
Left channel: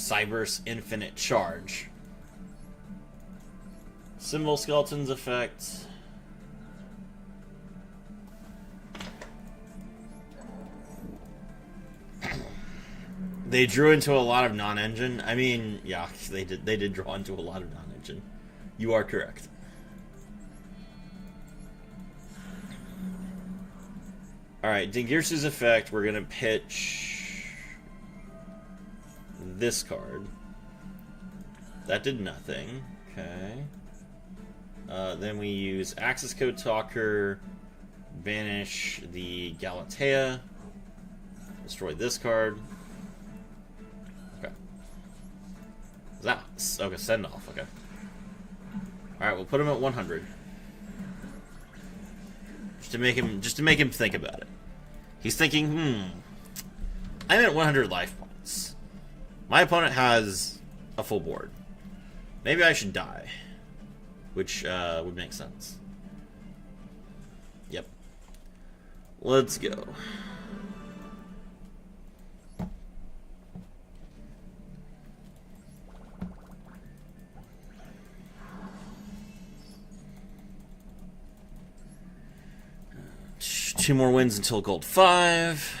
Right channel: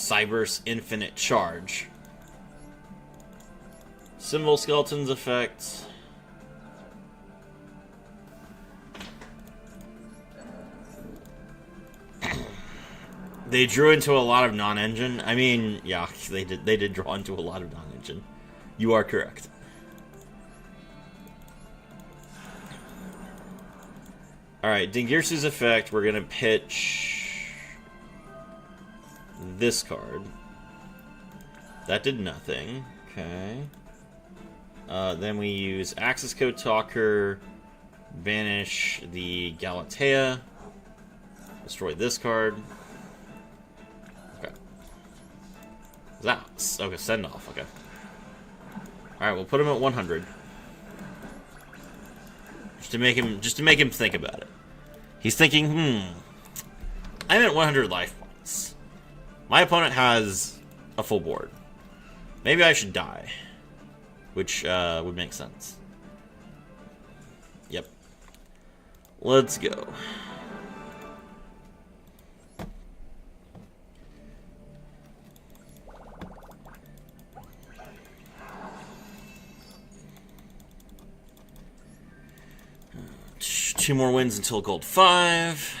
Cyber's Infinite Charge. Symbol Skeleton's effect. They drew into a lot of non-engine. I mean, yeah, they did draw into a lot of non-engine. You are correct. Alright, Dingirsu's effect, we're gonna pitch this card. That did nothing. Okay. Then we use Access Code Talker, banish the Galatea, destroy this card. Okay. Is that okay? Send off. Okay. All right, we'll put him at 100, just to make him think about it. He's thinking, I'm at 100 life points. My opponent has a full board. Maybe I should die. Which would make sense. Yep. Let's go. Two more wins until gold 5.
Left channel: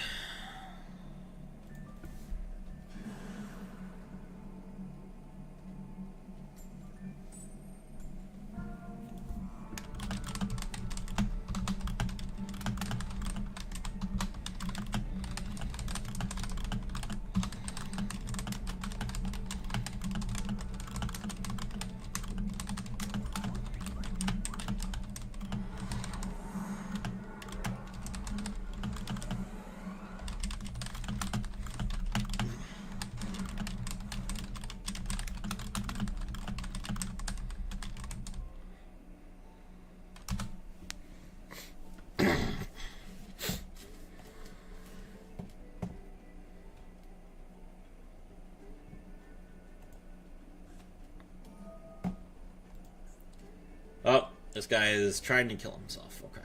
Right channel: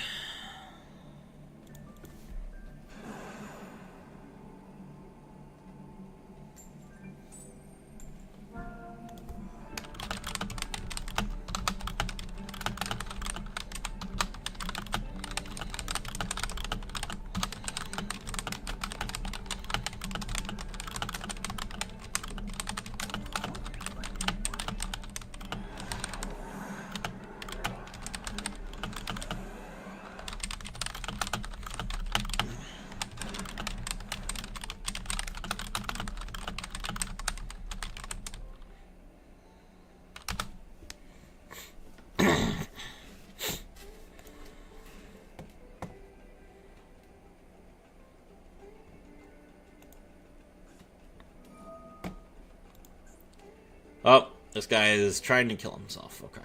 Oh, this guy is trying to kill himself. Okay.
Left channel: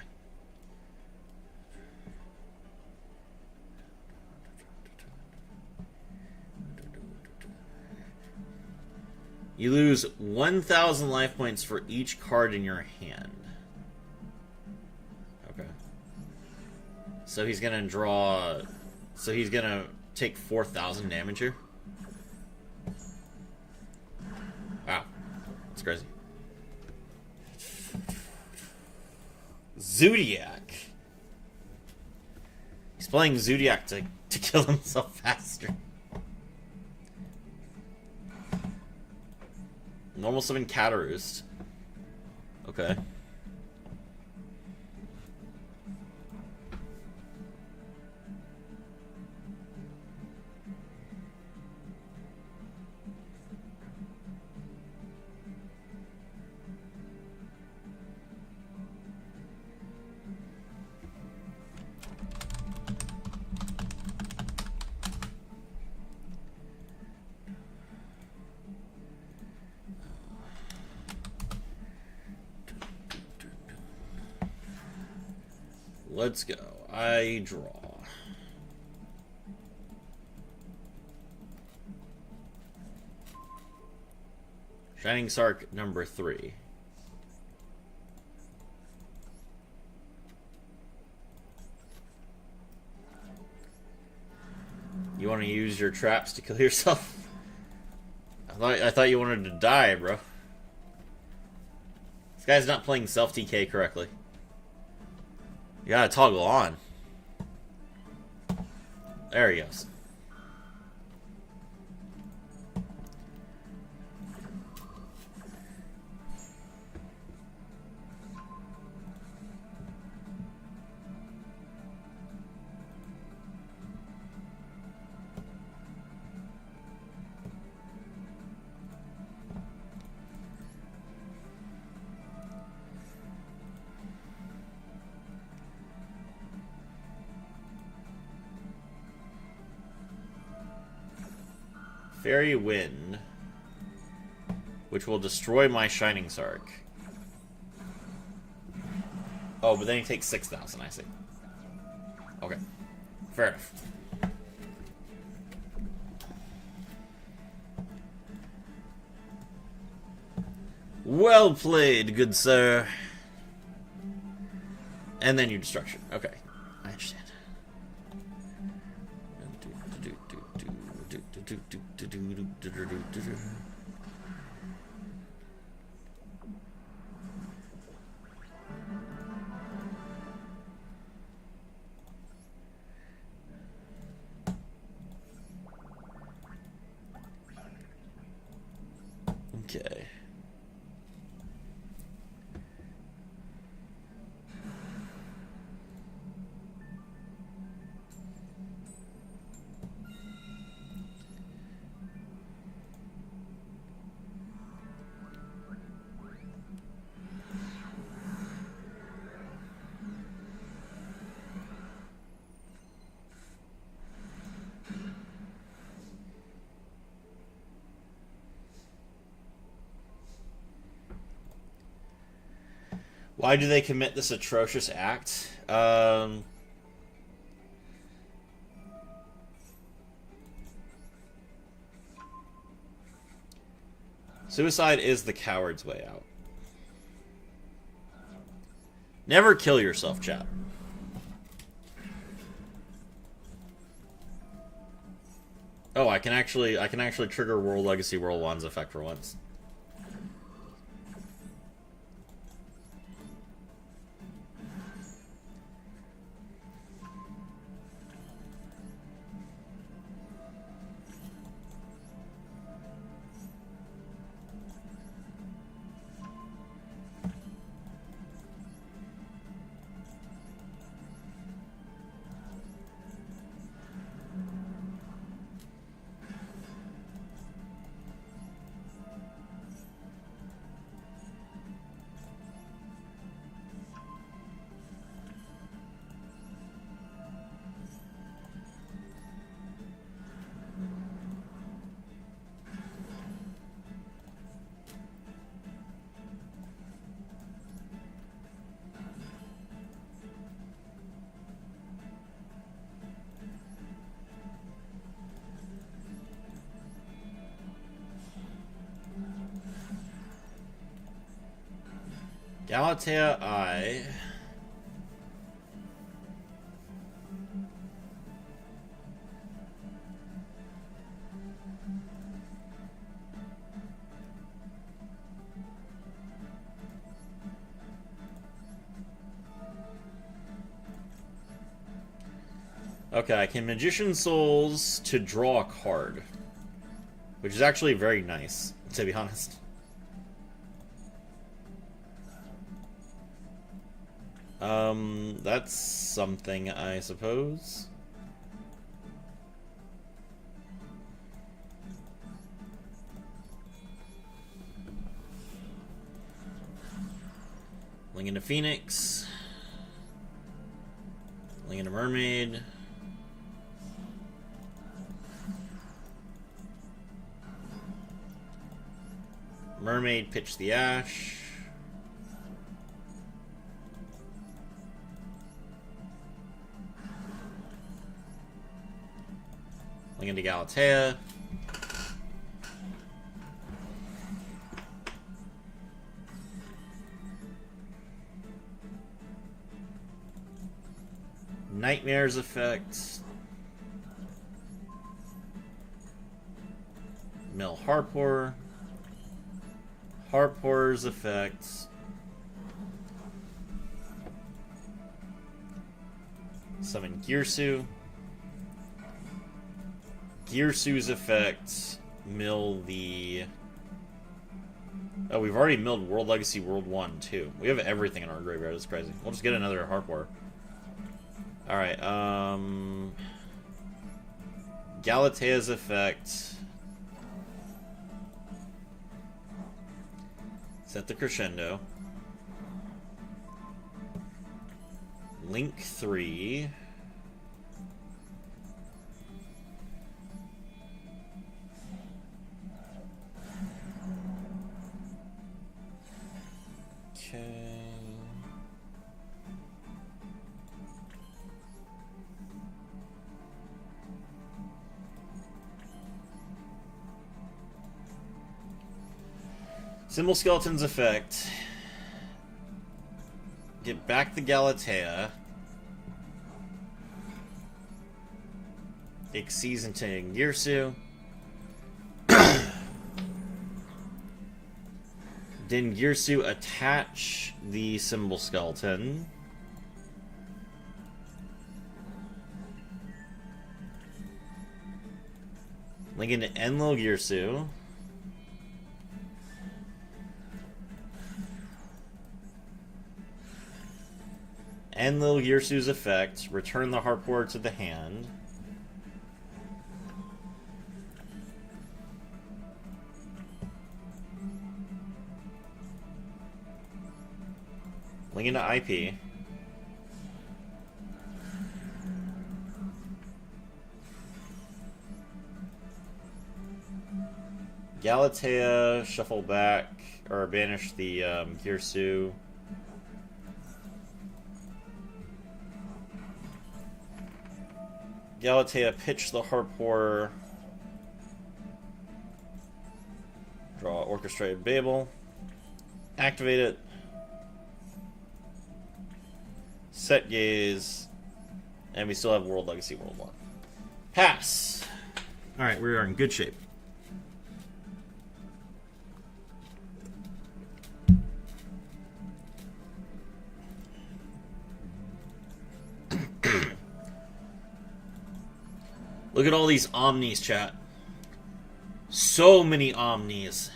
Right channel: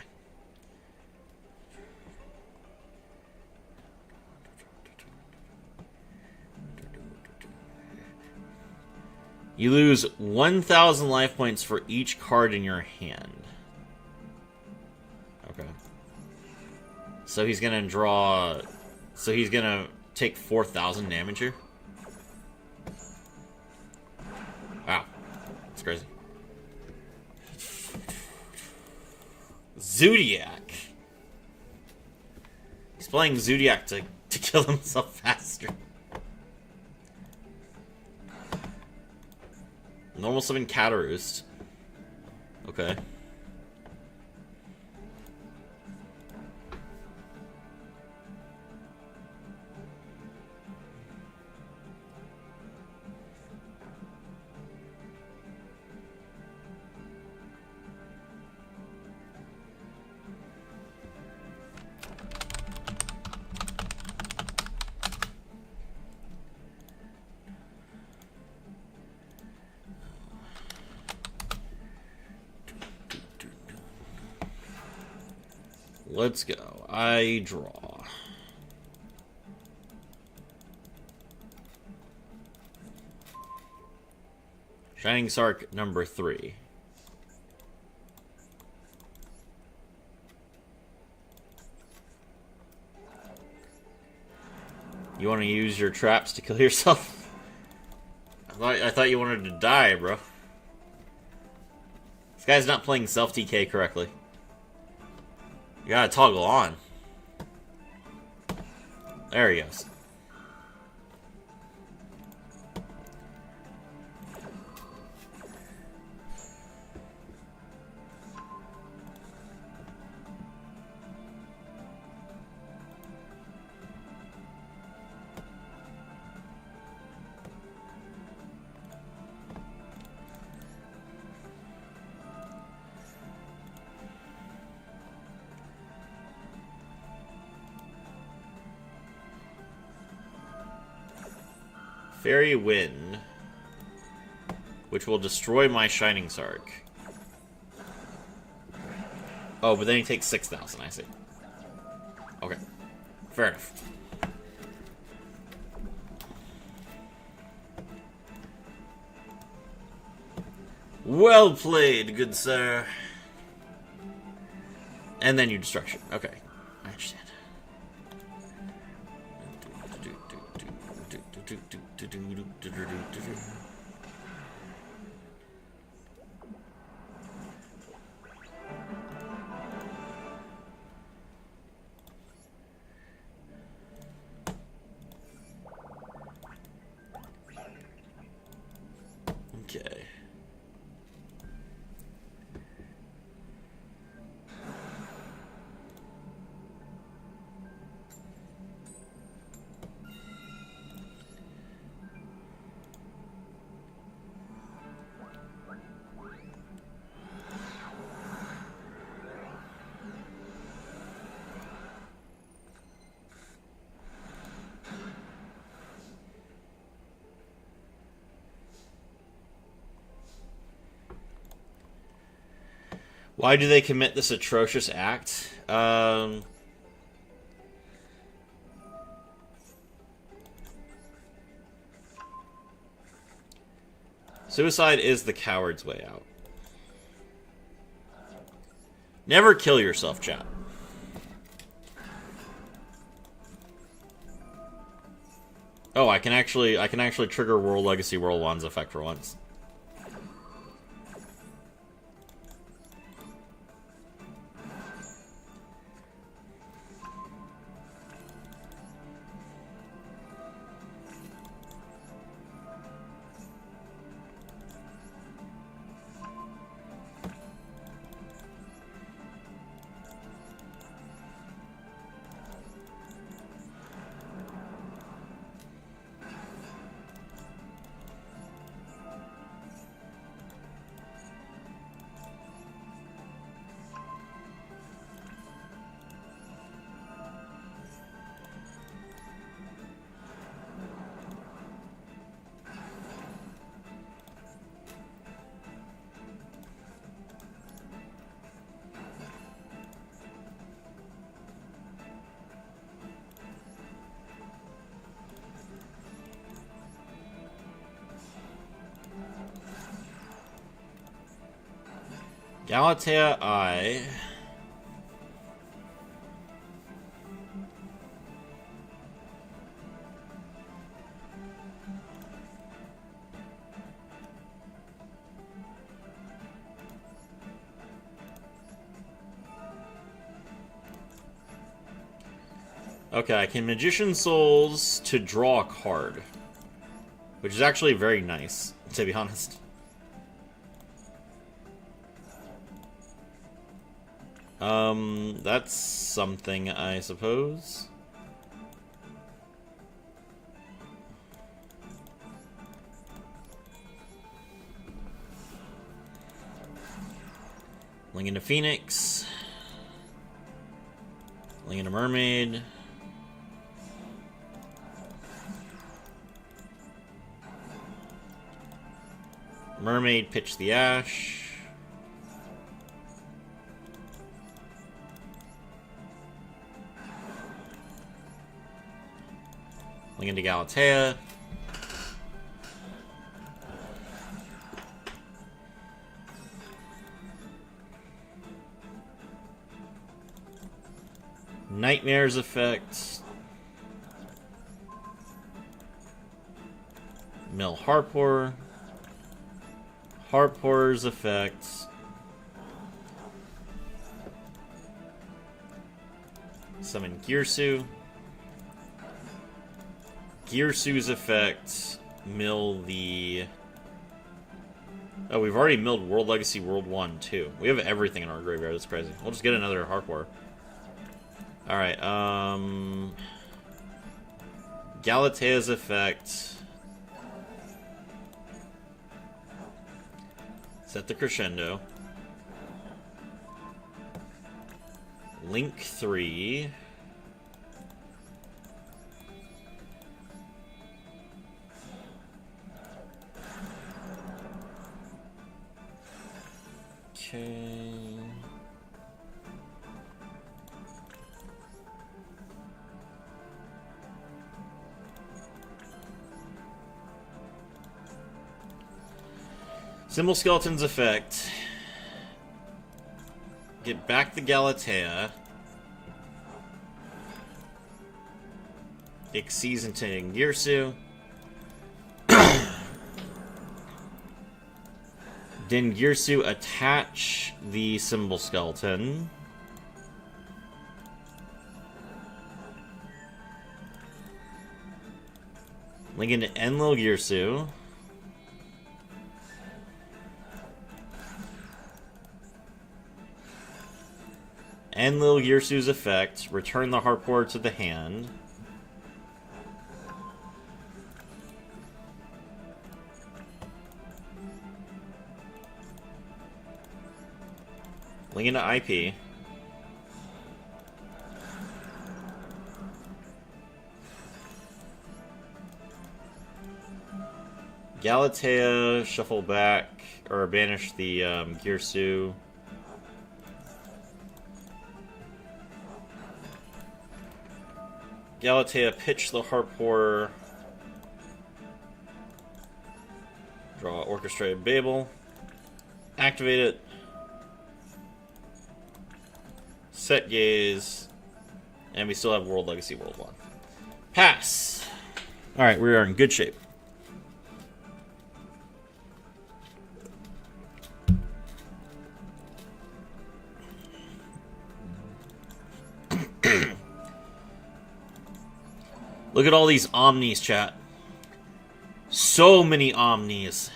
You lose 1,000 life points for each card in your hand. Okay. So he's gonna draw... So he's gonna take 4,000 damage here? Wow. That's crazy. Zodiac. He's playing Zodiac to kill himself faster. Normal summon Cataroost. Okay. Let's go. I draw. Shining Sark number 3. You want to use your traps to kill yourself? I thought you wanted to die, bro. This guy's not playing self-TK correctly. You gotta toggle on. There he goes. Fairy Wind, which will destroy my Shining Sark. Oh, but then he takes 6,000, I see. Okay. Fair enough. Well played, good sir. And then you destruction. Okay, I understand. Okay. Why do they commit this atrocious act? Suicide is the coward's way out. Never kill yourself, chat. Oh, I can actually trigger World Legacy World 1's effect for once. Galatea I. Okay, I can Magician Souls to draw a card. Which is actually very nice, to be honest. That's something, I suppose. Link into Phoenix. Link into Mermaid. Mermaid, pitch the Ash. Link into Galatea. Nightmare's effect. Mill Harpor. Harpor's effect. Summon Girsu. Girsu's effect. Mill the... Oh, we've already milled World Legacy World 1, too. We have everything in our graveyard. That's crazy. We'll just get another Harpor. Alright, Galatea's effect. Set the Crescendo. Link 3. Okay. Symbol Skeleton's effect. Get back the Galatea. Exceeds into Girsu. Then Girsu attach the Symbol Skeleton. Link into Enlil Girsu. Enlil Girsu's effect. Return the Harpor to the hand. Link into IP. Galatea, shuffle back, or banish the Girsu. Galatea, pitch the Harpor. Draw Orchestrated Babel. Activate it. Set gaze. And we still have World Legacy World 1. Pass! Alright, we are in good shape. Look at all these Omnis, chat. So many Omnis.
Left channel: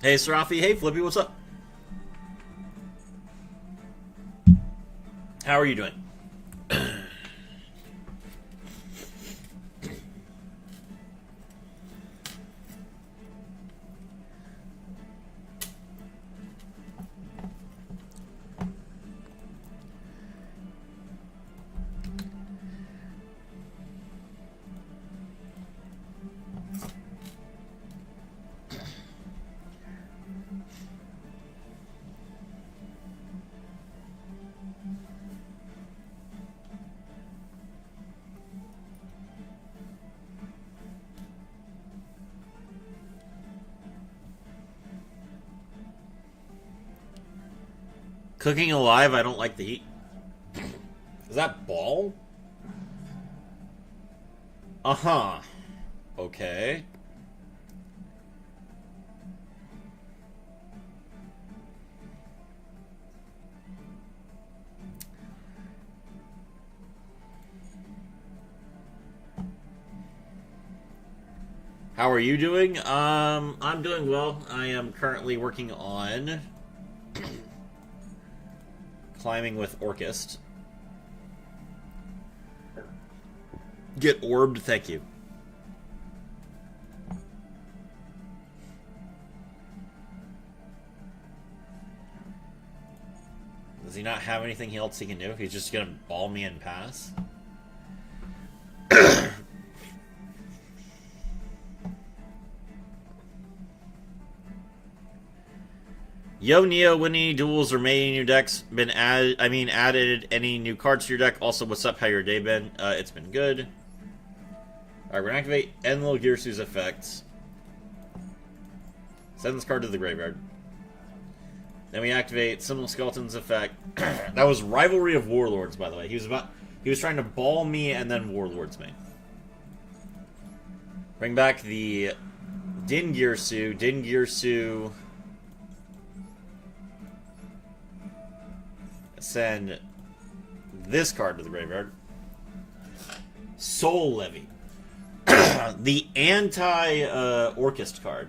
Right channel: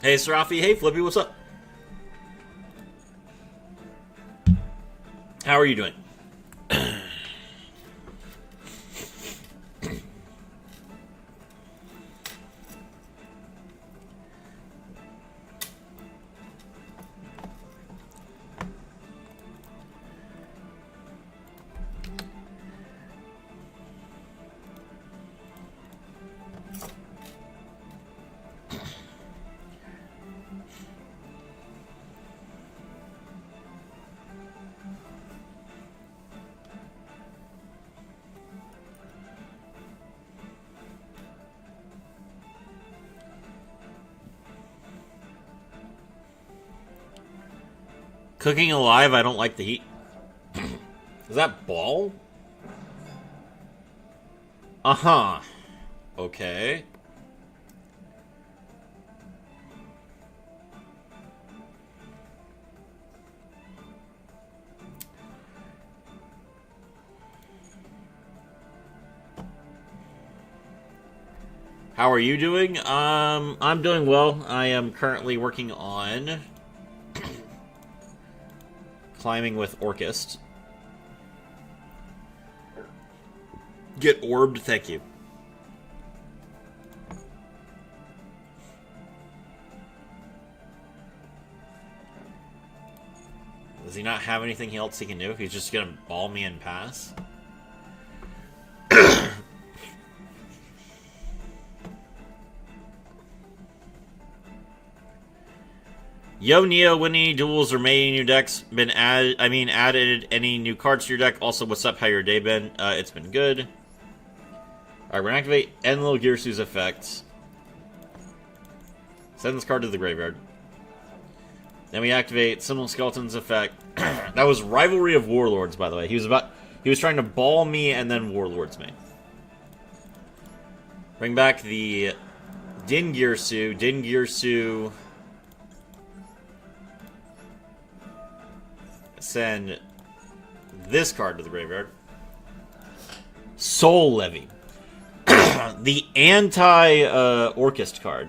Hey, Serafi. Hey, Flippy. What's up? How are you doing? Cooking alive, I don't like the heat. Is that ball? Uh-huh. Okay. How are you doing? I'm doing well. I am currently working on climbing with Orchest. Get orbed, thank you. Does he not have anything else he can do? He's just gonna ball me and pass? Yo, Neo, when any duels or made any new decks been added? Added any new cards to your deck? Also, what's up? How your day been? It's been good. Alright, we're gonna activate Enlil Girsu's effect. Send this card to the graveyard. Then we activate Symbol Skeleton's effect. That was Rivalry of Warlords, by the way. He was trying to ball me and then Warlords me. Bring back the Din Girsu. Din Girsu. Send this card to the graveyard. Soul Levy. The anti-Orchest card.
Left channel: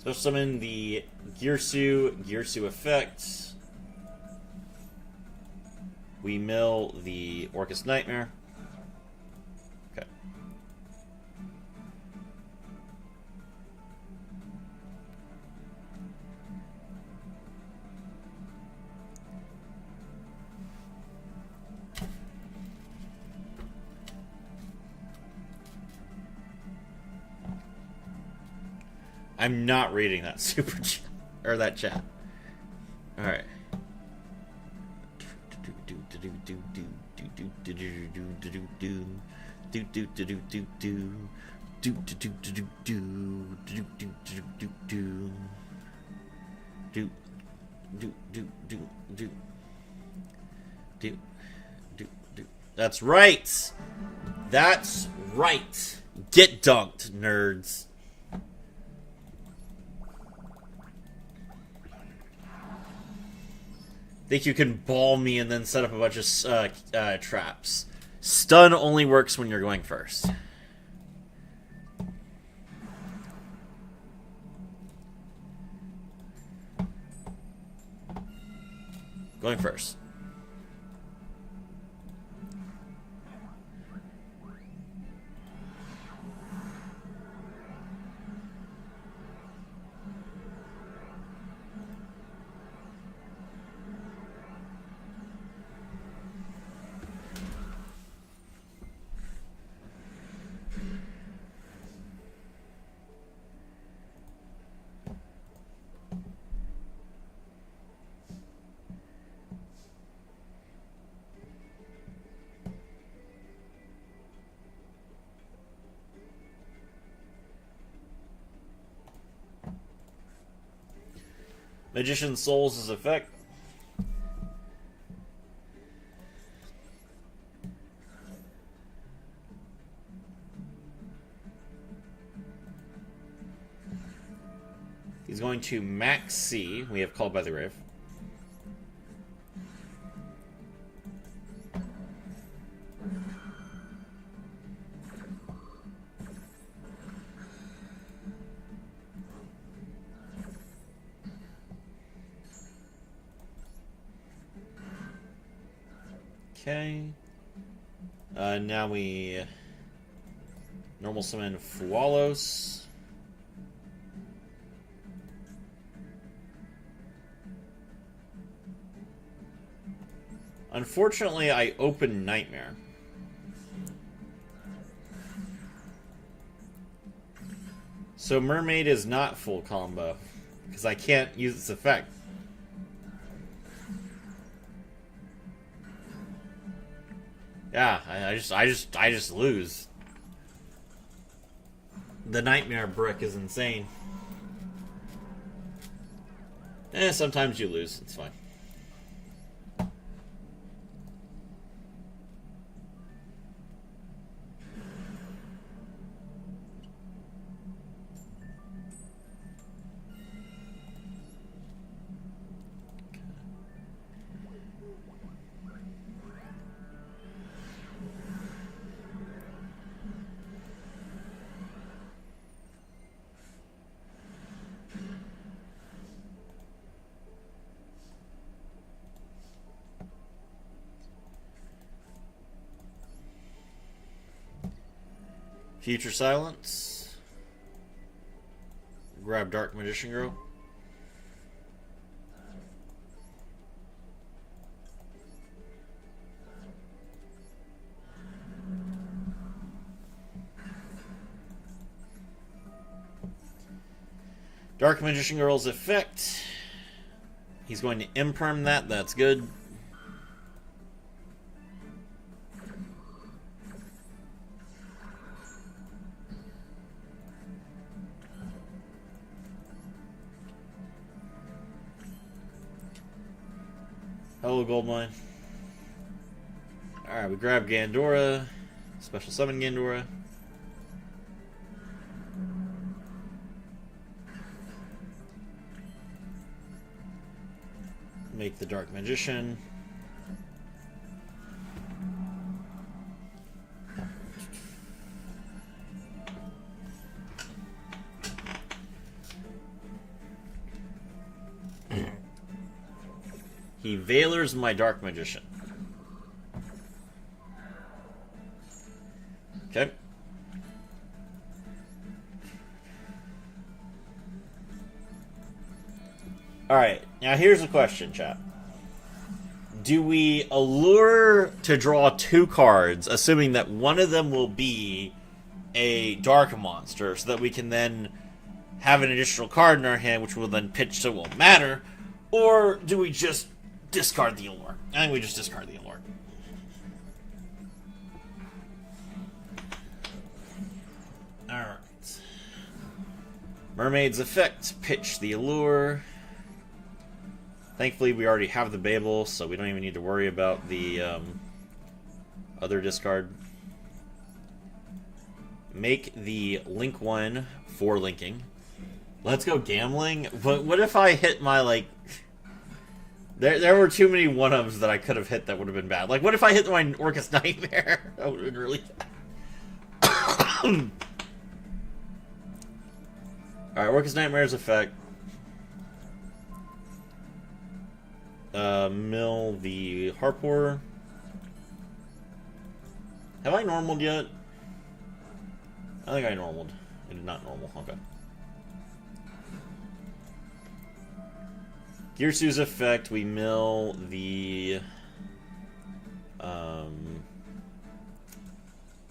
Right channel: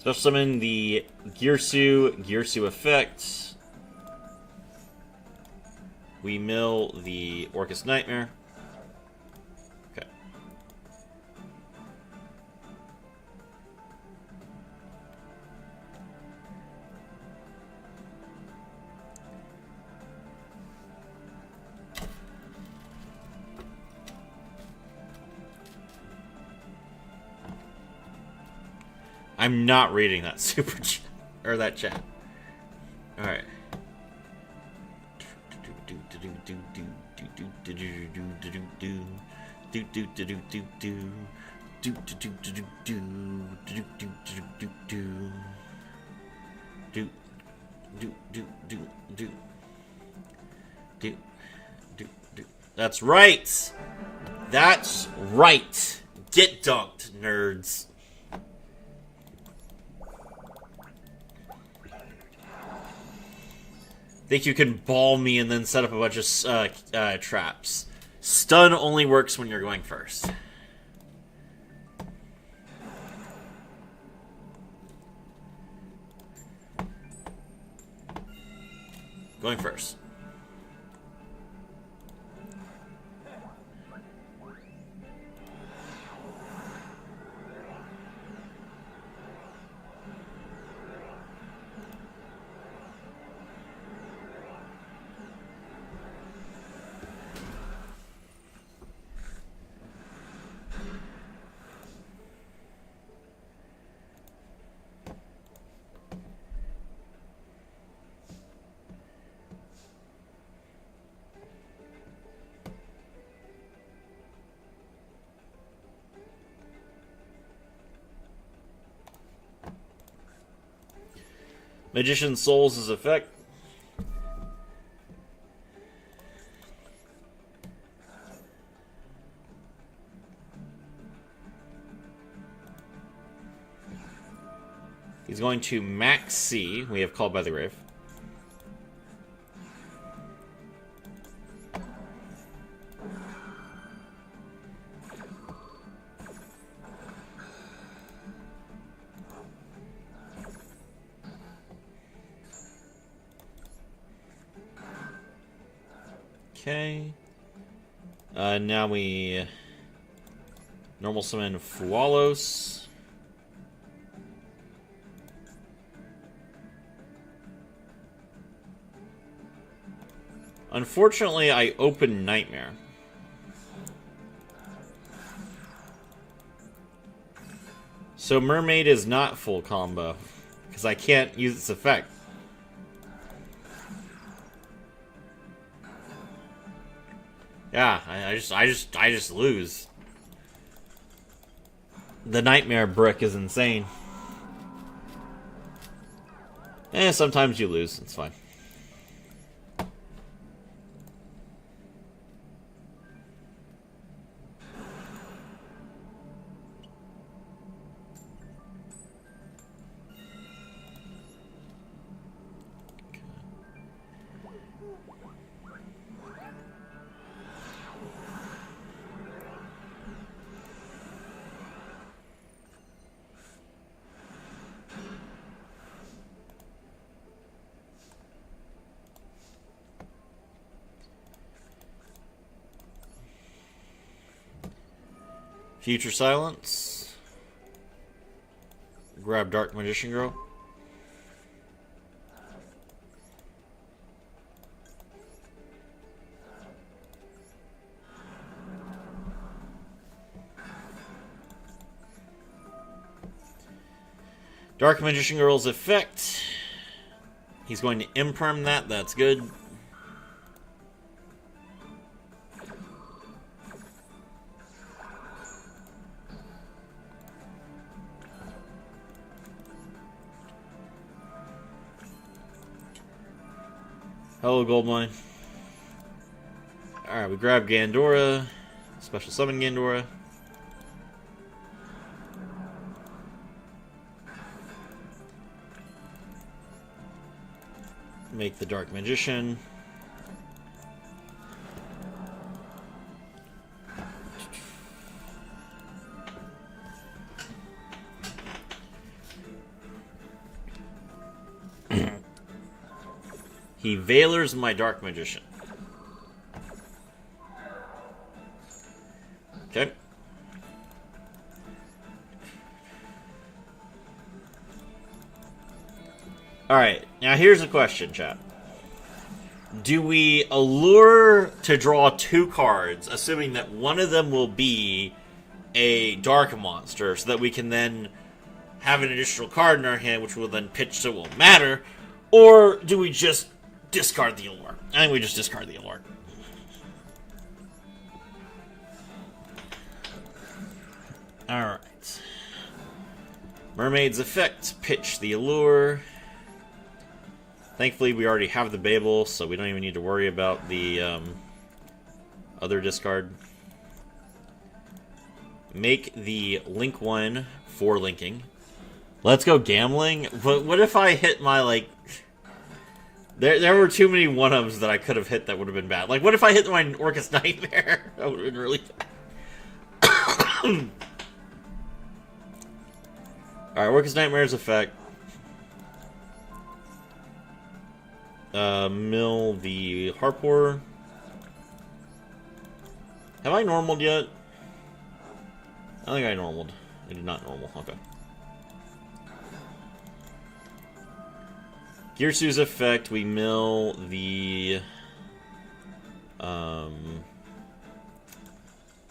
Special summon the Girsu effect. We mill the Orchest Nightmare. Okay. I'm not reading that super chat or that chat. All right. That's right. That's right. Get dunked, nerds. Think you can ball me and then set up a bunch of traps. Stun only works when you're going first. Going first. Magician's Souls' effect. He's going to max C. We have Called by the Grave. Okay. Now we normal summon Fualos. Unfortunately, I open Nightmare. So Mermaid is not full combo because I can't use its effect. Yeah, I just lose. The Nightmare brick is insane. Sometimes you lose. It's fine. Future Silence. Grab Dark Magician Girl. Dark Magician Girl's effect. He's going to imperm that. That's good. Hello, Goldmine. Alright, we grab Gandora. Special summon Gandora. Make the Dark Magician. He Veilers my Dark Magician. Okay. Alright, now here's a question, chat. Do we allure to draw 2 cards, assuming that one of them will be a dark monster, so that we can then have an additional card in our hand, which will then pitch so it won't matter? Or do we just discard the Allure? I think we just discard the Allure. Alright. Mermaid's effect, pitch the Allure. Thankfully, we already have the Babel, so we don't even need to worry about the other discard. Make the link one for linking. Let's go gambling. But what if I hit my, like... There were too many one-ups that I could have hit that would have been bad. Like, what if I hit my Orcus Nightmare? That would have been really bad. Alright, Orcus Nightmare's effect. Mill the Harpor. Have I normaled yet? I think I normaled. I did not normal. Okay. Girsu's effect, we mill the... Oh,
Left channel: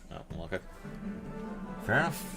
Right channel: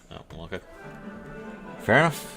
well, okay. Fair enough.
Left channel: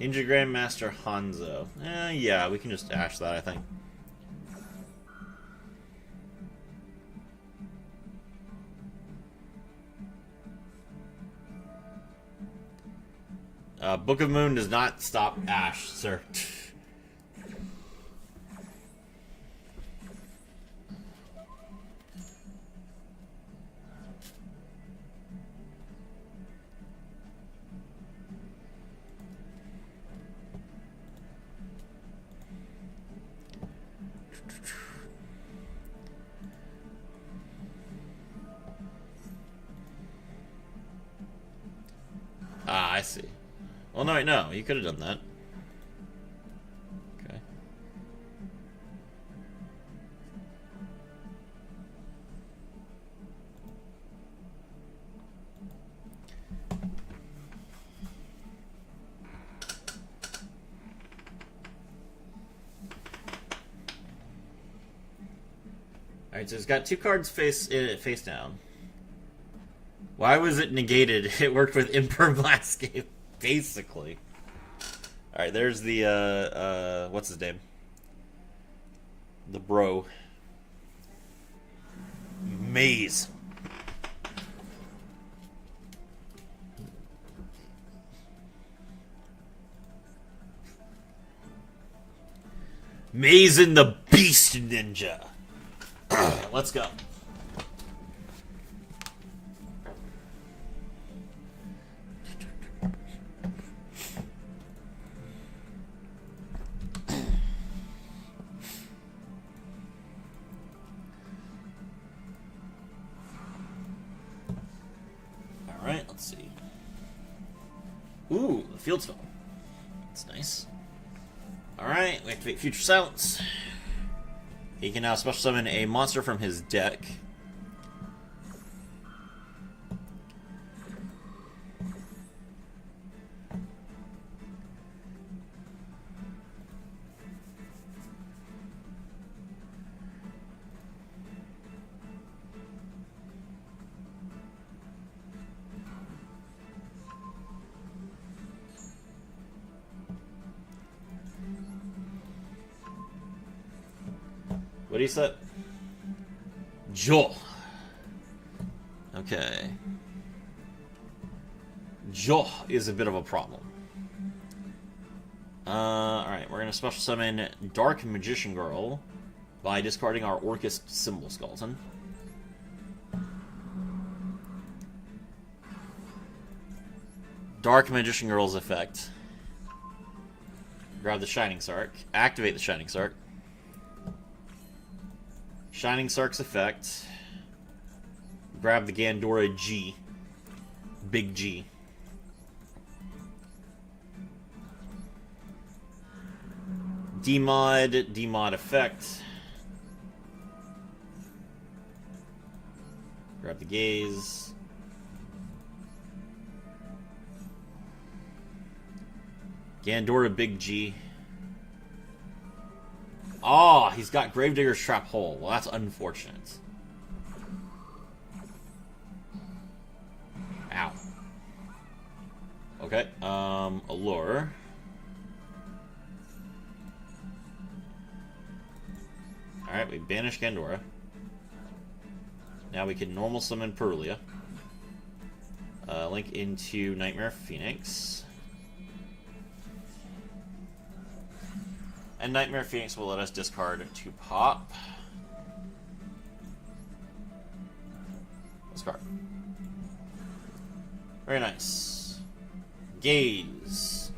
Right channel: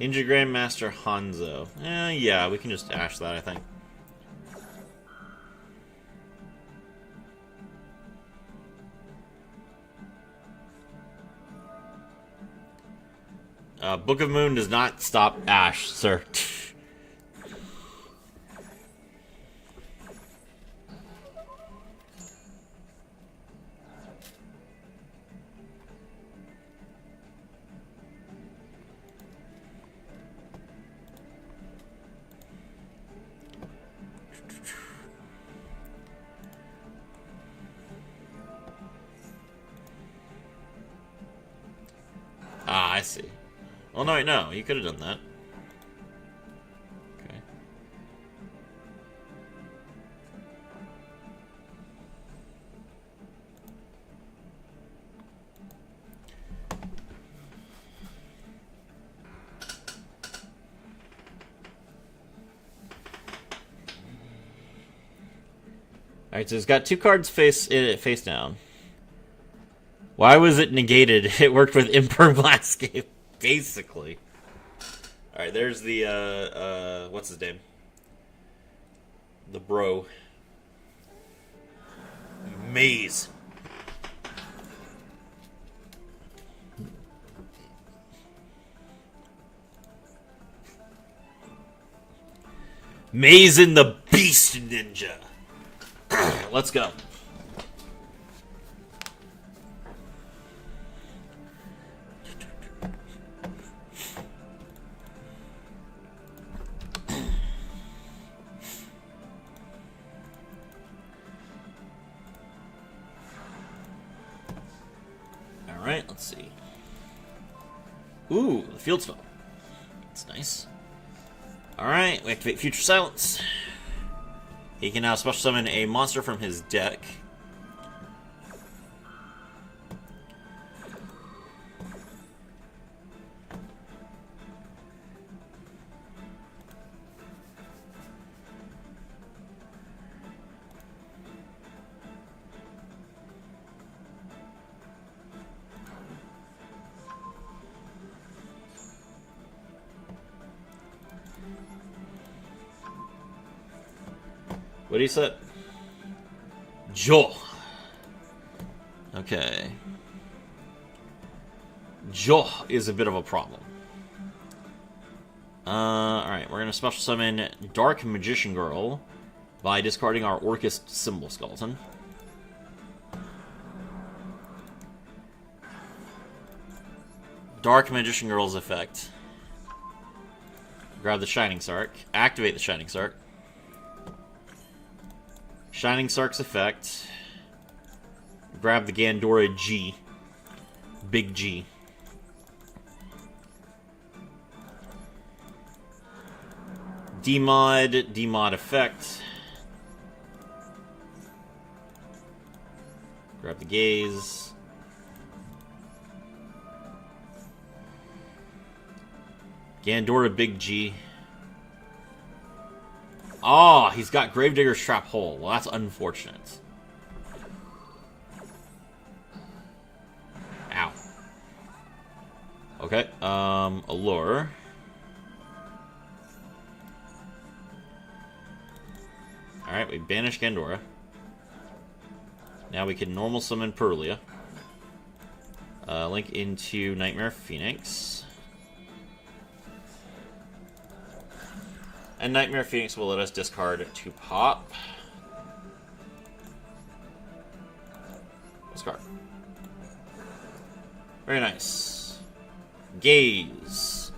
Ninja Grandmaster Hanzo. Yeah, we can just ash that, I think. Book of Moon does not stop ash, sir. Ah, I see. Well, no, wait, no. You could have done that. Okay. Alright, so it's got two cards face down. Why was it negated? It worked with Imperm Landscape, basically. Alright, there's the, what's his name? The bro. Maze. Maze and the Beast Ninja. Let's go. Alright, let's see. Ooh, the field spell. That's nice. Alright, we activate Future Silence. He can now special summon a monster from his deck. What do you say? Joel. Okay. Jo is a bit of a problem. Alright, we're gonna special summon Dark Magician Girl by discarding our Orcus Symbol Skeleton. Dark Magician Girl's effect. Grab the Shining Sark. Activate the Shining Sark. Shining Sark's effect. Grab the Gandora G. Big G. Demod effect. Grab the Gaze. Gandora Big G. Oh, he's got Gravedigger's Trap Hole. Well, that's unfortunate. Ow. Okay, Allure. Alright, we banish Gandora. Now we can normal summon Perulia. Link into Nightmare Phoenix. And Nightmare Phoenix will let us discard 2 pop. Discard. Very nice. Gaze.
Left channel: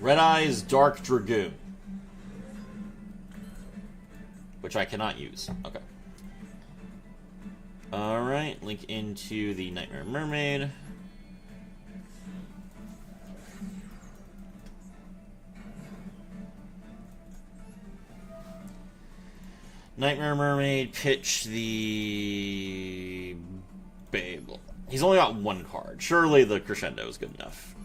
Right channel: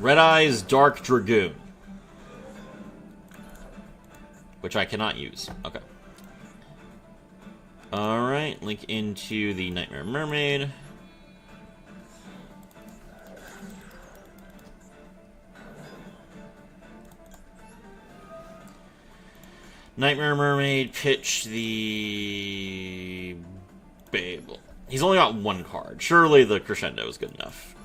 Red Eyes Dark Dragoon. Which I cannot use. Okay. Alright, link into the Nightmare Mermaid. Nightmare Mermaid, pitch the Babel. He's only got 1 card. Surely the Crescendo is good enough.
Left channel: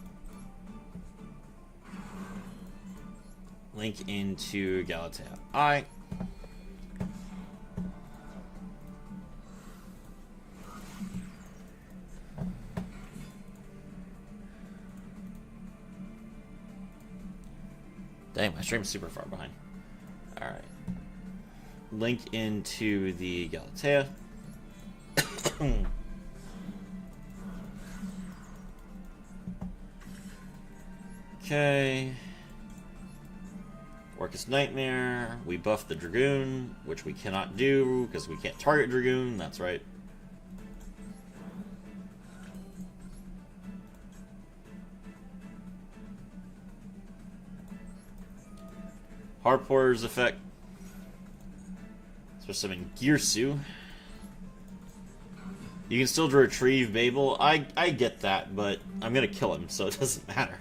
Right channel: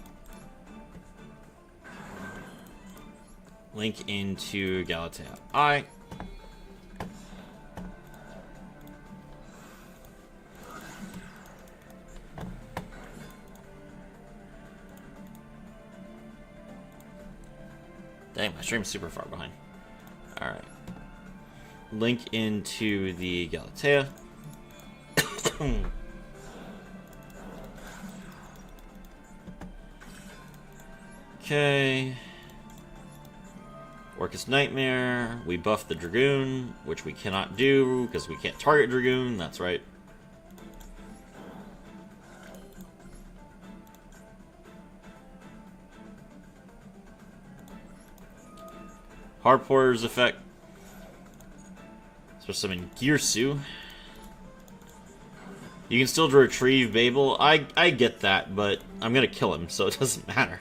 Link into Galatea I. Dang, my stream's super far behind. Alright. Link into the Galatea. Okay. Orcus Nightmare. We buff the Dragoon, which we cannot do because we can't target Dragoon. That's right. Hard Porter's effect. Supposed to summon Girsu. You can still retrieve Babel. I get that, but I'm gonna kill him, so it doesn't matter.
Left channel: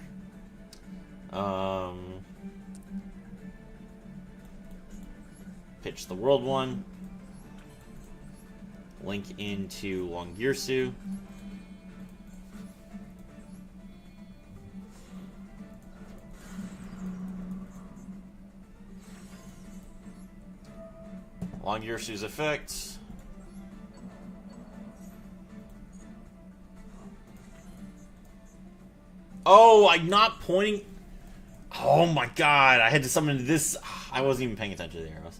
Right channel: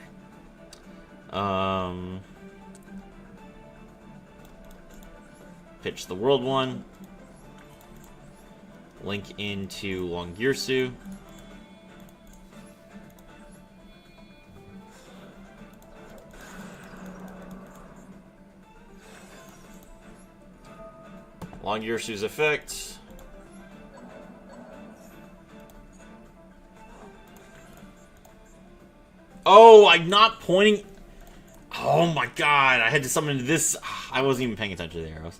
Pitch the World one. Link into Long Girsu. Long Girsu's effect. Oh, I'm not pointing. Oh my god, I had to summon this. I wasn't even paying attention to the arrows.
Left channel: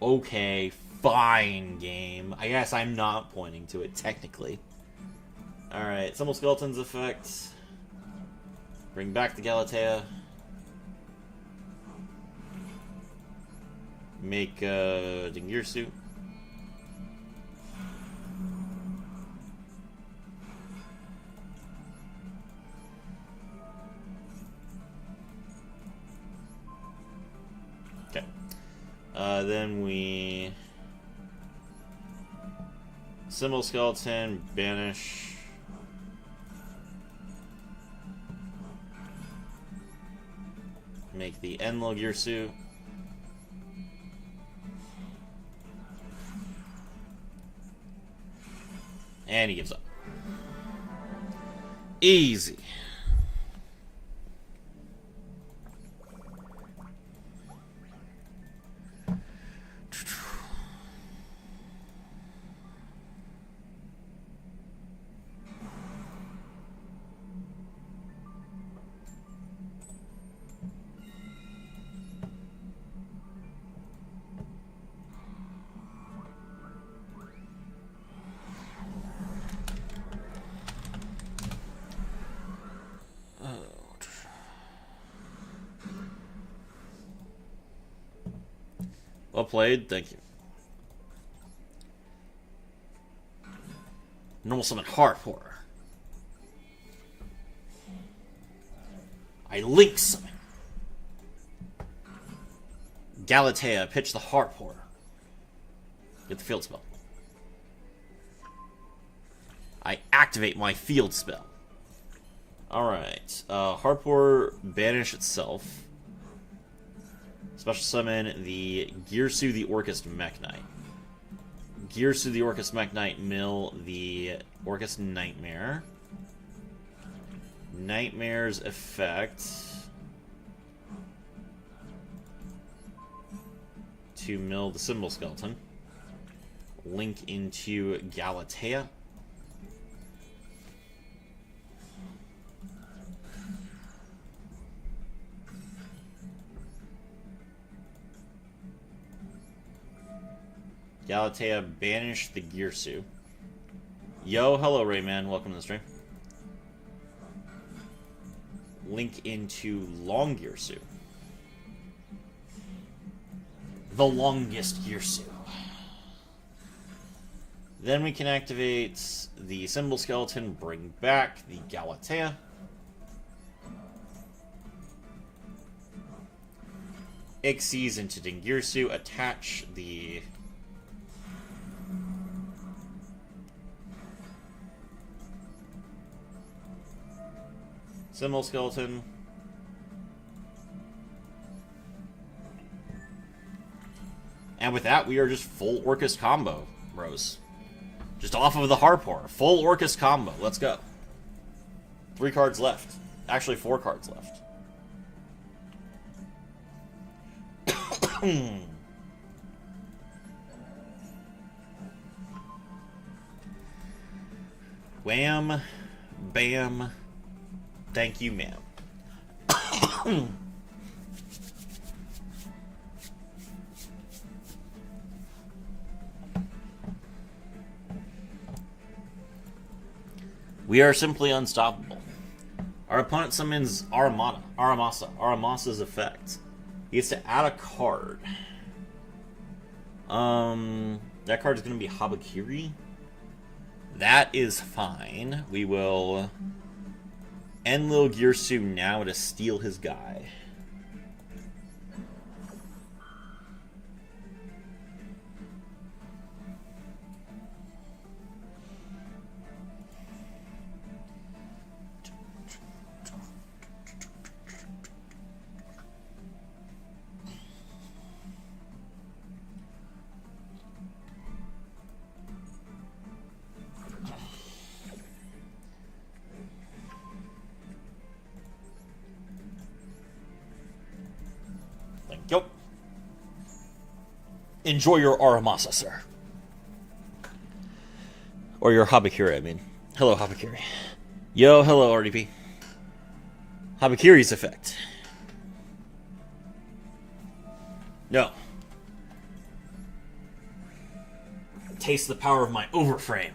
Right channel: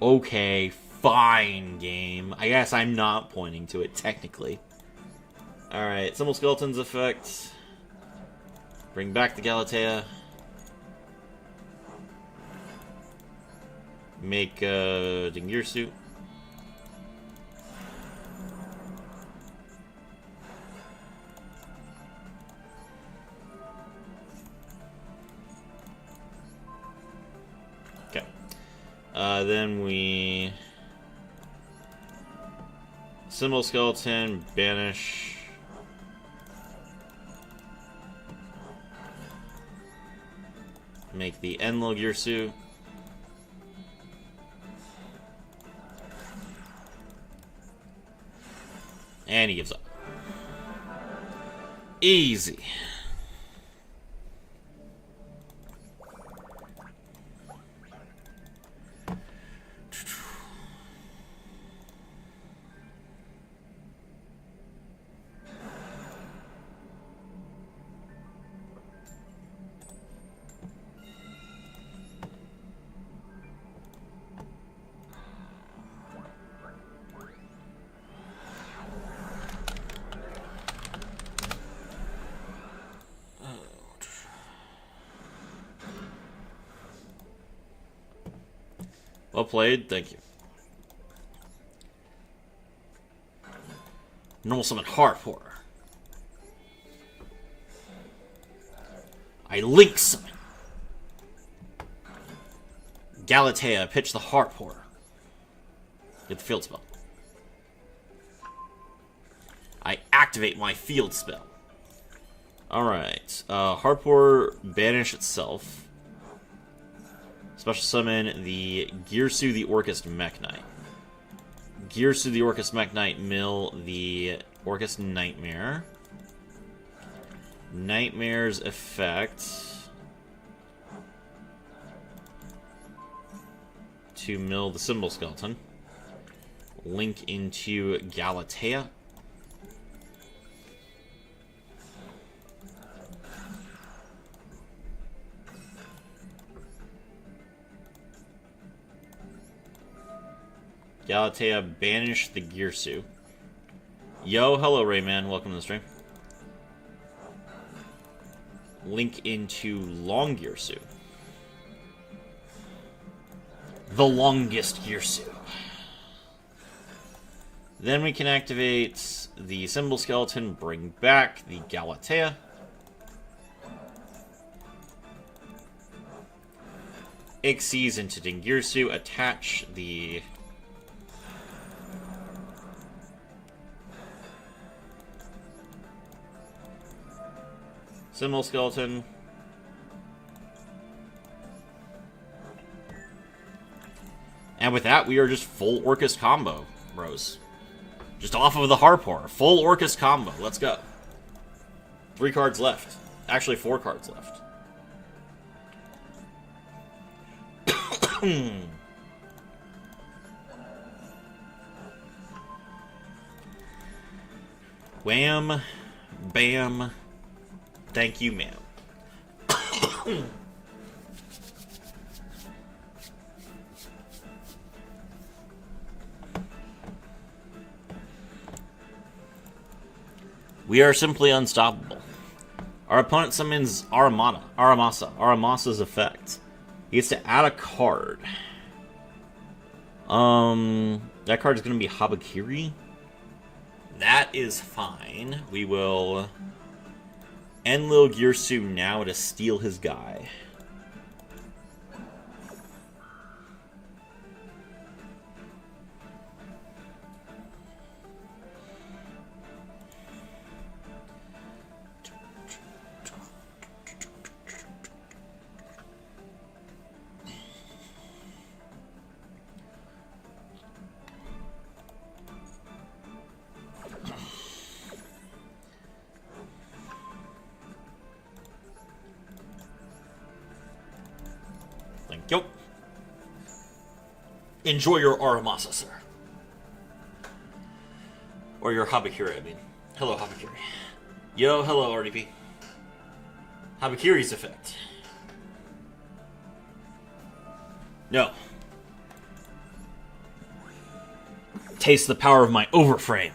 Okay, fine, game. I guess I'm not pointing to it, technically. Alright, Symbol Skeleton's effect. Bring back the Galatea. Make Dingirsu. Okay. Then we Symbol Skeleton, banish. Make the Enlil Girsu. And he gives up. Easy. Well played, thank you. Normal summon Harpor. I Link summon. Galatea, pitch the Harpor. Get the field spell. I activate my field spell. Alright. Harpor, banish itself. Special summon the Girsu the Orcust Mech Knight. Girsu the Orcust Mech Knight, mill the Orcust Nightmare. Nightmare's effect to mill the Symbol Skeleton. Link into Galatea. Galatea, banish the Girsu. Yo, hello Rayman, welcome to the stream. Link into Long Girsu. The longest Girsu. Then we can activate the Symbol Skeleton, bring back the Galatea. Xyz into Dingirsu, attach the Symbol Skeleton. And with that, we are just full Orcust combo, bros. Just off of the Harpor. Full Orcust combo. Let's go. 3 cards left. Actually, 4 cards left. Wham. Bam. Thank you, ma'am. We are simply unstoppable. Our opponent summons Aramasa's effect. He gets to add a card. That card is going to be Habakiri. That is fine. We will Enlil Girsu now to steal his guy. Yo. Enjoy your Aramasa, sir. Or your Habakiri, I mean. Hello, Habakiri. Yo, hello, RDP. Habakiri's effect. No. Taste the power of my overframe.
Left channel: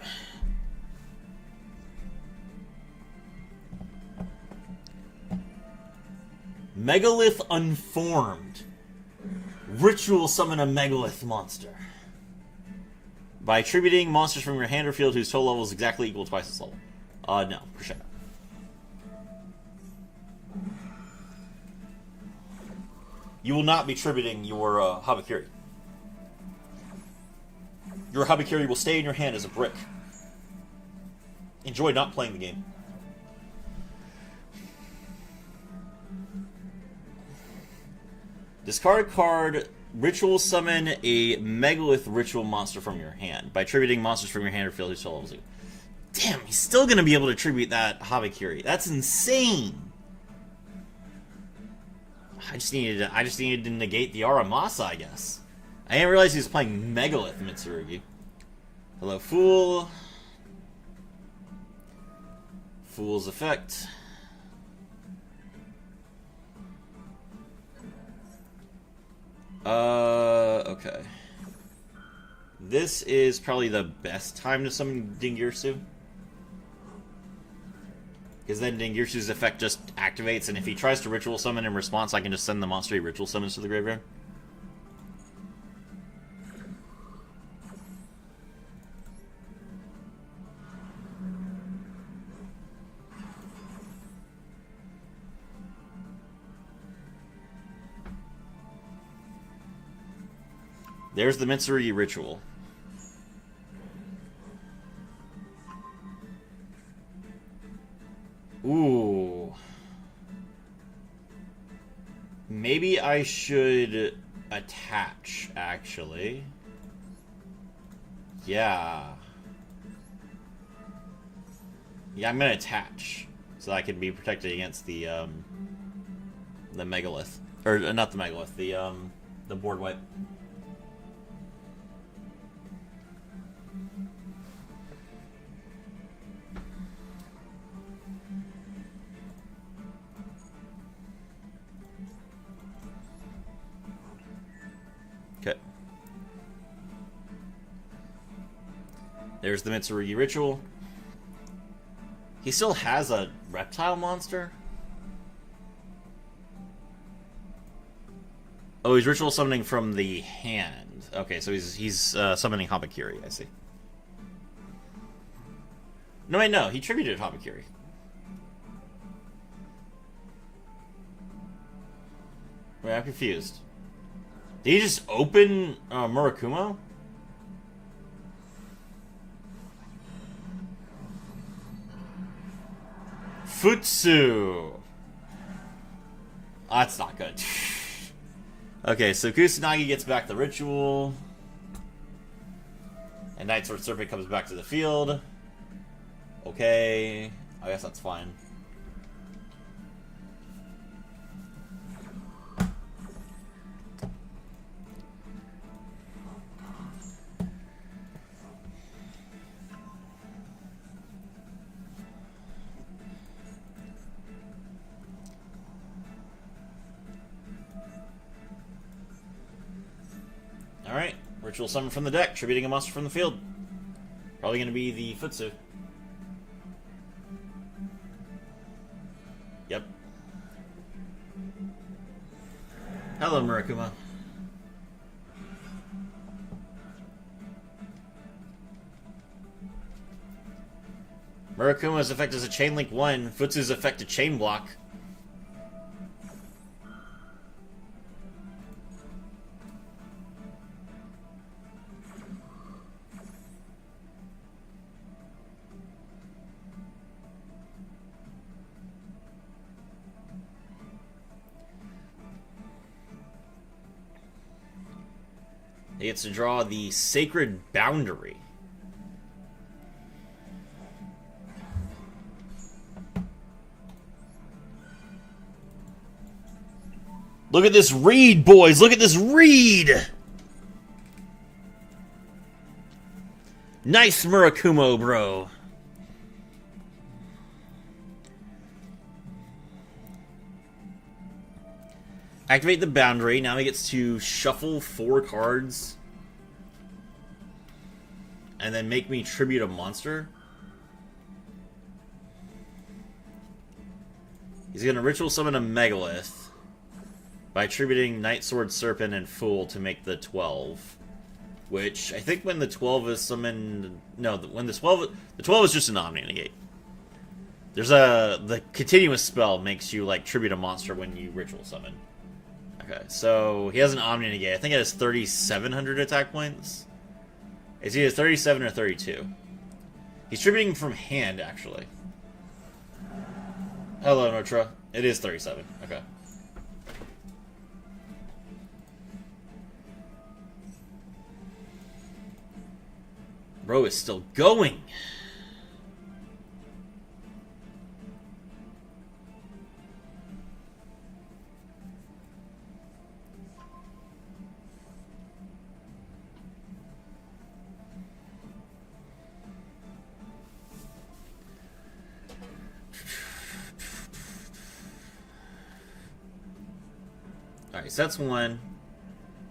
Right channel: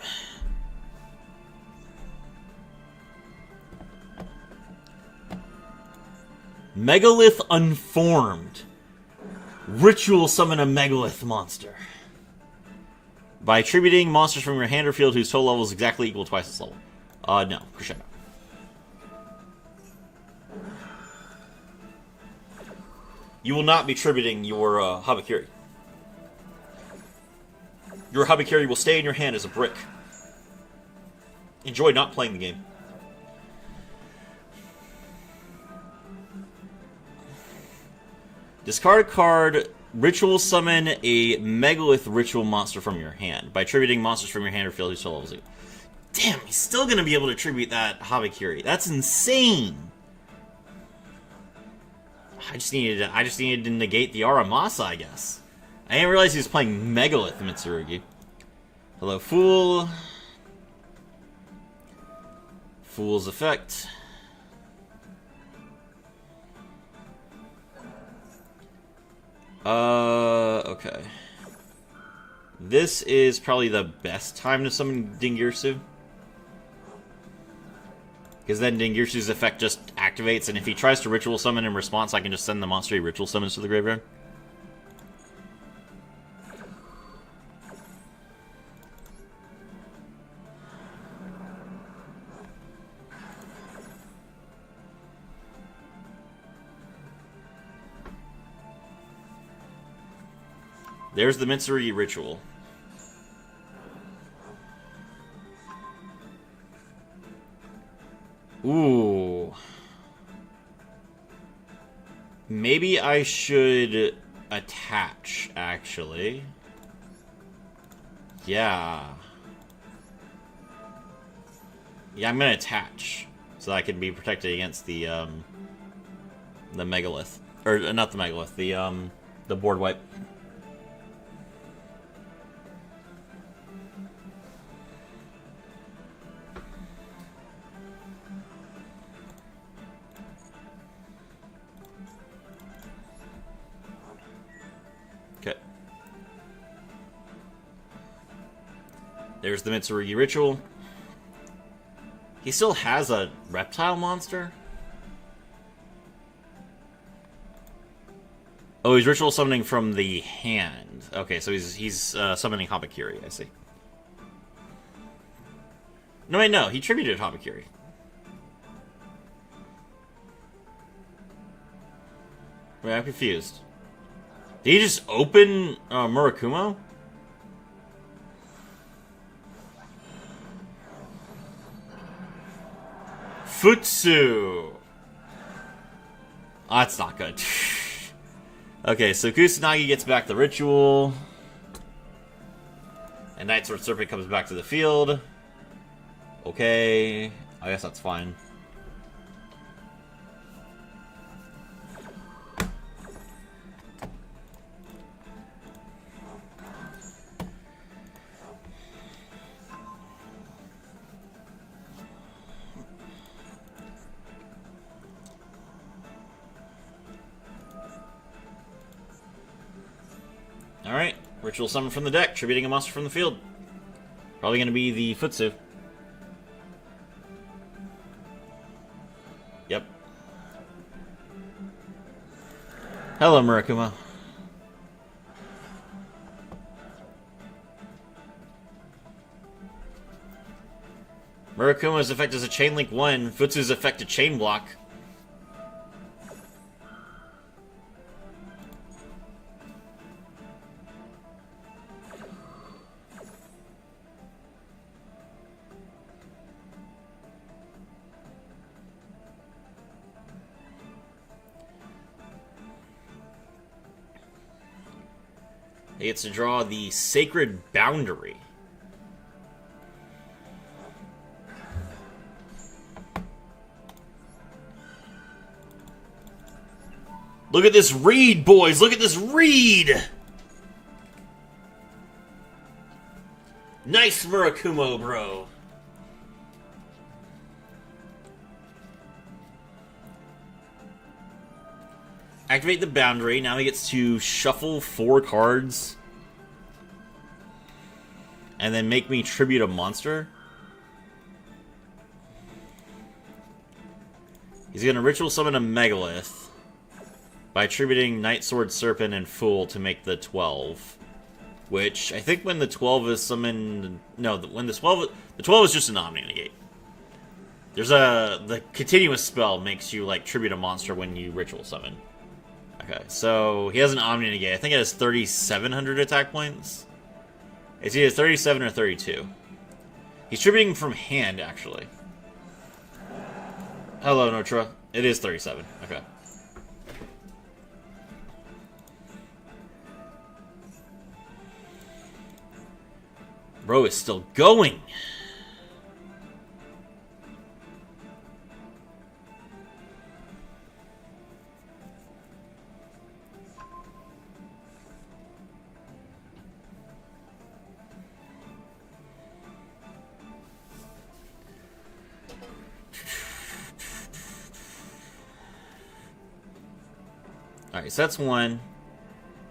Megalith Unformed. Ritual summon a Megalith monster. By attributing monsters from your hand or field whose total level is exactly equal to twice its level. No. Crescendo. You will not be tributing your Habakiri. Your Habakiri will stay in your hand as a brick. Enjoy not playing the game. Discard a card, ritual summon a Megalith ritual monster from your hand. By attributing monsters from your hand or field whose total level is equal. Damn, he's still going to be able to attribute that Habakiri. That's insane. I just needed to negate the Aramasa, I guess. I didn't realize he was playing Megalith Mitsurugi. Hello, Fool. Fool's effect. Okay. This is probably the best time to summon Dingirsu. Because then Dingirsu's effect just activates, and if he tries to ritual summon in response, I can just send the monster he ritual summons to the graveyard. There's the Mitsurugi ritual. Ooh. Maybe I should attach, actually. Yeah. Yeah, I'm gonna attach. So I can be protected against the megalith. Or, not the megalith, the board wipe. Okay. There's the Mitsurugi ritual. He still has a reptile monster? Oh, he's ritual summoning from the hand. Okay, so he's summoning Habakiri, I see. No, wait, no. He tributed Habakiri. Wait, I'm confused. Did he just open Murakumo? Futsu! Oh, that's not good. Okay, so Kusanagi gets back the ritual. And Night Sword Serpent comes back to the field. Okay, I guess that's fine. Alright, ritual summon from the deck, tributing a monster from the field. Probably going to be the Futsu. Yep. Hello, Murakuma. Murakuma's effect is a Chain Link 1. Futsu's effect a Chain Block. He gets to draw the Sacred Boundary. Look at this read, boys! Look at this read! Nice Murakumo, bro. Activate the boundary. Now he gets to shuffle 4 cards. And then make me tribute a monster. He's going to ritual summon a Megalith by attributing Night Sword Serpent and Fool to make the 12. Which, I think when the 12 is summoned... No, when the 12 is just an Omni Negate. There's the continuous spell makes you, like, tribute a monster when you ritual summon. Okay, so he has an Omni Negate. I think it has 3,700 attack points. It's either 37 or 32. He's tributing from hand, actually. Hello, Notra. It is 37. Okay. Bro is still going. Alright, so that's one.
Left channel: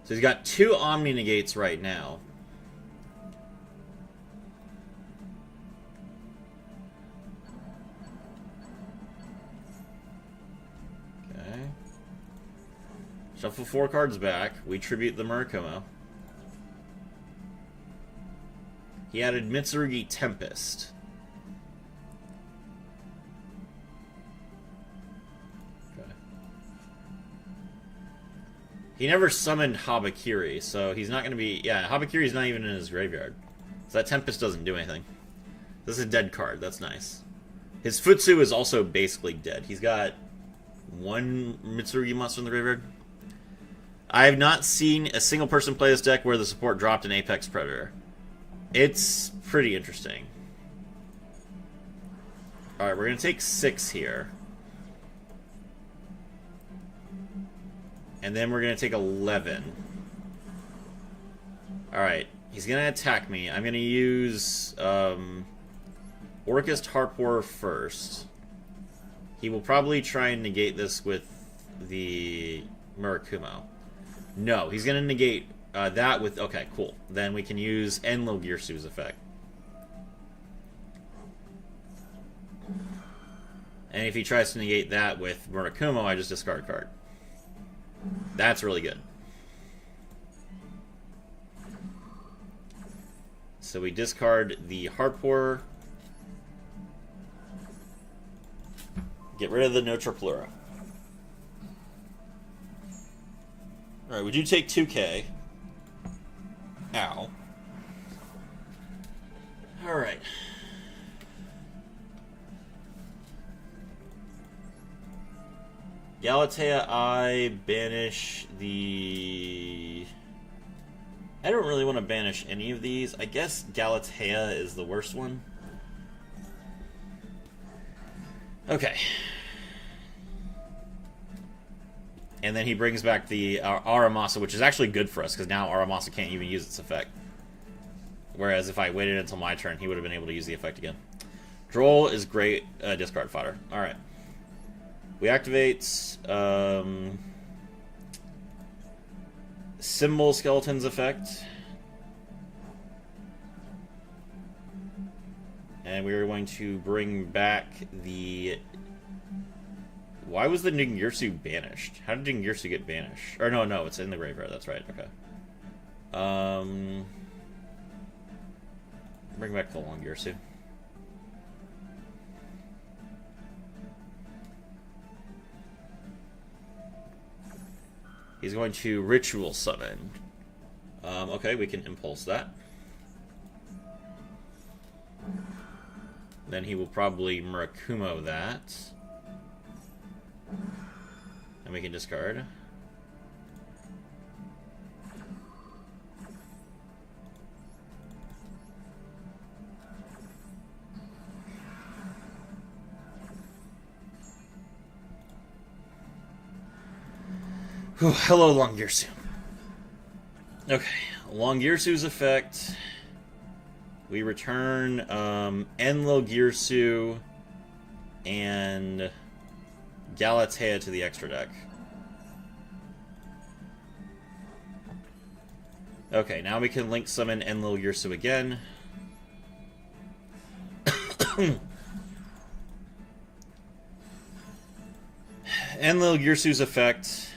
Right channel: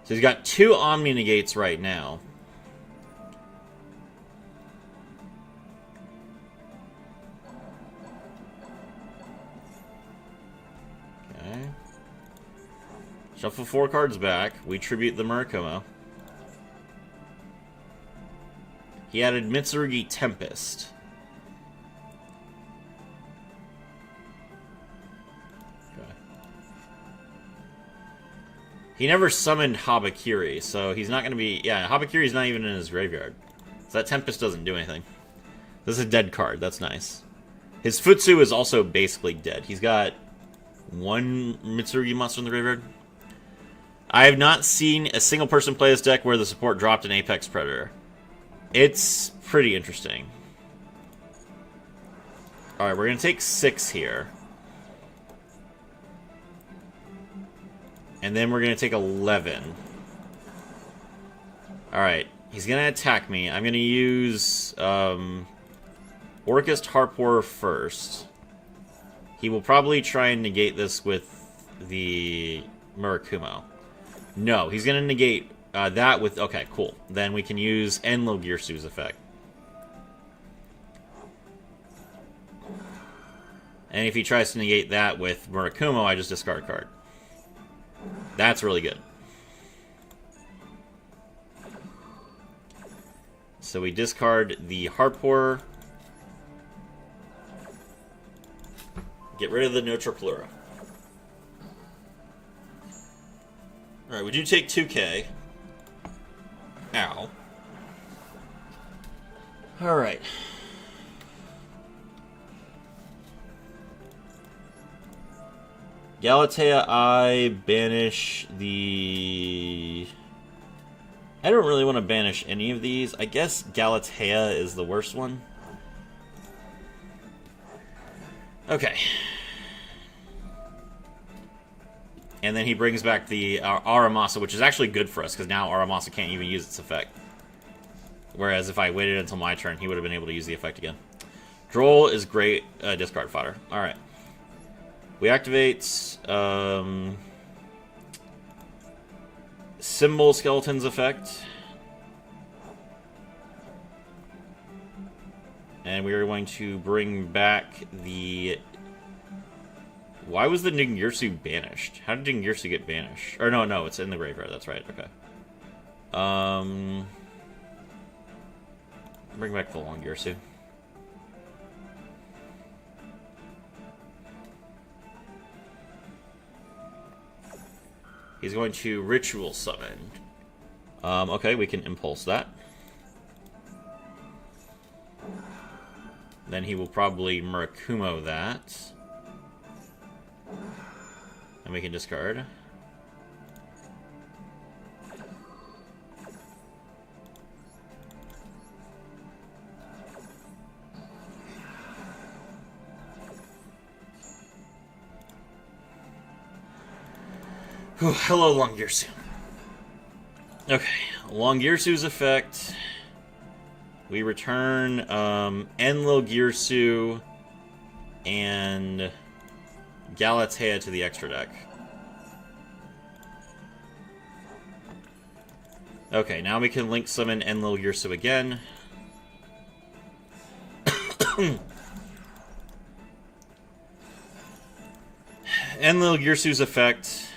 So he's got 2 Omni Negates right now. Okay. Shuffle 4 cards back. We tribute the Murakumo. He added Mitsurugi Tempest. He never summoned Habakiri, so he's not going to be... Yeah, Habakiri's not even in his graveyard. So that Tempest doesn't do anything. This is a dead card. That's nice. His Futsu is also basically dead. He's got one Mitsurugi monster in the graveyard. I have not seen a single person play this deck where the support dropped an Apex Predator. It's pretty interesting. Alright, we're going to take 6 here. And then we're going to take 11. Alright, he's going to attack me. I'm going to use Orchest Harpor first. He will probably try and negate this with the Murakumo. No, he's going to negate that with... Okay, cool. Then we can use Enlil Girsu's effect. And if he tries to negate that with Murakumo, I just discard a card. That's really good. So we discard the Harpor. Get rid of the Notroplura. Alright, we do take 2k. Ow. Alright. Galatea, I banish the... I don't really want to banish any of these. I guess Galatea is the worst one. Okay. And then he brings back the Aramasa, which is actually good for us, because now Aramasa can't even use its effect. Whereas if I waited until my turn, he would have been able to use the effect again. Droll is great discard fodder. Alright. We activate Symbol Skeleton's effect. And we are going to bring back the... Why was the Ningirsu banished? How did Ningirsu get banished? Or no, it's in the graveyard. That's right. Okay. Bring back the Longirsu. He's going to Ritual Summon. Okay, we can Impulse that. Then he will probably Murakumo that. And we can discard. Whew, hello, Longirsu. Okay, Longirsu's effect. We return Enlil Girsu and Galatea to the extra deck. Okay, now we can link summon Enlil Girsu again. Enlil Girsu's effect.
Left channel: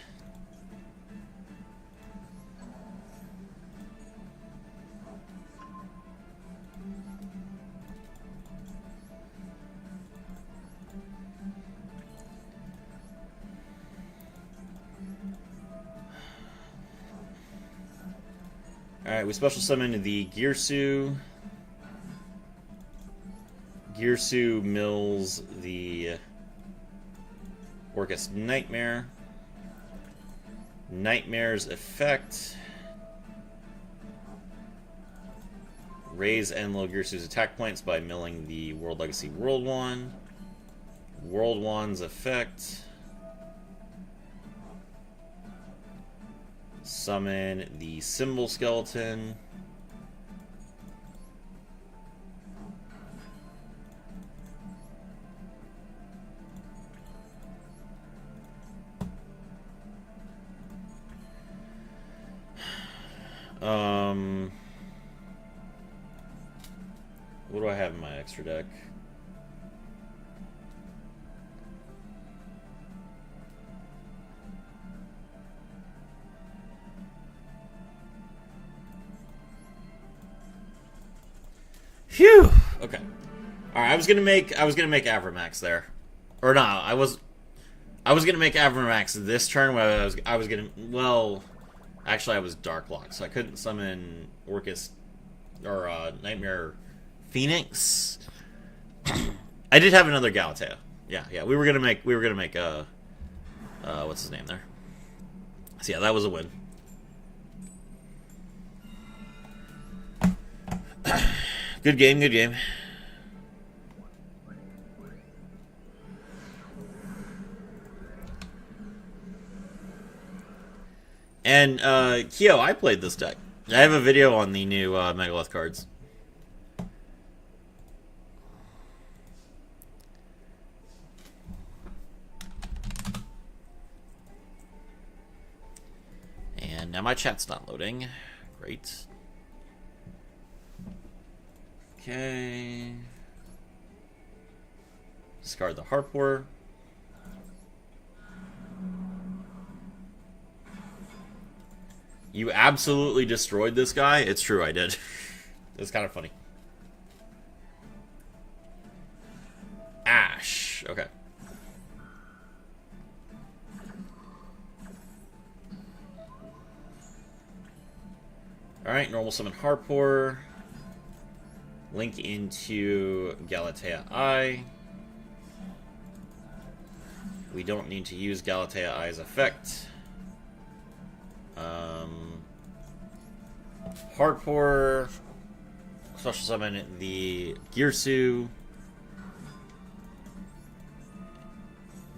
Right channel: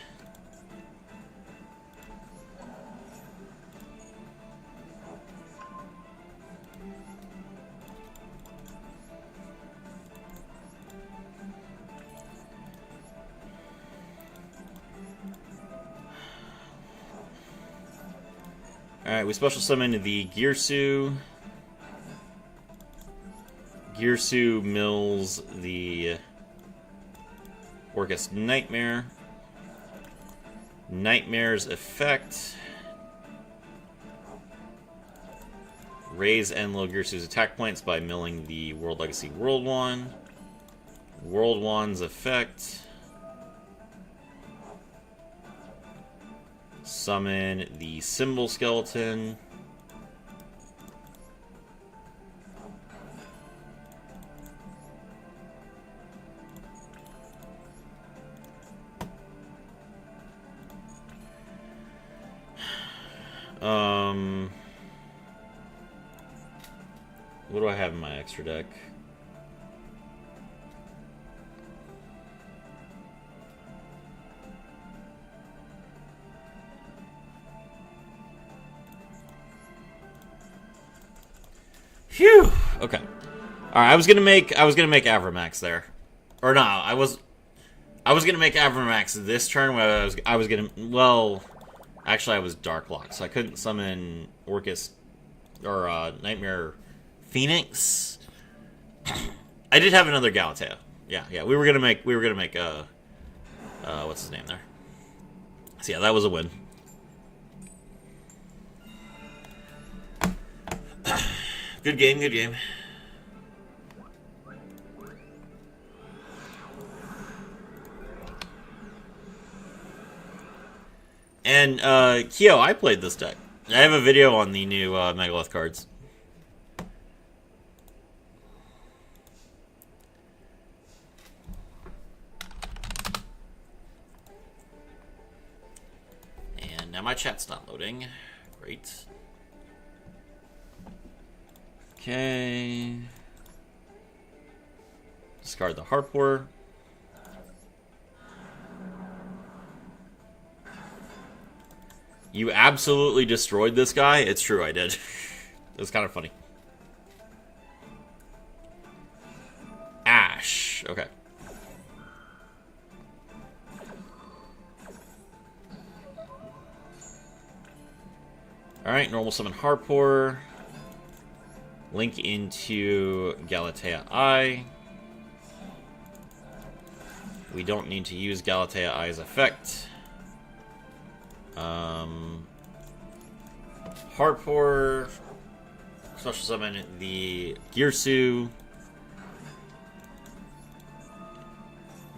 Alright, we special summon the Girsu. Girsu mills the Orcus Nightmare. Nightmare's effect. Raise Enlil Girsu's attack points by milling the World Legacy World Wand. World Wand's effect. Summon the Symbol Skeleton. What do I have in my extra deck? Phew. Okay. All right. I was gonna make Avramax there, or no? I was gonna make Avramax this turn. Where I was gonna. Well, actually, I was Dark Locked, so I couldn't summon Orcus or Nightmare Phoenix. I did have another Galatea. Yeah. We were gonna make. What's his name there? So yeah, that was a win. Good game. Good game. And, Kyo, I played this deck. I have a video on the new Megalith cards. And now my chat's not loading. Great. Okay. Discard the Harpor. You absolutely destroyed this guy? It's true, I did. It's kind of funny. Ash. Okay. Alright, normal summon Harpor. Link into Galatea Eye. We don't need to use Galatea Eye's effect. Harpor. Special summon the Girsu.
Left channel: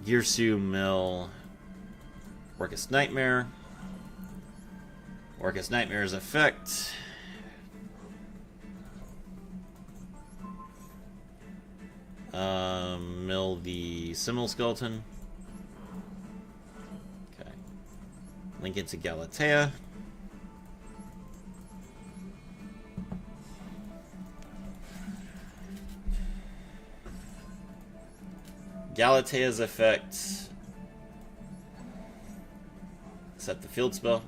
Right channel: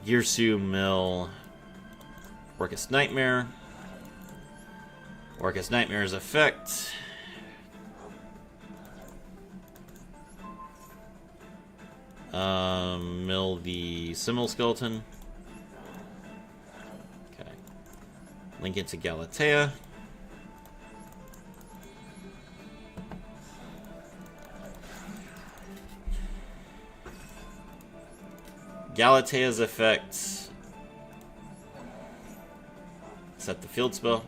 Girsu Mill. Orcus Nightmare. Orcus Nightmare's effect. Mill the Simmel Skeleton. Okay. Link into Galatea. Galatea's effect. Set the field spell.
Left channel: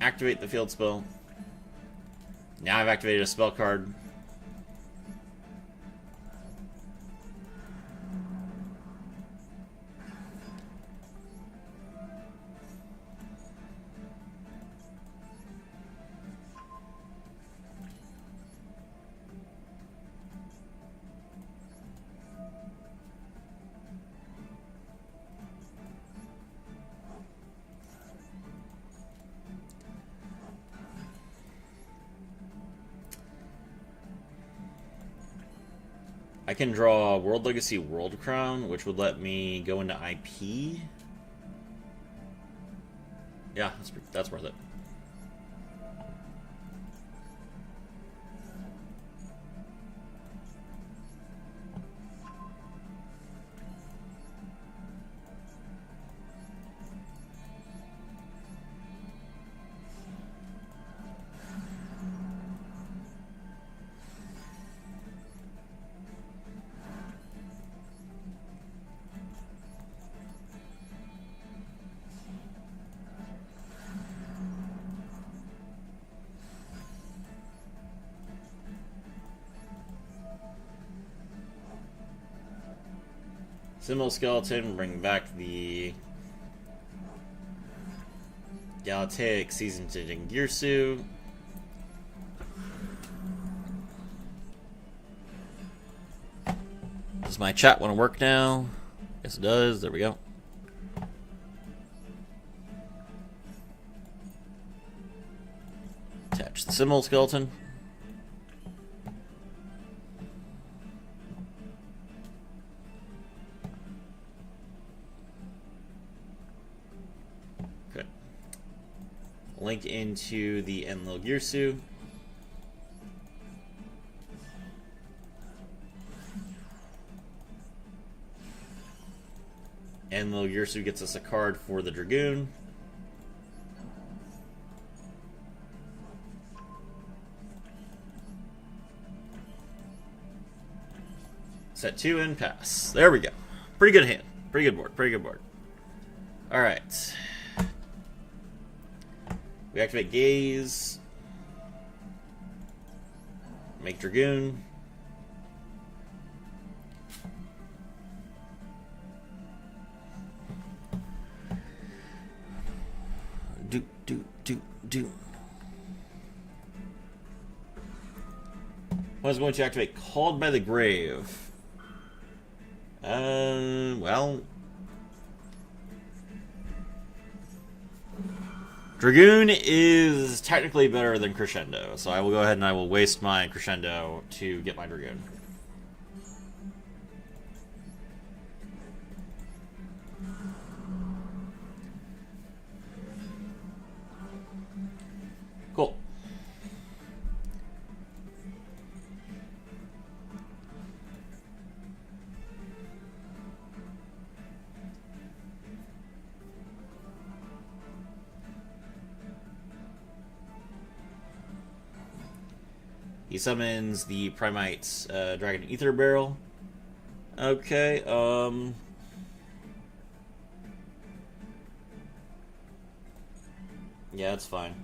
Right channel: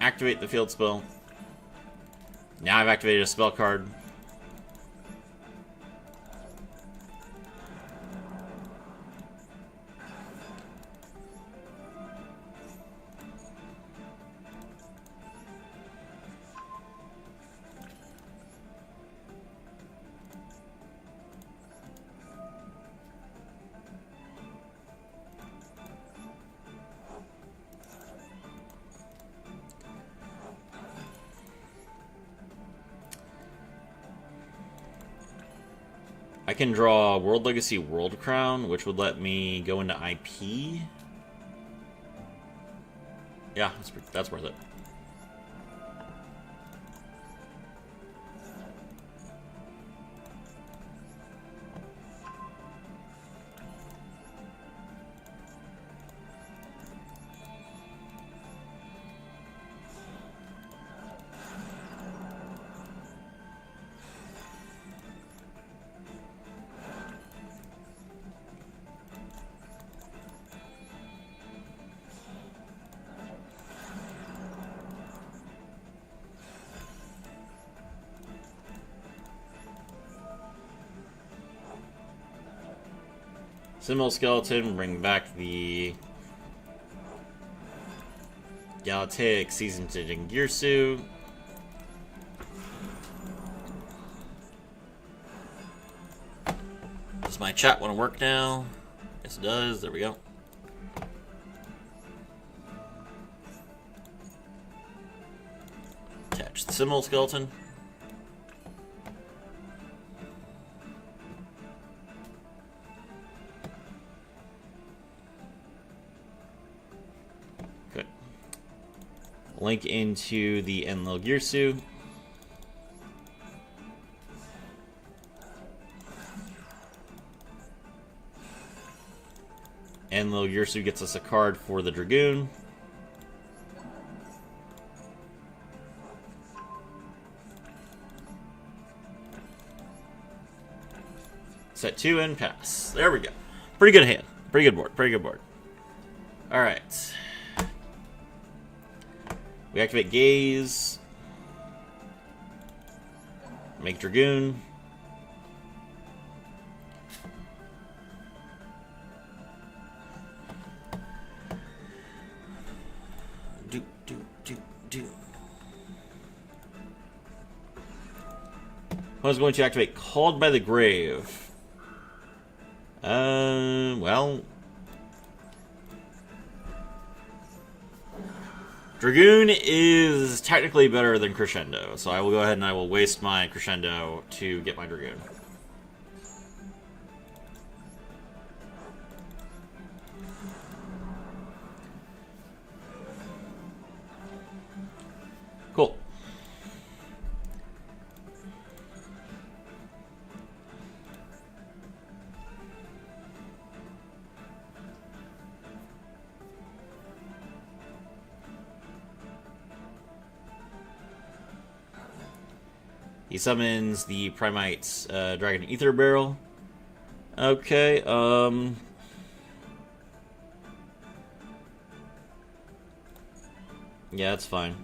Activate the field spell. Now I've activated a spell card. I can draw World Legacy World Crown, which would let me go into IP. Yeah, that's worth it. Simmel Skeleton, bring back the Galatea Season to Jingirsu. Does my chat want to work now? Yes, it does. There we go. Attach the Simmel Skeleton. Link into the Enlil Girsu. Enlil Girsu gets us a card for the Dragoon. Set 2 and pass. There we go. Pretty good hand. Pretty good board. Pretty good board. Alright. We activate Gaze. Make Dragoon. Opponent's going to activate Called by the Grave. Well... Dragoon is technically better than Crescendo, so I will go ahead and I will waste my Crescendo to get my Dragoon. Cool. He summons the Primite Dragon Ether Barrel. Okay, yeah, that's fine.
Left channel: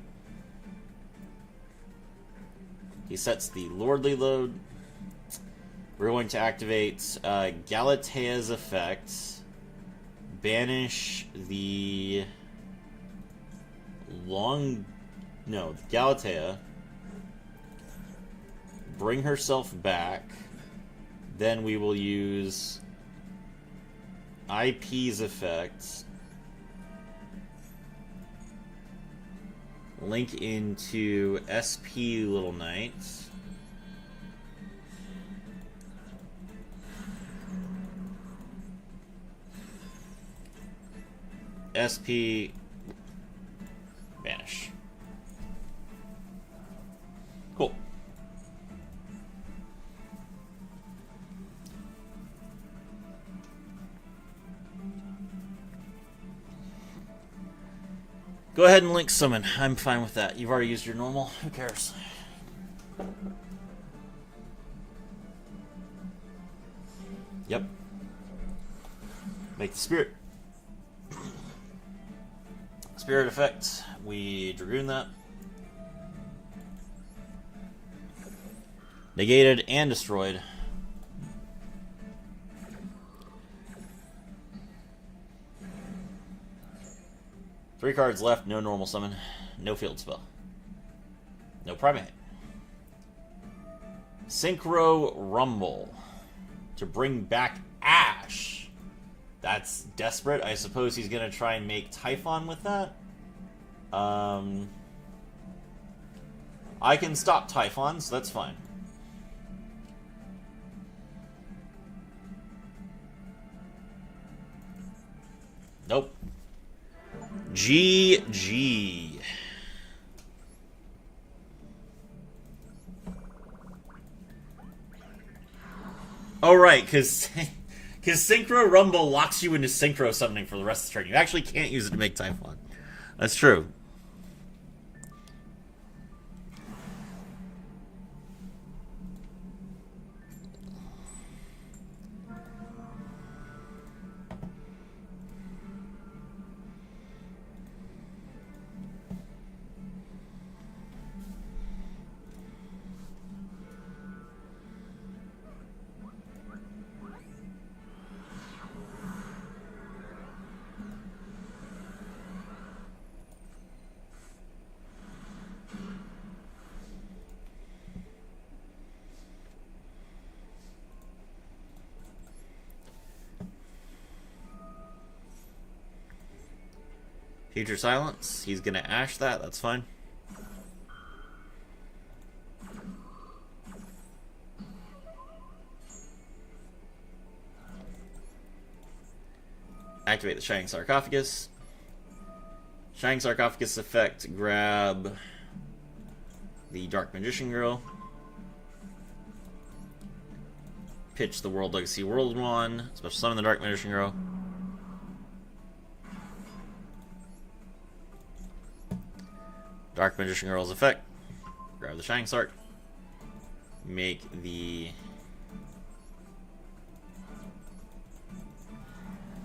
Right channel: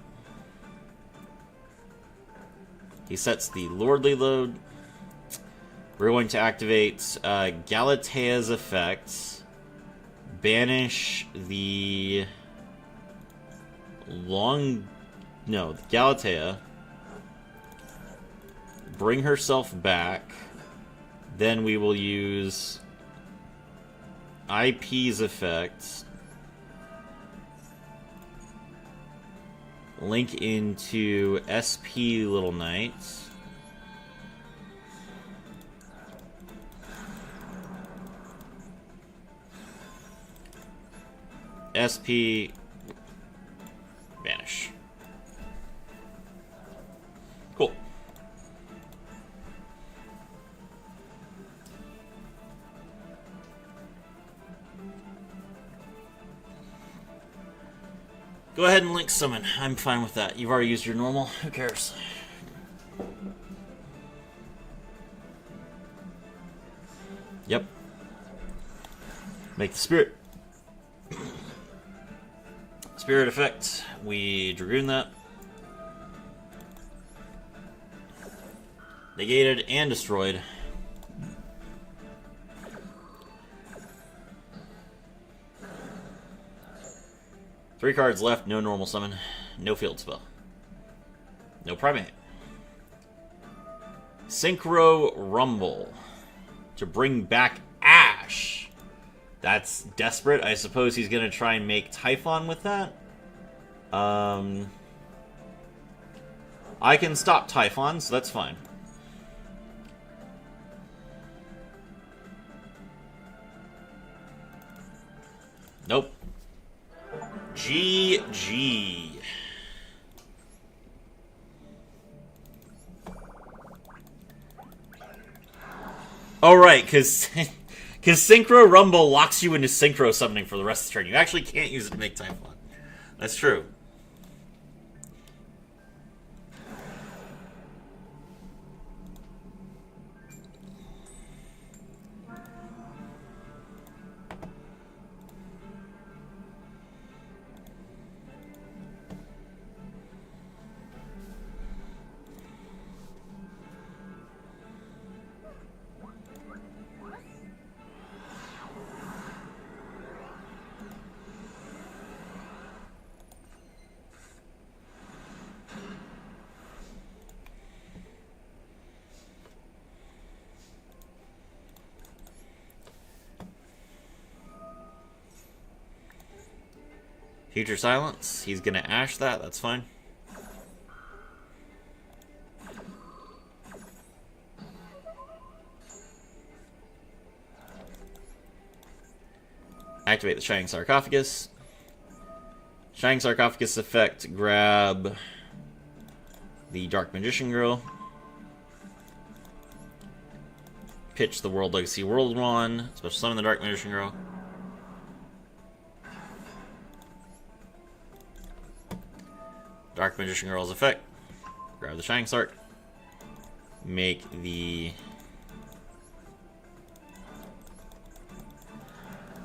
He sets the Lordly Load. We're going to activate Galatea's effects. Banish the... Galatea. Bring herself back. Then we will use IP's effects. Link into SP Little Knights. SP Vanish. Cool. Go ahead and link summon. I'm fine with that. You've already used your normal. Who cares? Yep. Make the spirit. Spirit effect. We Dragoon that. Negated and destroyed. Three cards left, no normal summon, no field spell. No Primate. Synchro Rumble. To bring back Ash. That's desperate. I suppose he's going to try and make Typhon with that. I can stop Typhon, so that's fine. Nope. GG. Oh, right, because Synchro Rumble locks you into Synchro Summoning for the rest of the turn. You actually can't use it to make Typhon. That's true. Future Silence. He's going to Ash that. That's fine. Activate the Shining Sarcophagus. Shining Sarcophagus effect. Grab the Dark Magician Girl. Pitch the World Legacy World One. Special summon the Dark Magician Girl. Dark Magician Girl's effect. Grab the Shining Sark. Make the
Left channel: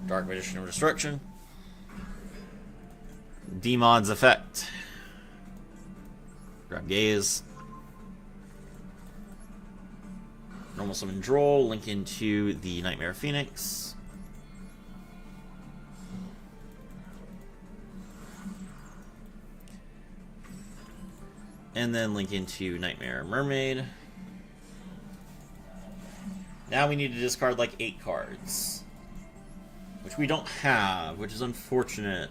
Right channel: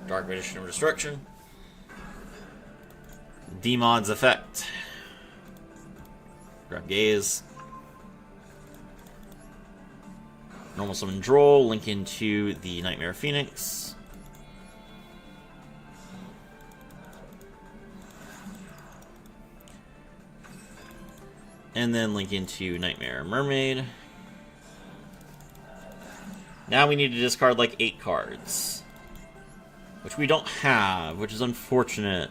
Dark Magician of Destruction. Demon's effect. Grab Gaze. Normal summon Droll. Link into the Nightmare Phoenix. And then link into Nightmare Mermaid. Now we need to discard like 8 cards. Which we don't have, which is unfortunate.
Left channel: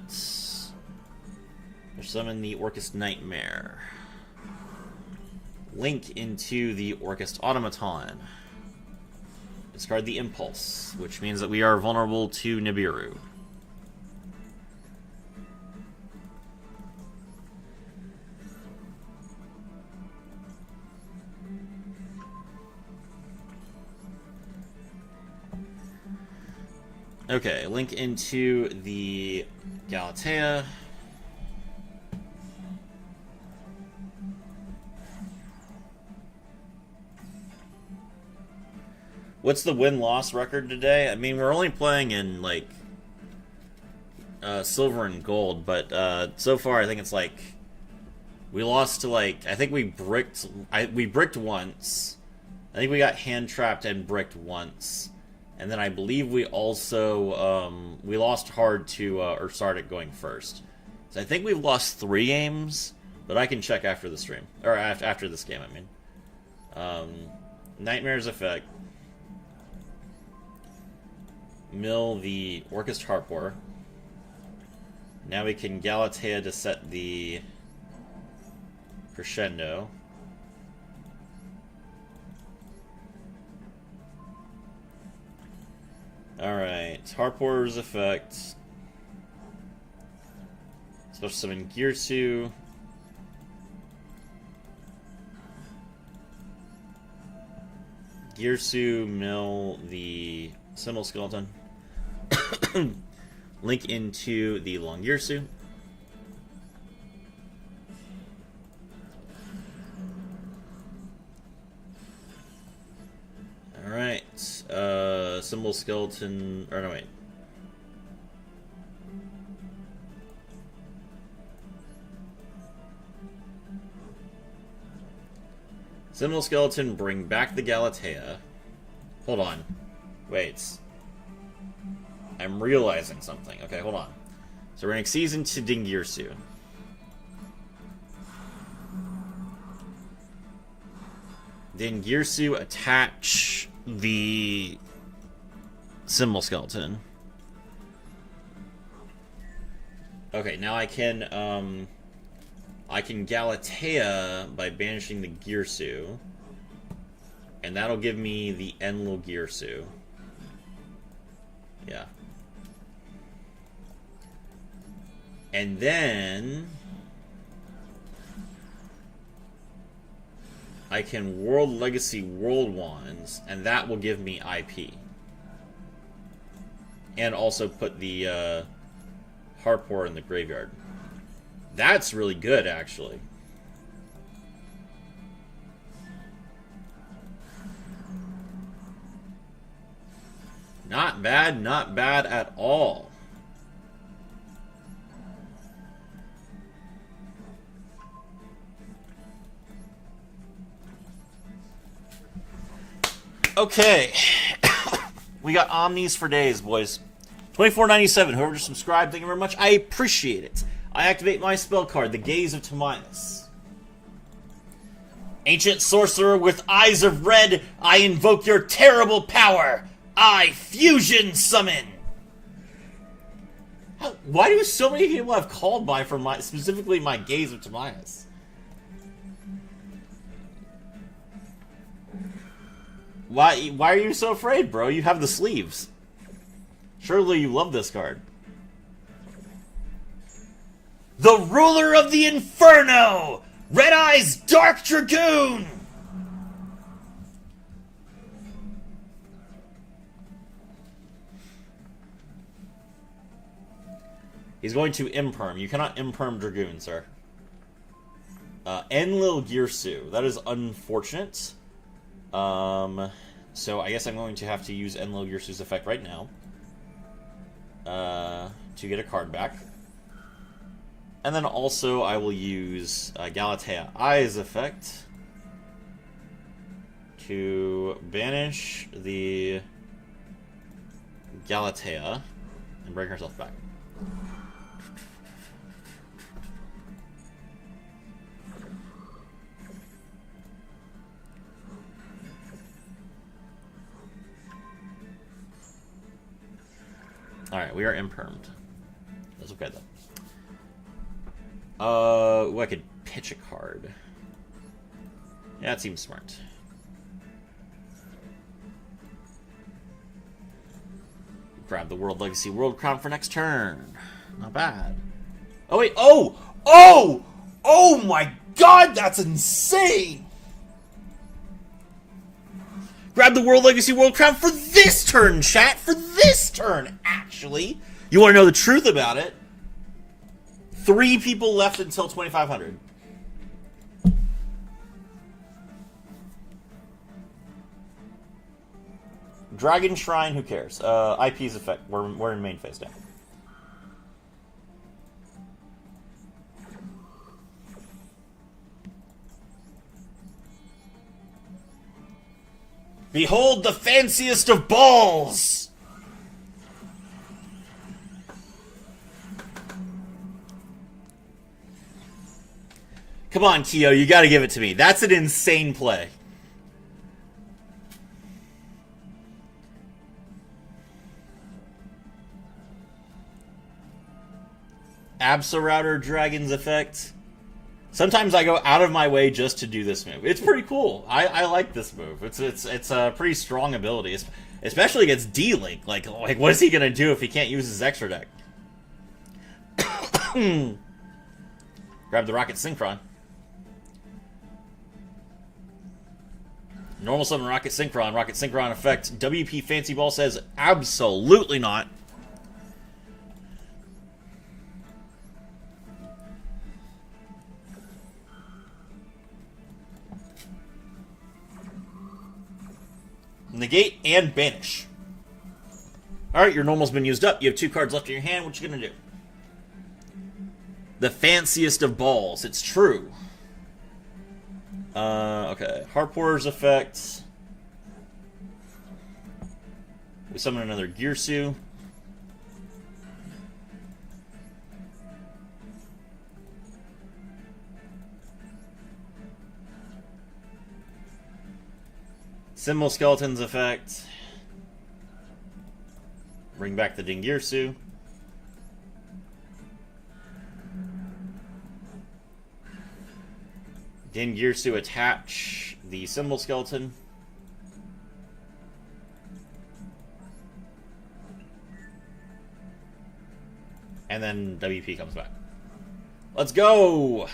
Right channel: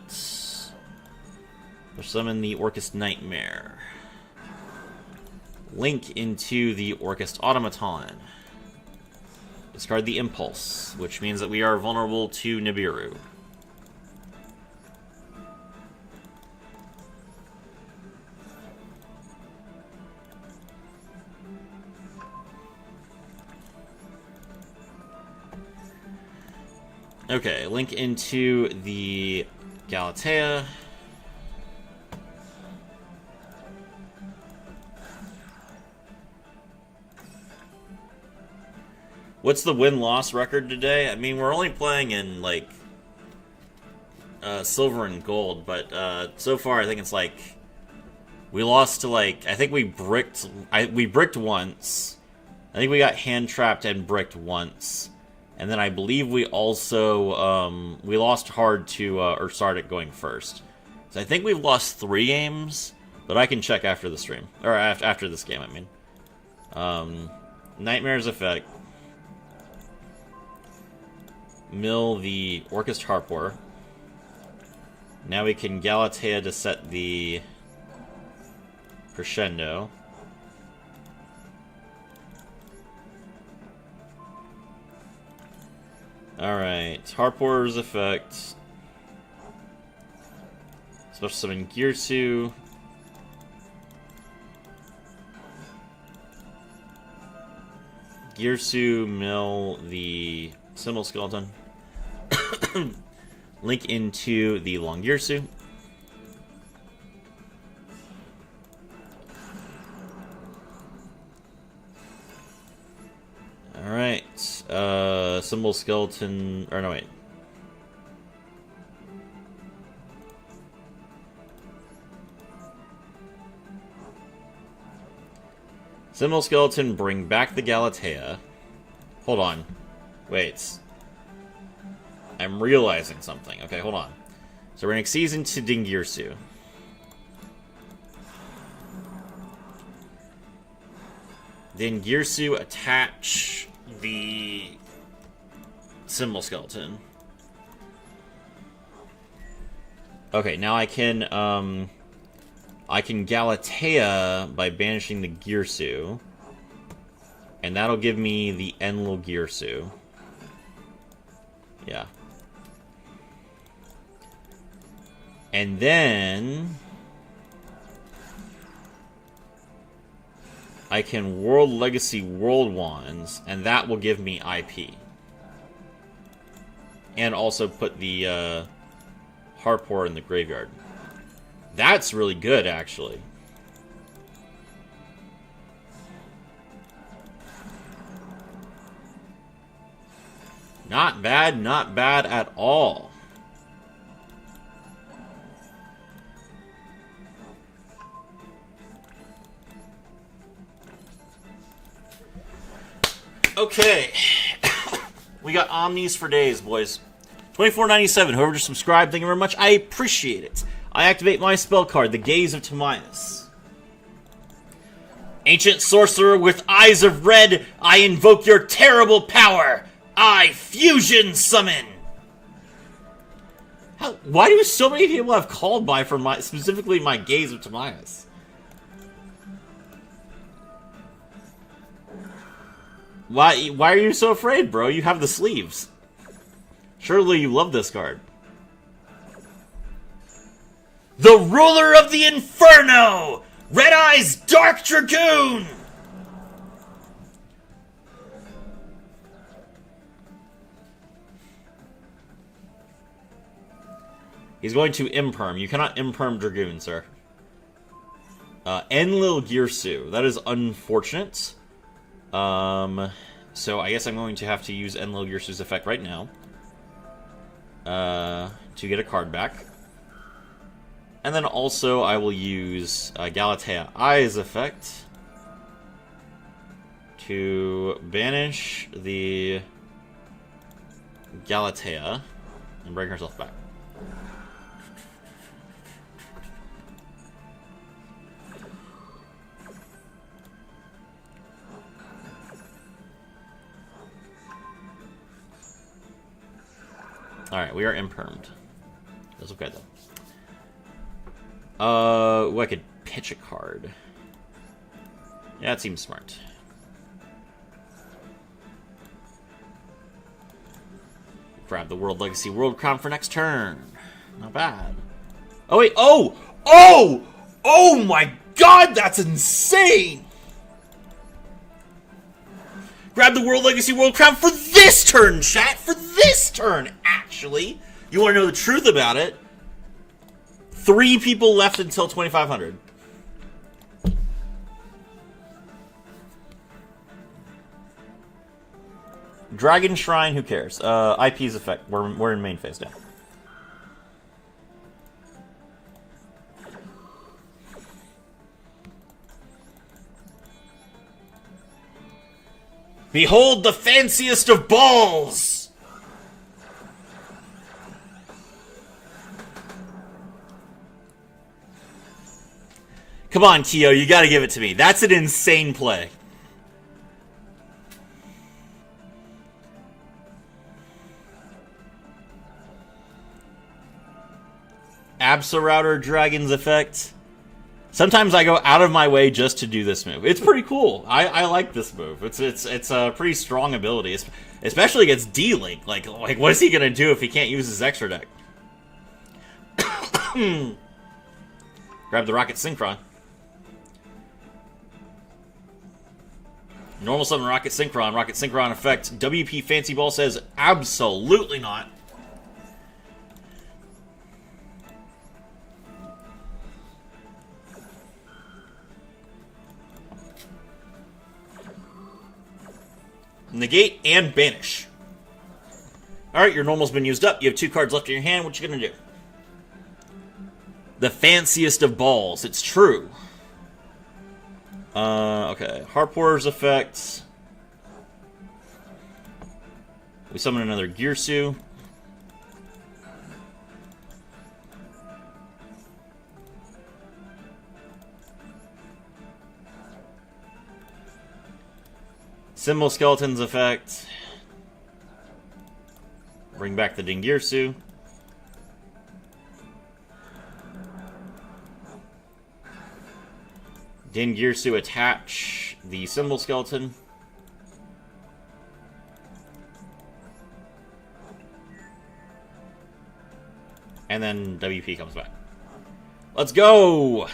We'll summon the Orcust Nightmare. Link into the Orcust Automaton. Discard the Impulse, which means that we are vulnerable to Nibiru. Okay, link into the Galatea. What's the win-loss record today? I mean, we're only playing in, like, silver and gold, but so far I think it's like we lost to, like, I think we bricked once. I think we got hand-trapped and bricked once. And then I believe we also, we lost hard to, or started going first. So I think we've lost 3 games, but I can check after the stream. Or after this game, I mean. Nightmare's effect. Mill the Orcust Harpor. Now we can Galatea to set the Crescendo. Alright, Harpor's effect. Special summon Girsu. Girsu, mill the Symbol Skeleton. Link into the Long Girsu. Alright, Symbol Skeleton, or no, wait. Symbol Skeleton, bring back the Galatea. Hold on. Wait. I'm realizing something. Okay, hold on. So we're going to season to Dingirsu. Then Girsu attach the Symbol Skeleton. Okay, now I can Galatea by banishing the Girsu. And that'll give me the Enlil Girsu. Yeah. And then I can World Legacy World Wands, and that will give me IP. And also put the Harpor in the graveyard. That's really good, actually. Not bad at all. Okay. We got Omnis for days, boys. $24.97. Whoever just subscribed, thank you very much. I appreciate it. I activate my spell card, the Gaze of Timaeus. Ancient sorcerer with eyes of red, I invoke your terrible power. I fusion summon. Why do so many people have called by for my, specifically my Gaze of Timaeus? Why are you so afraid, bro? You have the sleeves. Surely you love this card. The Ruler of the Inferno! Red Eyes Dark Dragoon! He's going to Imperm. You cannot Imperm Dragoon, sir. Enlil Girsu. That is unfortunate. So I guess I'm going to have to use Enlil Girsu's effect right now. To get a card back. And then also I will use Galatea Eyes effect to banish the Galatea and bring herself back. Alright, we are impermed. That's okay, though. I could pitch a card. Yeah, that seems smart. Grab the World Legacy World Crown for next turn. Not bad. Oh, wait. Oh! Oh! Oh my god, that's insane! Grab the World Legacy World Crown for this turn, chat! For this turn, actually! You want to know the truth about it? 3 people left until 2,500. Dragon Shrine, who cares? IP's effect. We're in main phase now. Behold the fanciest of balls! Come on, Keo, you gotta give it to me. That's an insane play. Absolouter Dragon's effect. Sometimes I go out of my way just to do this move. It's pretty cool. I like this move. It's a pretty strong ability, especially against D-Link. Like what is he gonna do if he can't use his extra deck? Grab the Rocket Synchron. Normal summon Rocket Synchron. Rocket Synchron effect. WP Fancy Ball says absolutely not. Negate and banish. Alright, your normal's been used up. You have 2 cards left in your hand. What you gonna do? The fanciest of balls. It's true. Okay. Harpour's effects. We summon another Girsu. Symbol Skeleton's effect. Bring back the Dingirsu. Dingirsu attach the Symbol Skeleton. And then WP comes back. Let's go!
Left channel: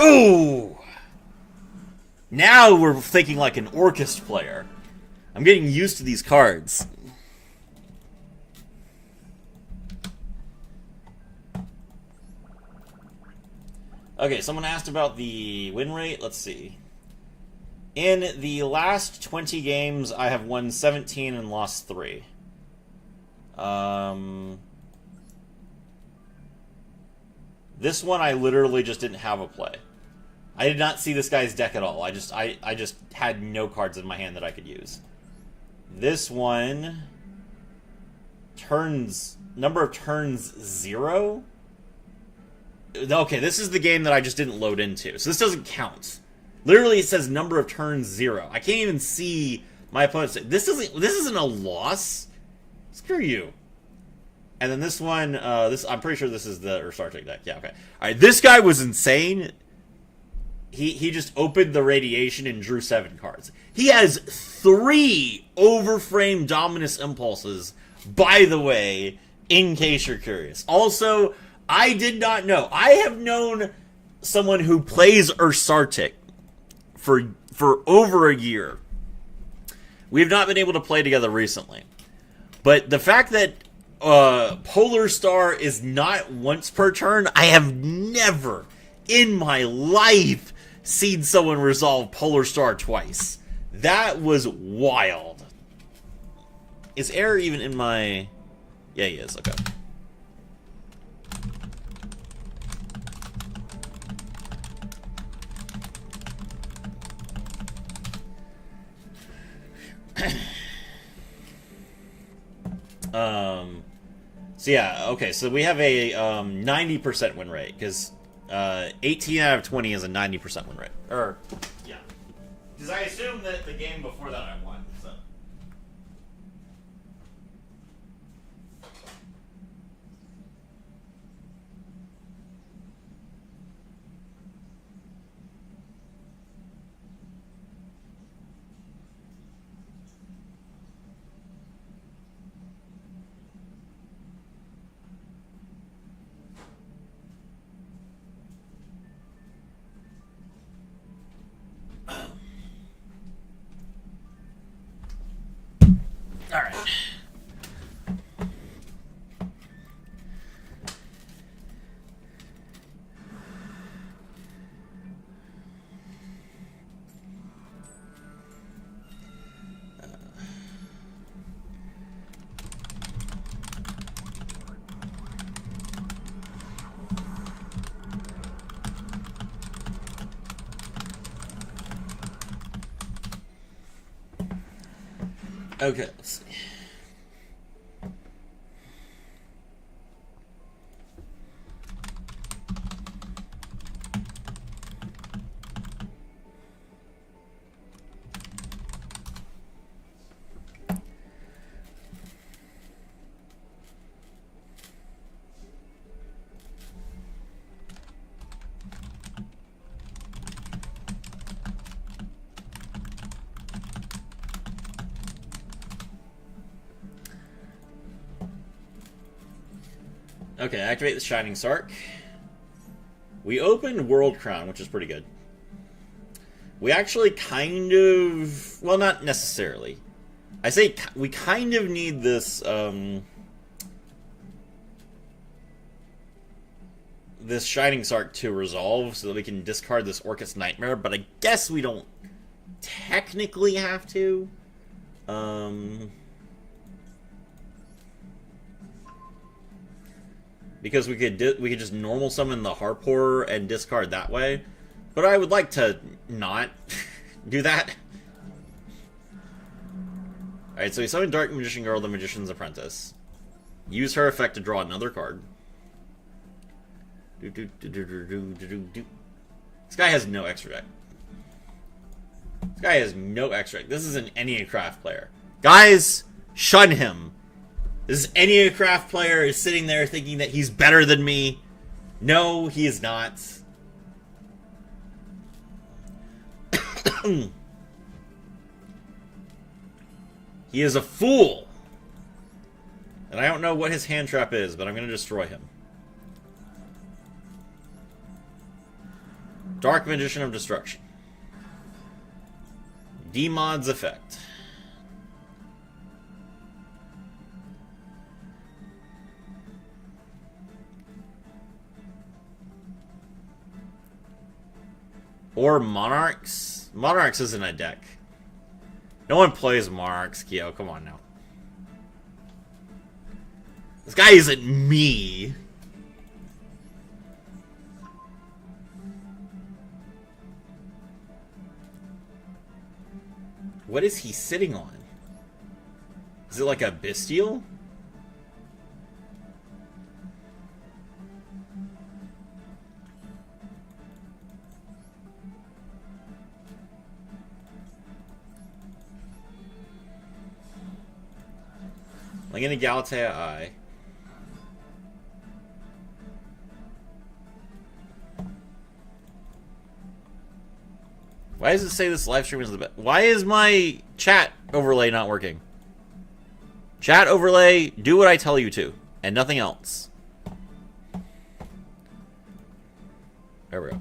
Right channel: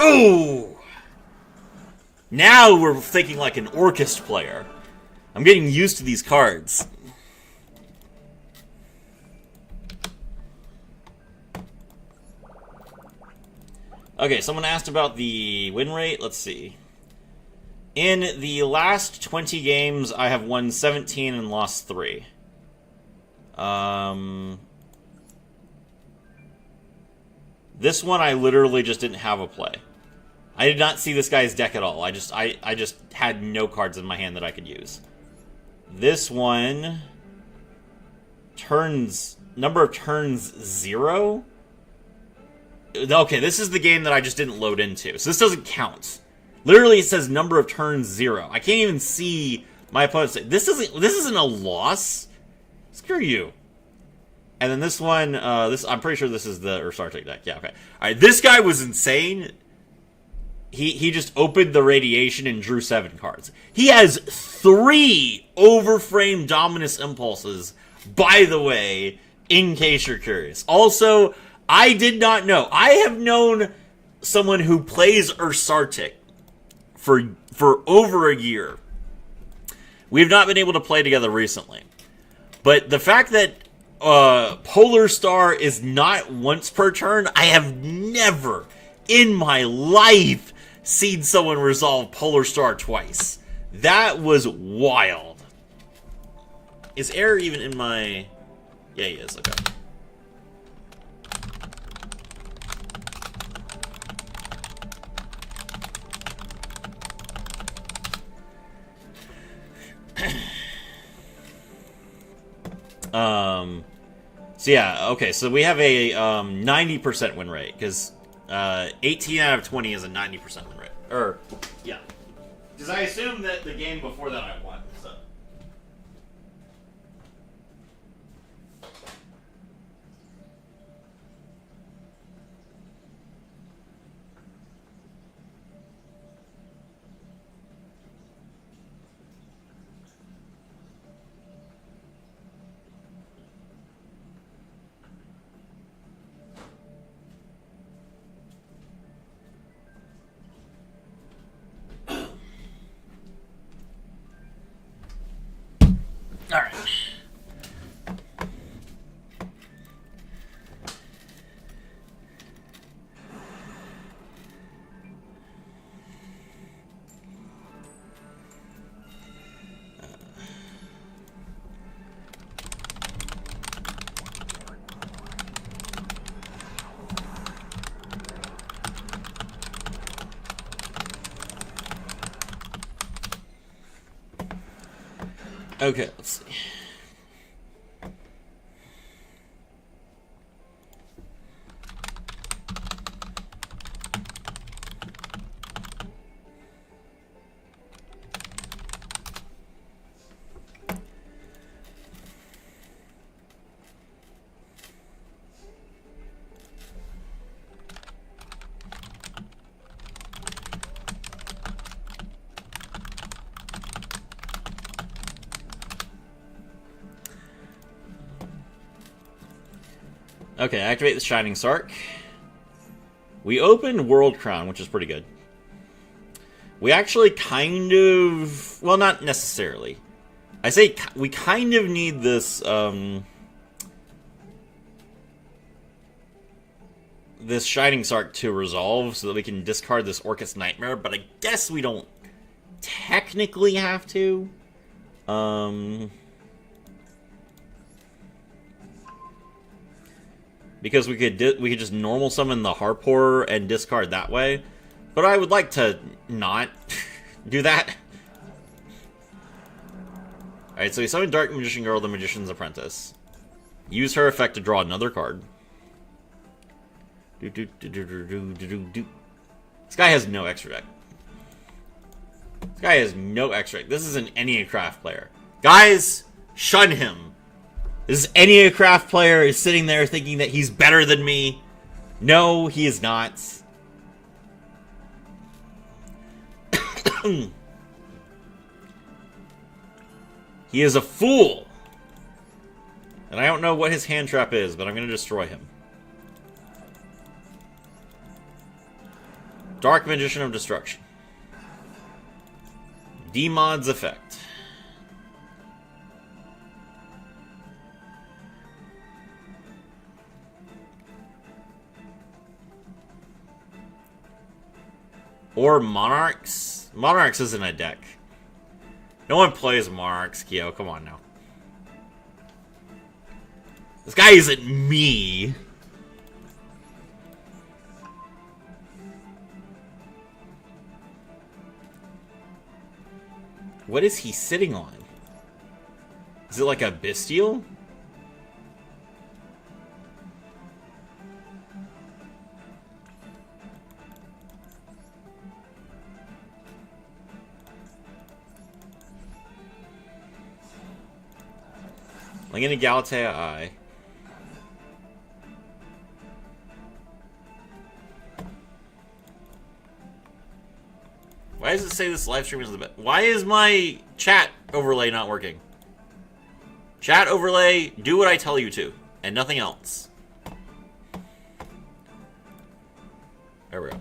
Ooh! Now we're thinking like an Orcust player. I'm getting used to these cards. Okay, someone asked about the win rate. Let's see. In the last 20 games, I have won 17 and lost 3. This one, I literally just didn't have a play. I did not see this guy's deck at all. I just had no cards in my hand that I could use. This one, number of turns 0. Okay, this is the game that I just didn't load into, so this doesn't count. Literally, it says number of turns 0. I can't even see my opponent's. This isn't a loss. Screw you. And then this one, I'm pretty sure this is the Ursartic deck. Yeah, okay. All right, this guy was insane. He just opened the Radiation and drew 7 cards. He has 3 Overframe Dominus Impulses, by the way, in case you're curious. Also, I did not know. I have known someone who plays Ursartic for over a year. We have not been able to play together recently. But the fact that Polar Star is not once per turn, I have never in my life seen someone resolve Polar Star twice. That was wild. Is Air even in my... Yeah, he is. Okay. So yeah, okay, so we have a 90% win rate, because 18 out of 20 is a 90% win rate. Or, yeah. Because I assume that the game before that I won, so. Alright. Okay, let's see. Okay, activate the Shining Sark. We opened World Crown, which is pretty good. We actually kind of... Well, not necessarily. I say we kind of need this, this Shining Sark to resolve so that we can discard this Orcus Nightmare, but I guess we don't technically have to. Because we could just normal summon the Harp Horror and discard that way. But I would like to not do that. Alright, so we summon Dark Magician Girl, the Magician's Apprentice. Use her effect to draw another card. This guy has no extra deck. This guy has no extra deck. This is an Enneacraft player. Guys, shun him. This Enneacraft player is sitting there thinking that he's better than me. No, he is not. He is a fool. And I don't know what his hand trap is, but I'm going to destroy him. Dark Magician of Destruction. Demod's effect. Or Monarchs? Monarchs isn't a deck. No one plays Monarchs, Kyo. Come on now. This guy isn't me. What is he sitting on? Is it like a Bestial? Like in a Galatea Eye. Why does it say this live stream is the best? Why is my chat overlay not working? Chat overlay, do what I tell you to, and nothing else. There we go.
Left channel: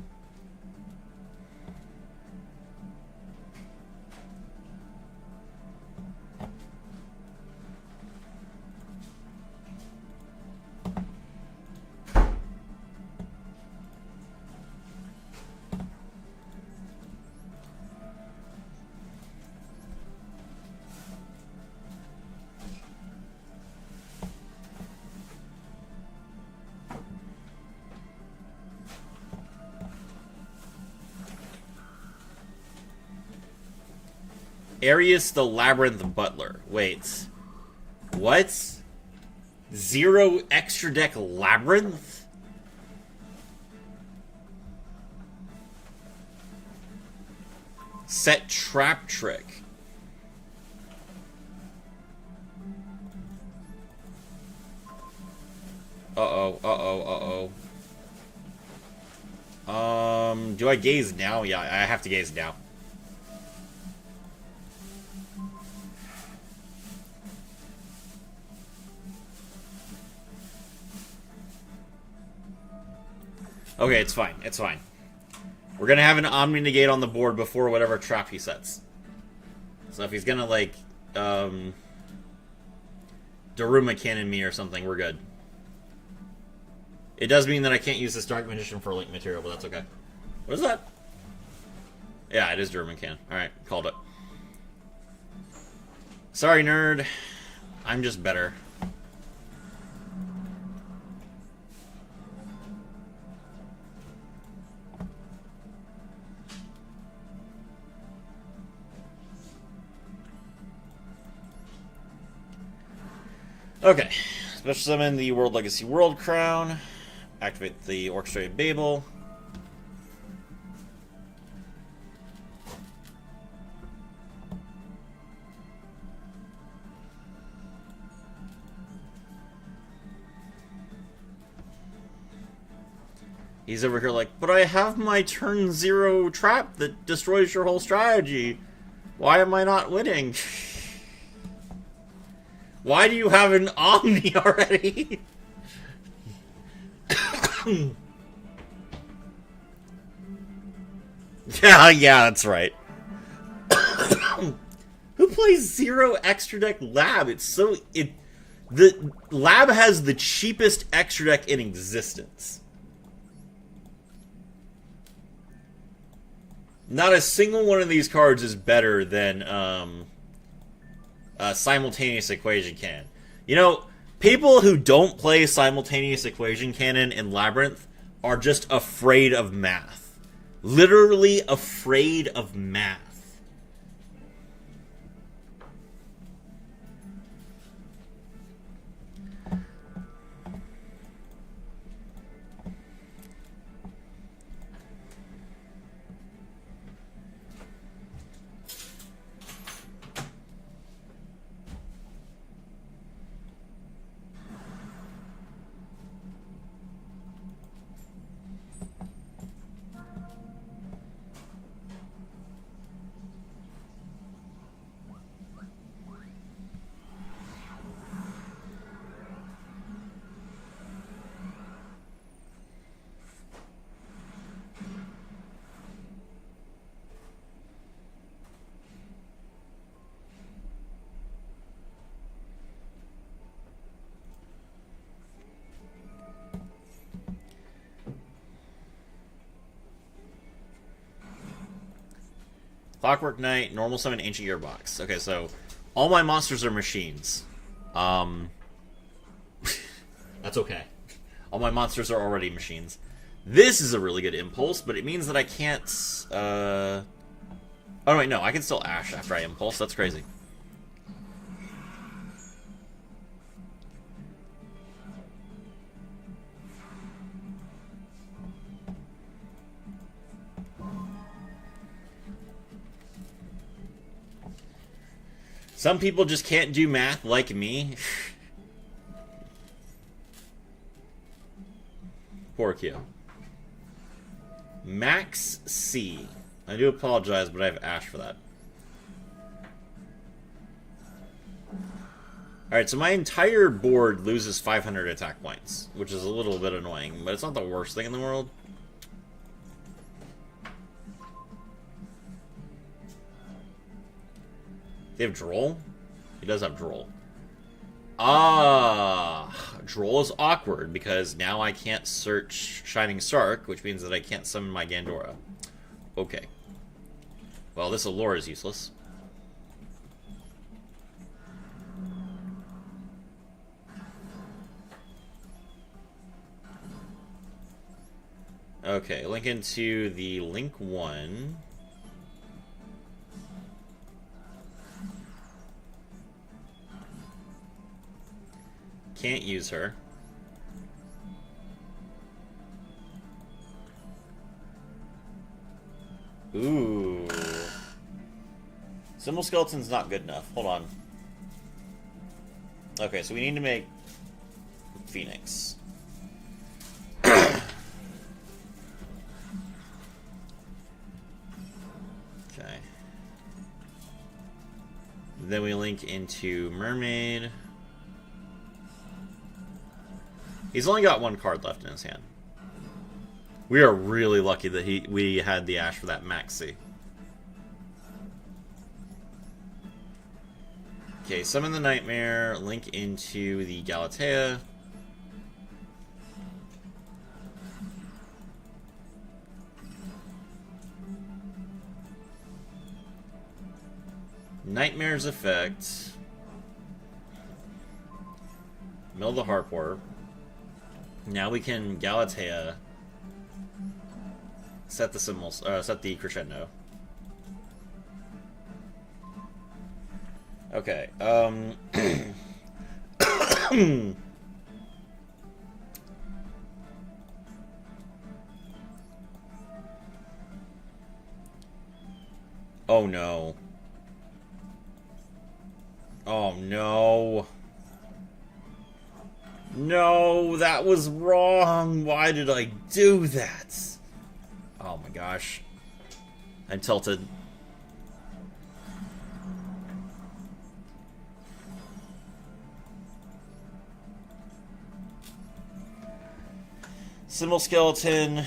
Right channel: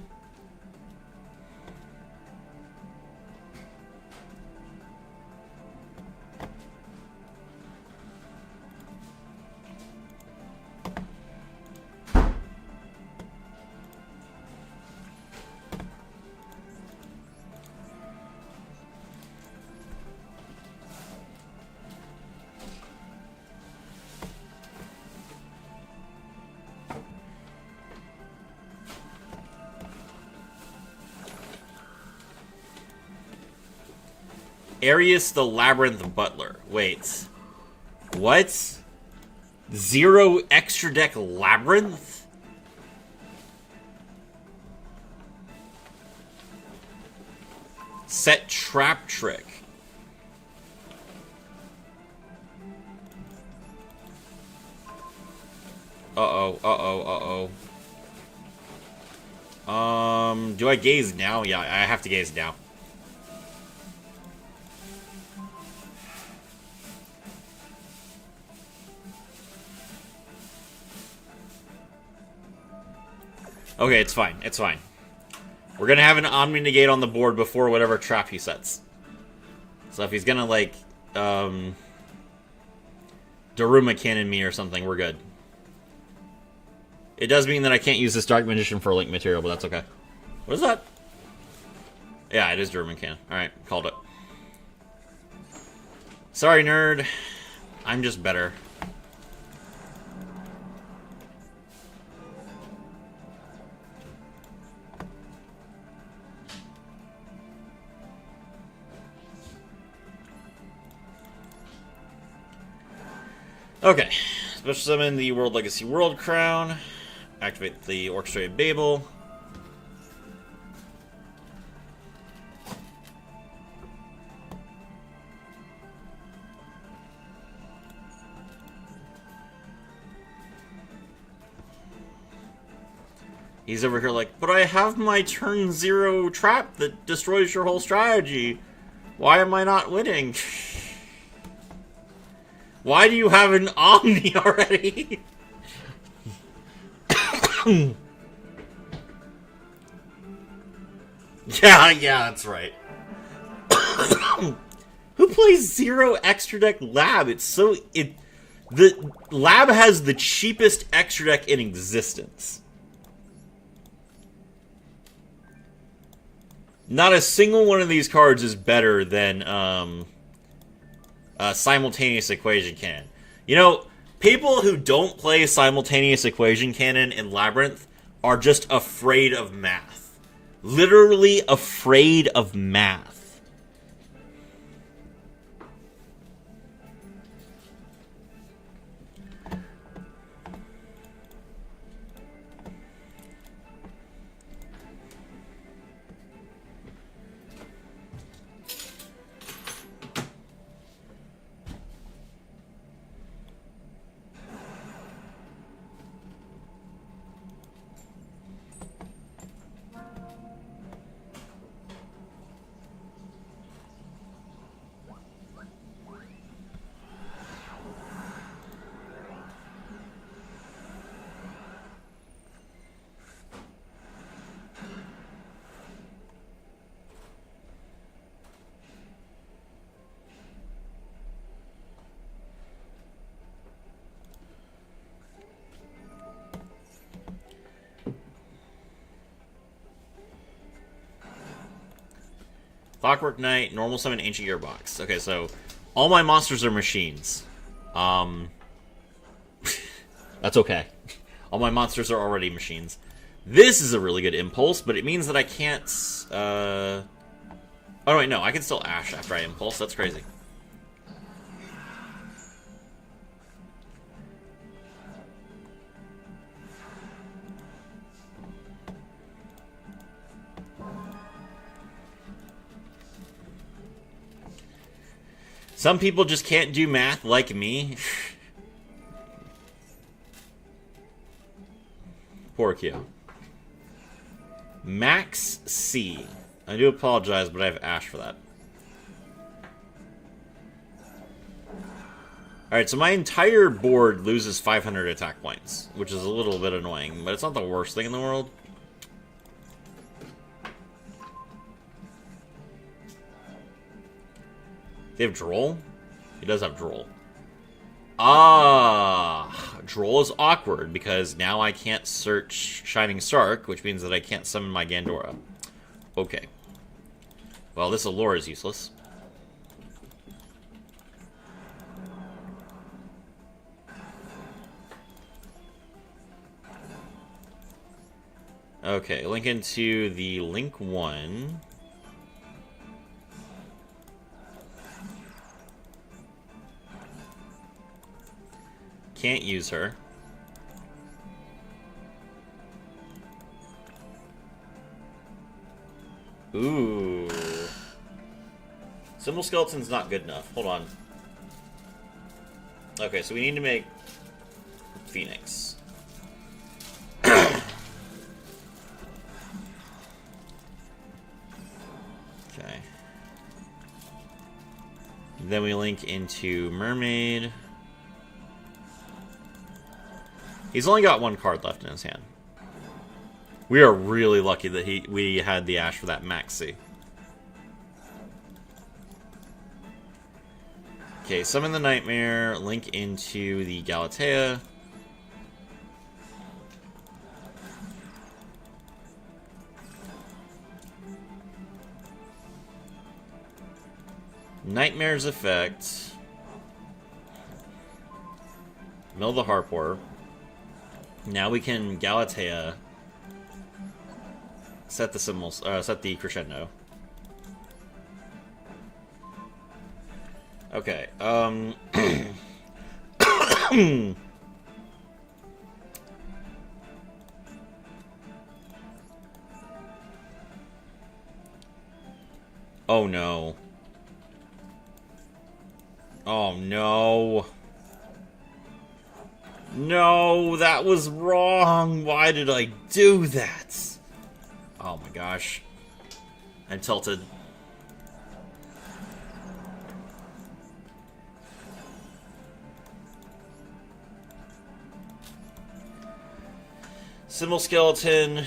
Arius the Labyrinth Butler. Wait. What? 0 extra deck Labyrinth? Set Trap Trick. Uh-oh, uh-oh, uh-oh. Do I gaze now? Yeah, I have to gaze now. Okay, it's fine. It's fine. We're gonna have an Omni Negate on the board before whatever trap he sets. So if he's gonna, like, Daruma Cannon me or something, we're good. It does mean that I can't use this Dark Magician for link material, but that's okay. What is that? Yeah, it is Daruma Cannon. Alright, called it. Sorry, nerd. I'm just better. Okay. Special summon the World Legacy World Crown. Activate the Orchestrated Babel. He's over here like, but I have my turn 0 trap that destroys your whole strategy. Why am I not winning? Why do you have an Omni already? Yeah, that's right. Who plays 0 extra deck Lab? The Lab has the cheapest extra deck in existence. Not a single one of these cards is better than Simultaneous Equation Cannon. You know, people who don't play Simultaneous Equation Cannon in Labyrinth are just afraid of math. Literally afraid of math. Clockwork Knight, normal summon Ancient Gearbox. Okay, so all my monsters are machines. That's okay. All my monsters are already machines. This is a really good impulse, but it means that I can't... Oh, wait, no. I can still Ash after I impulse. That's crazy. Some people just can't do math like me. Poor Q. Max C. I do apologize, but I have Ash for that. Alright, so my entire board loses 500 attack points, which is a little bit annoying, but it's not the worst thing in the world. They have Droll? He does have Droll. Ah, Droll is awkward because now I can't search Shining Sark, which means that I can't summon my Gandora. Okay. Well, this Allure is useless. Okay, link into the Link 1. Can't use her. Ooh. Symbol Skeleton's not good enough. Hold on. Okay, so we need to make Phoenix. Okay. Then we link into Mermaid. He's only got one card left in his hand. We are really lucky that we had the Ash for that Maxi. Okay, summon the Nightmare, link into the Galatea. Nightmare's effect. Mill the Harpor. Now we can Galatea. Set the symbols. Set the Crescendo. Okay. Oh no. Oh no. No, that was wrong. Why did I do that? Oh my gosh. I'm tilted. Symbol Skeleton.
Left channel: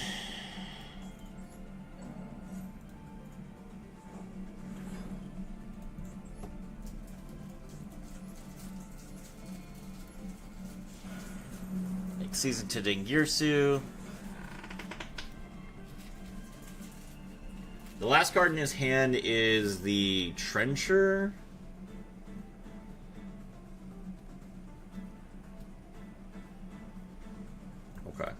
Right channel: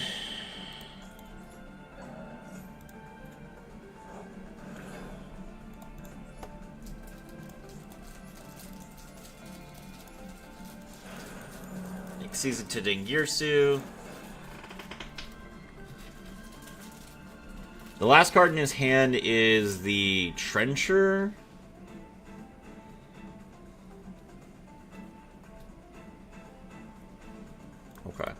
Season to Dingirsu. The last card in his hand is the Trencher. Okay.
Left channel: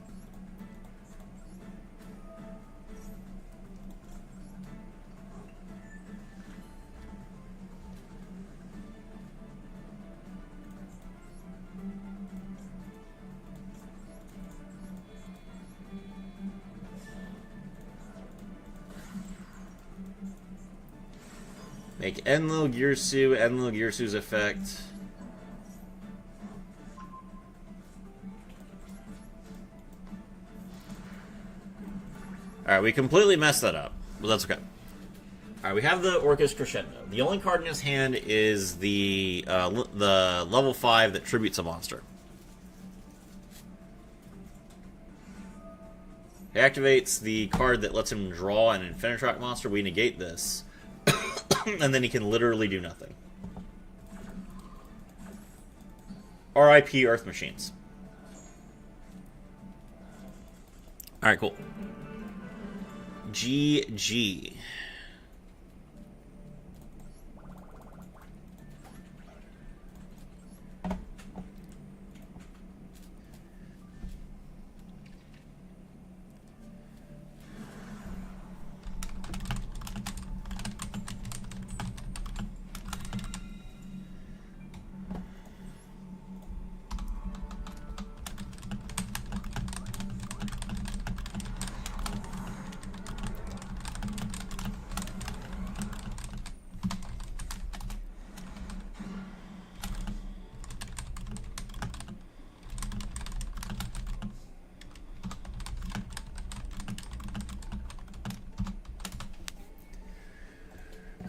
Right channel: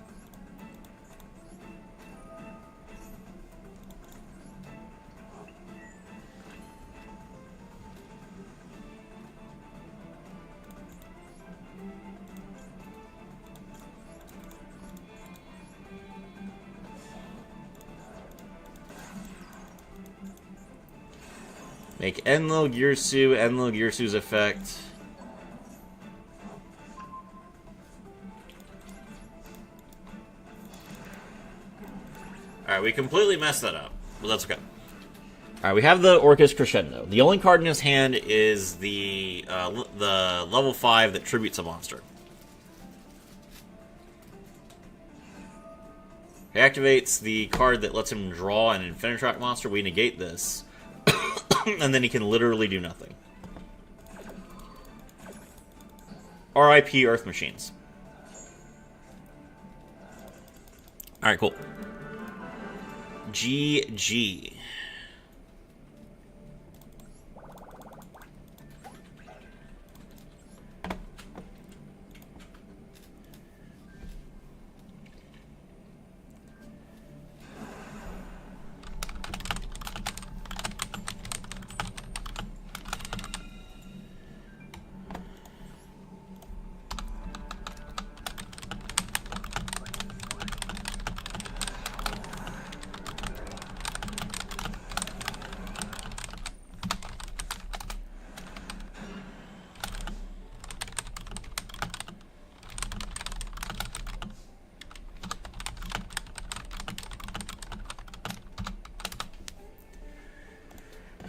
Make Enlil Girsu's effect. Alright, we completely messed that up. But that's okay. Alright, we have the Orcus Crescendo. The only card in his hand is the level 5 that tributes a monster. He activates the card that lets him draw an Infinitrack monster. We negate this. And then he can literally do nothing. R.I.P. Earth Machines. Alright, cool. GG.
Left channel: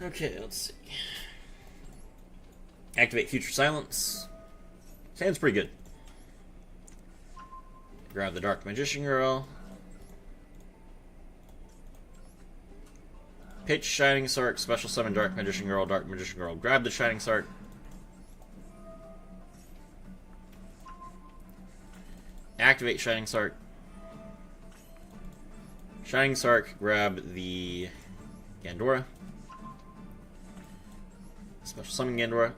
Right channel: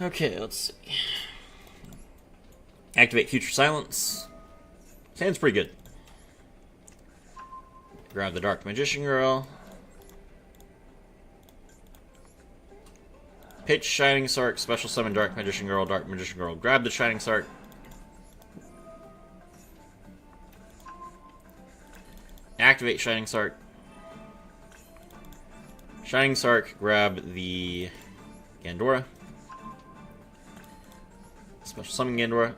Okay, let's see. Activate Future Silence. Sounds pretty good. Grab the Dark Magician Girl. Pitch Shining Sark, Special Summon Dark Magician Girl, Dark Magician Girl. Grab the Shining Sark. Activate Shining Sark. Shining Sark, grab the Gandora. Special Summon Gandora.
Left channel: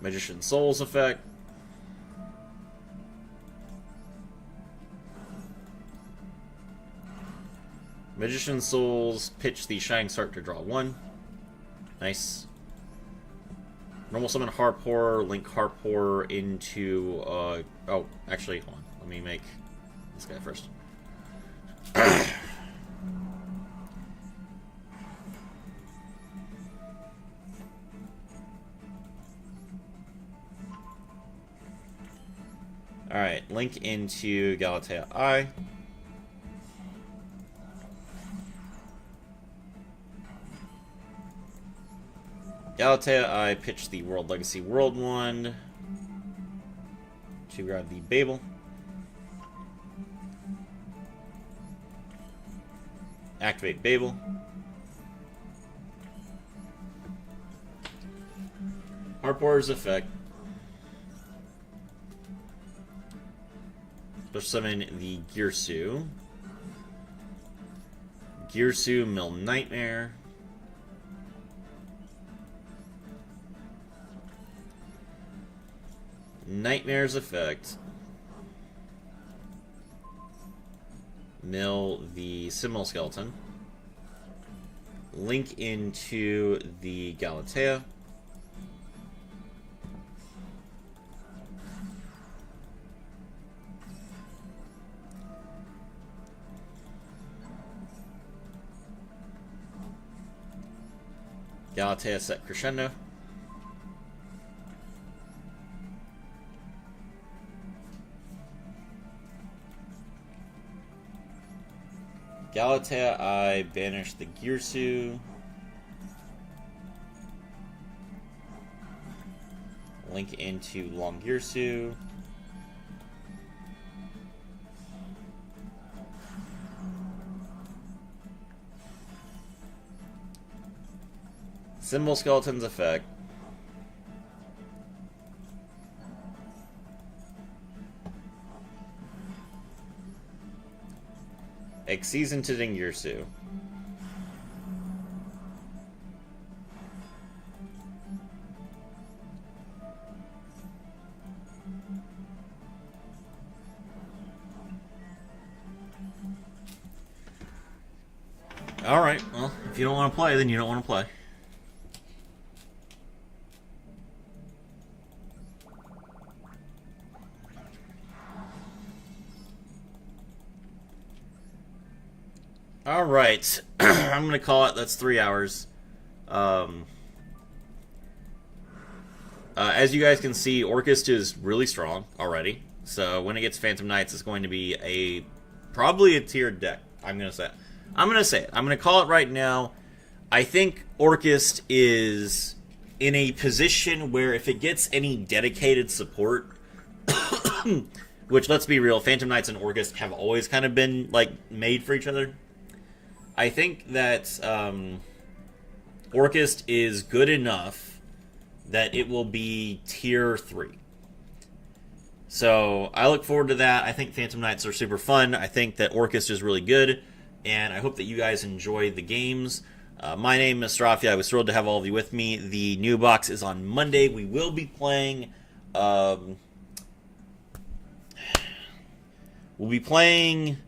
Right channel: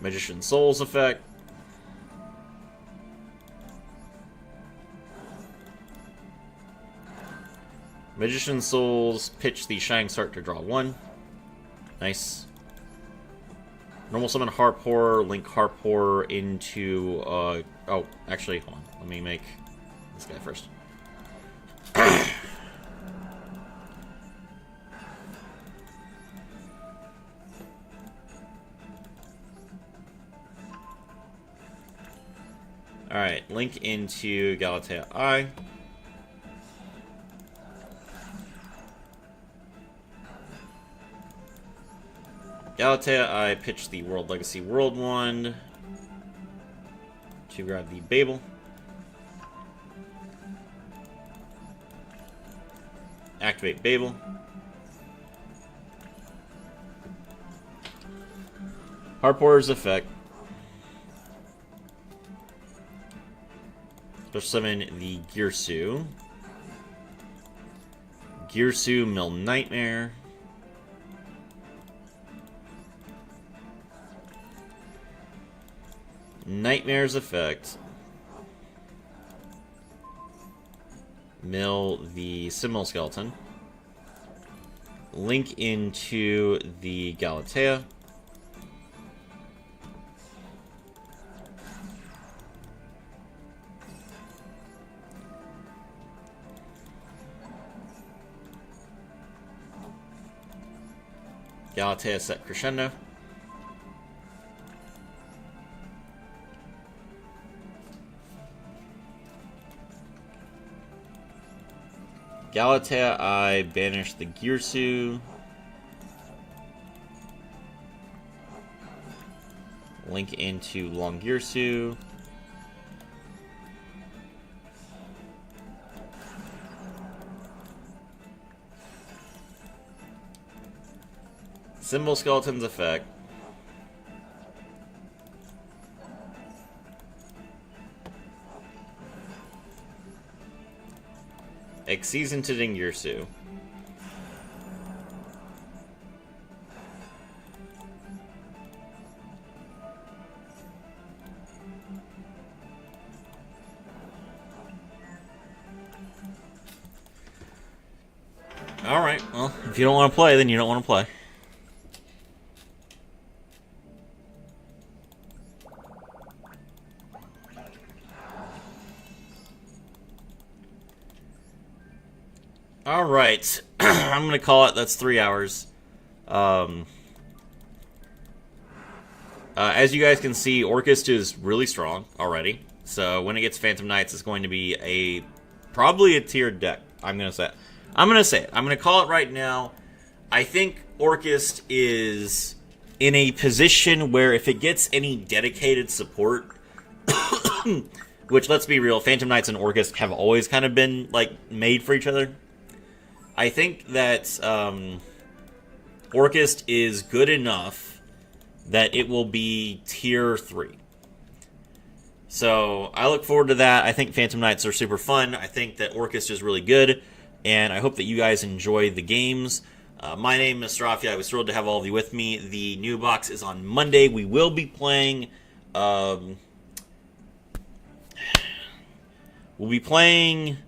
Magician Souls effect. Magician Souls, pitch the Shining Sark to draw 1. Nice. Normal summon Harpor, link Harpor into, oh, actually, hold on. Let me make this guy first. Alright, link into Galatea I. Galatea I pitch the World Legacy World Wand to grab the Babel. Activate Babel. Harpor's effect. Let's summon the Girsu. Girsu Mill Nightmare. Nightmare's effect. Mill the Simul Skeleton. Link into the Galatea. Galatea set Crescendo. Galatea I banish the Girsu. Link into Long Girsu. Symbol Skeleton's effect. Exceeds into Dingirsu. Alright, well, if you don't want to play, then you don't want to play. Alright, I'm going to call it. That's 3 hours. As you guys can see, Orchest is really strong already. So when it gets Phantom Knights, it's going to be probably a tiered deck. I'm going to say it. I'm going to call it right now. I think Orchest is in a position where if it gets any dedicated support, which, let's be real, Phantom Knights and Orchest have always kind of been, like, made for each other. I think that Orchest is good enough that it will be tier 3. So I look forward to that. I think Phantom Knights are super fun. I think that Orchest is really good, and I hope that you guys enjoy the games. My name is Rafi. I was thrilled to have all of you with me. The new box is on Monday. We will be playing... we'll be playing...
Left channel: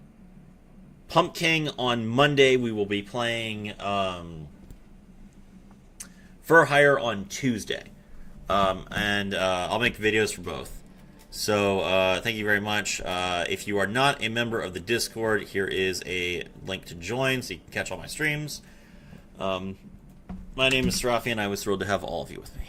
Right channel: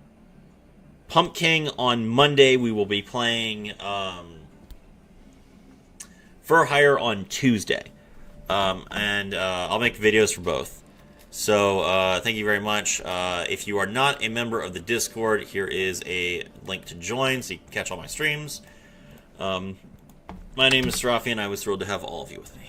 Pump King on Monday. We will be playing For Hire on Tuesday. And I'll make videos for both. So thank you very much. If you are not a member of the Discord, here is a link to join so you can catch all my streams. My name is Rafi, and I was thrilled to have all of you with me.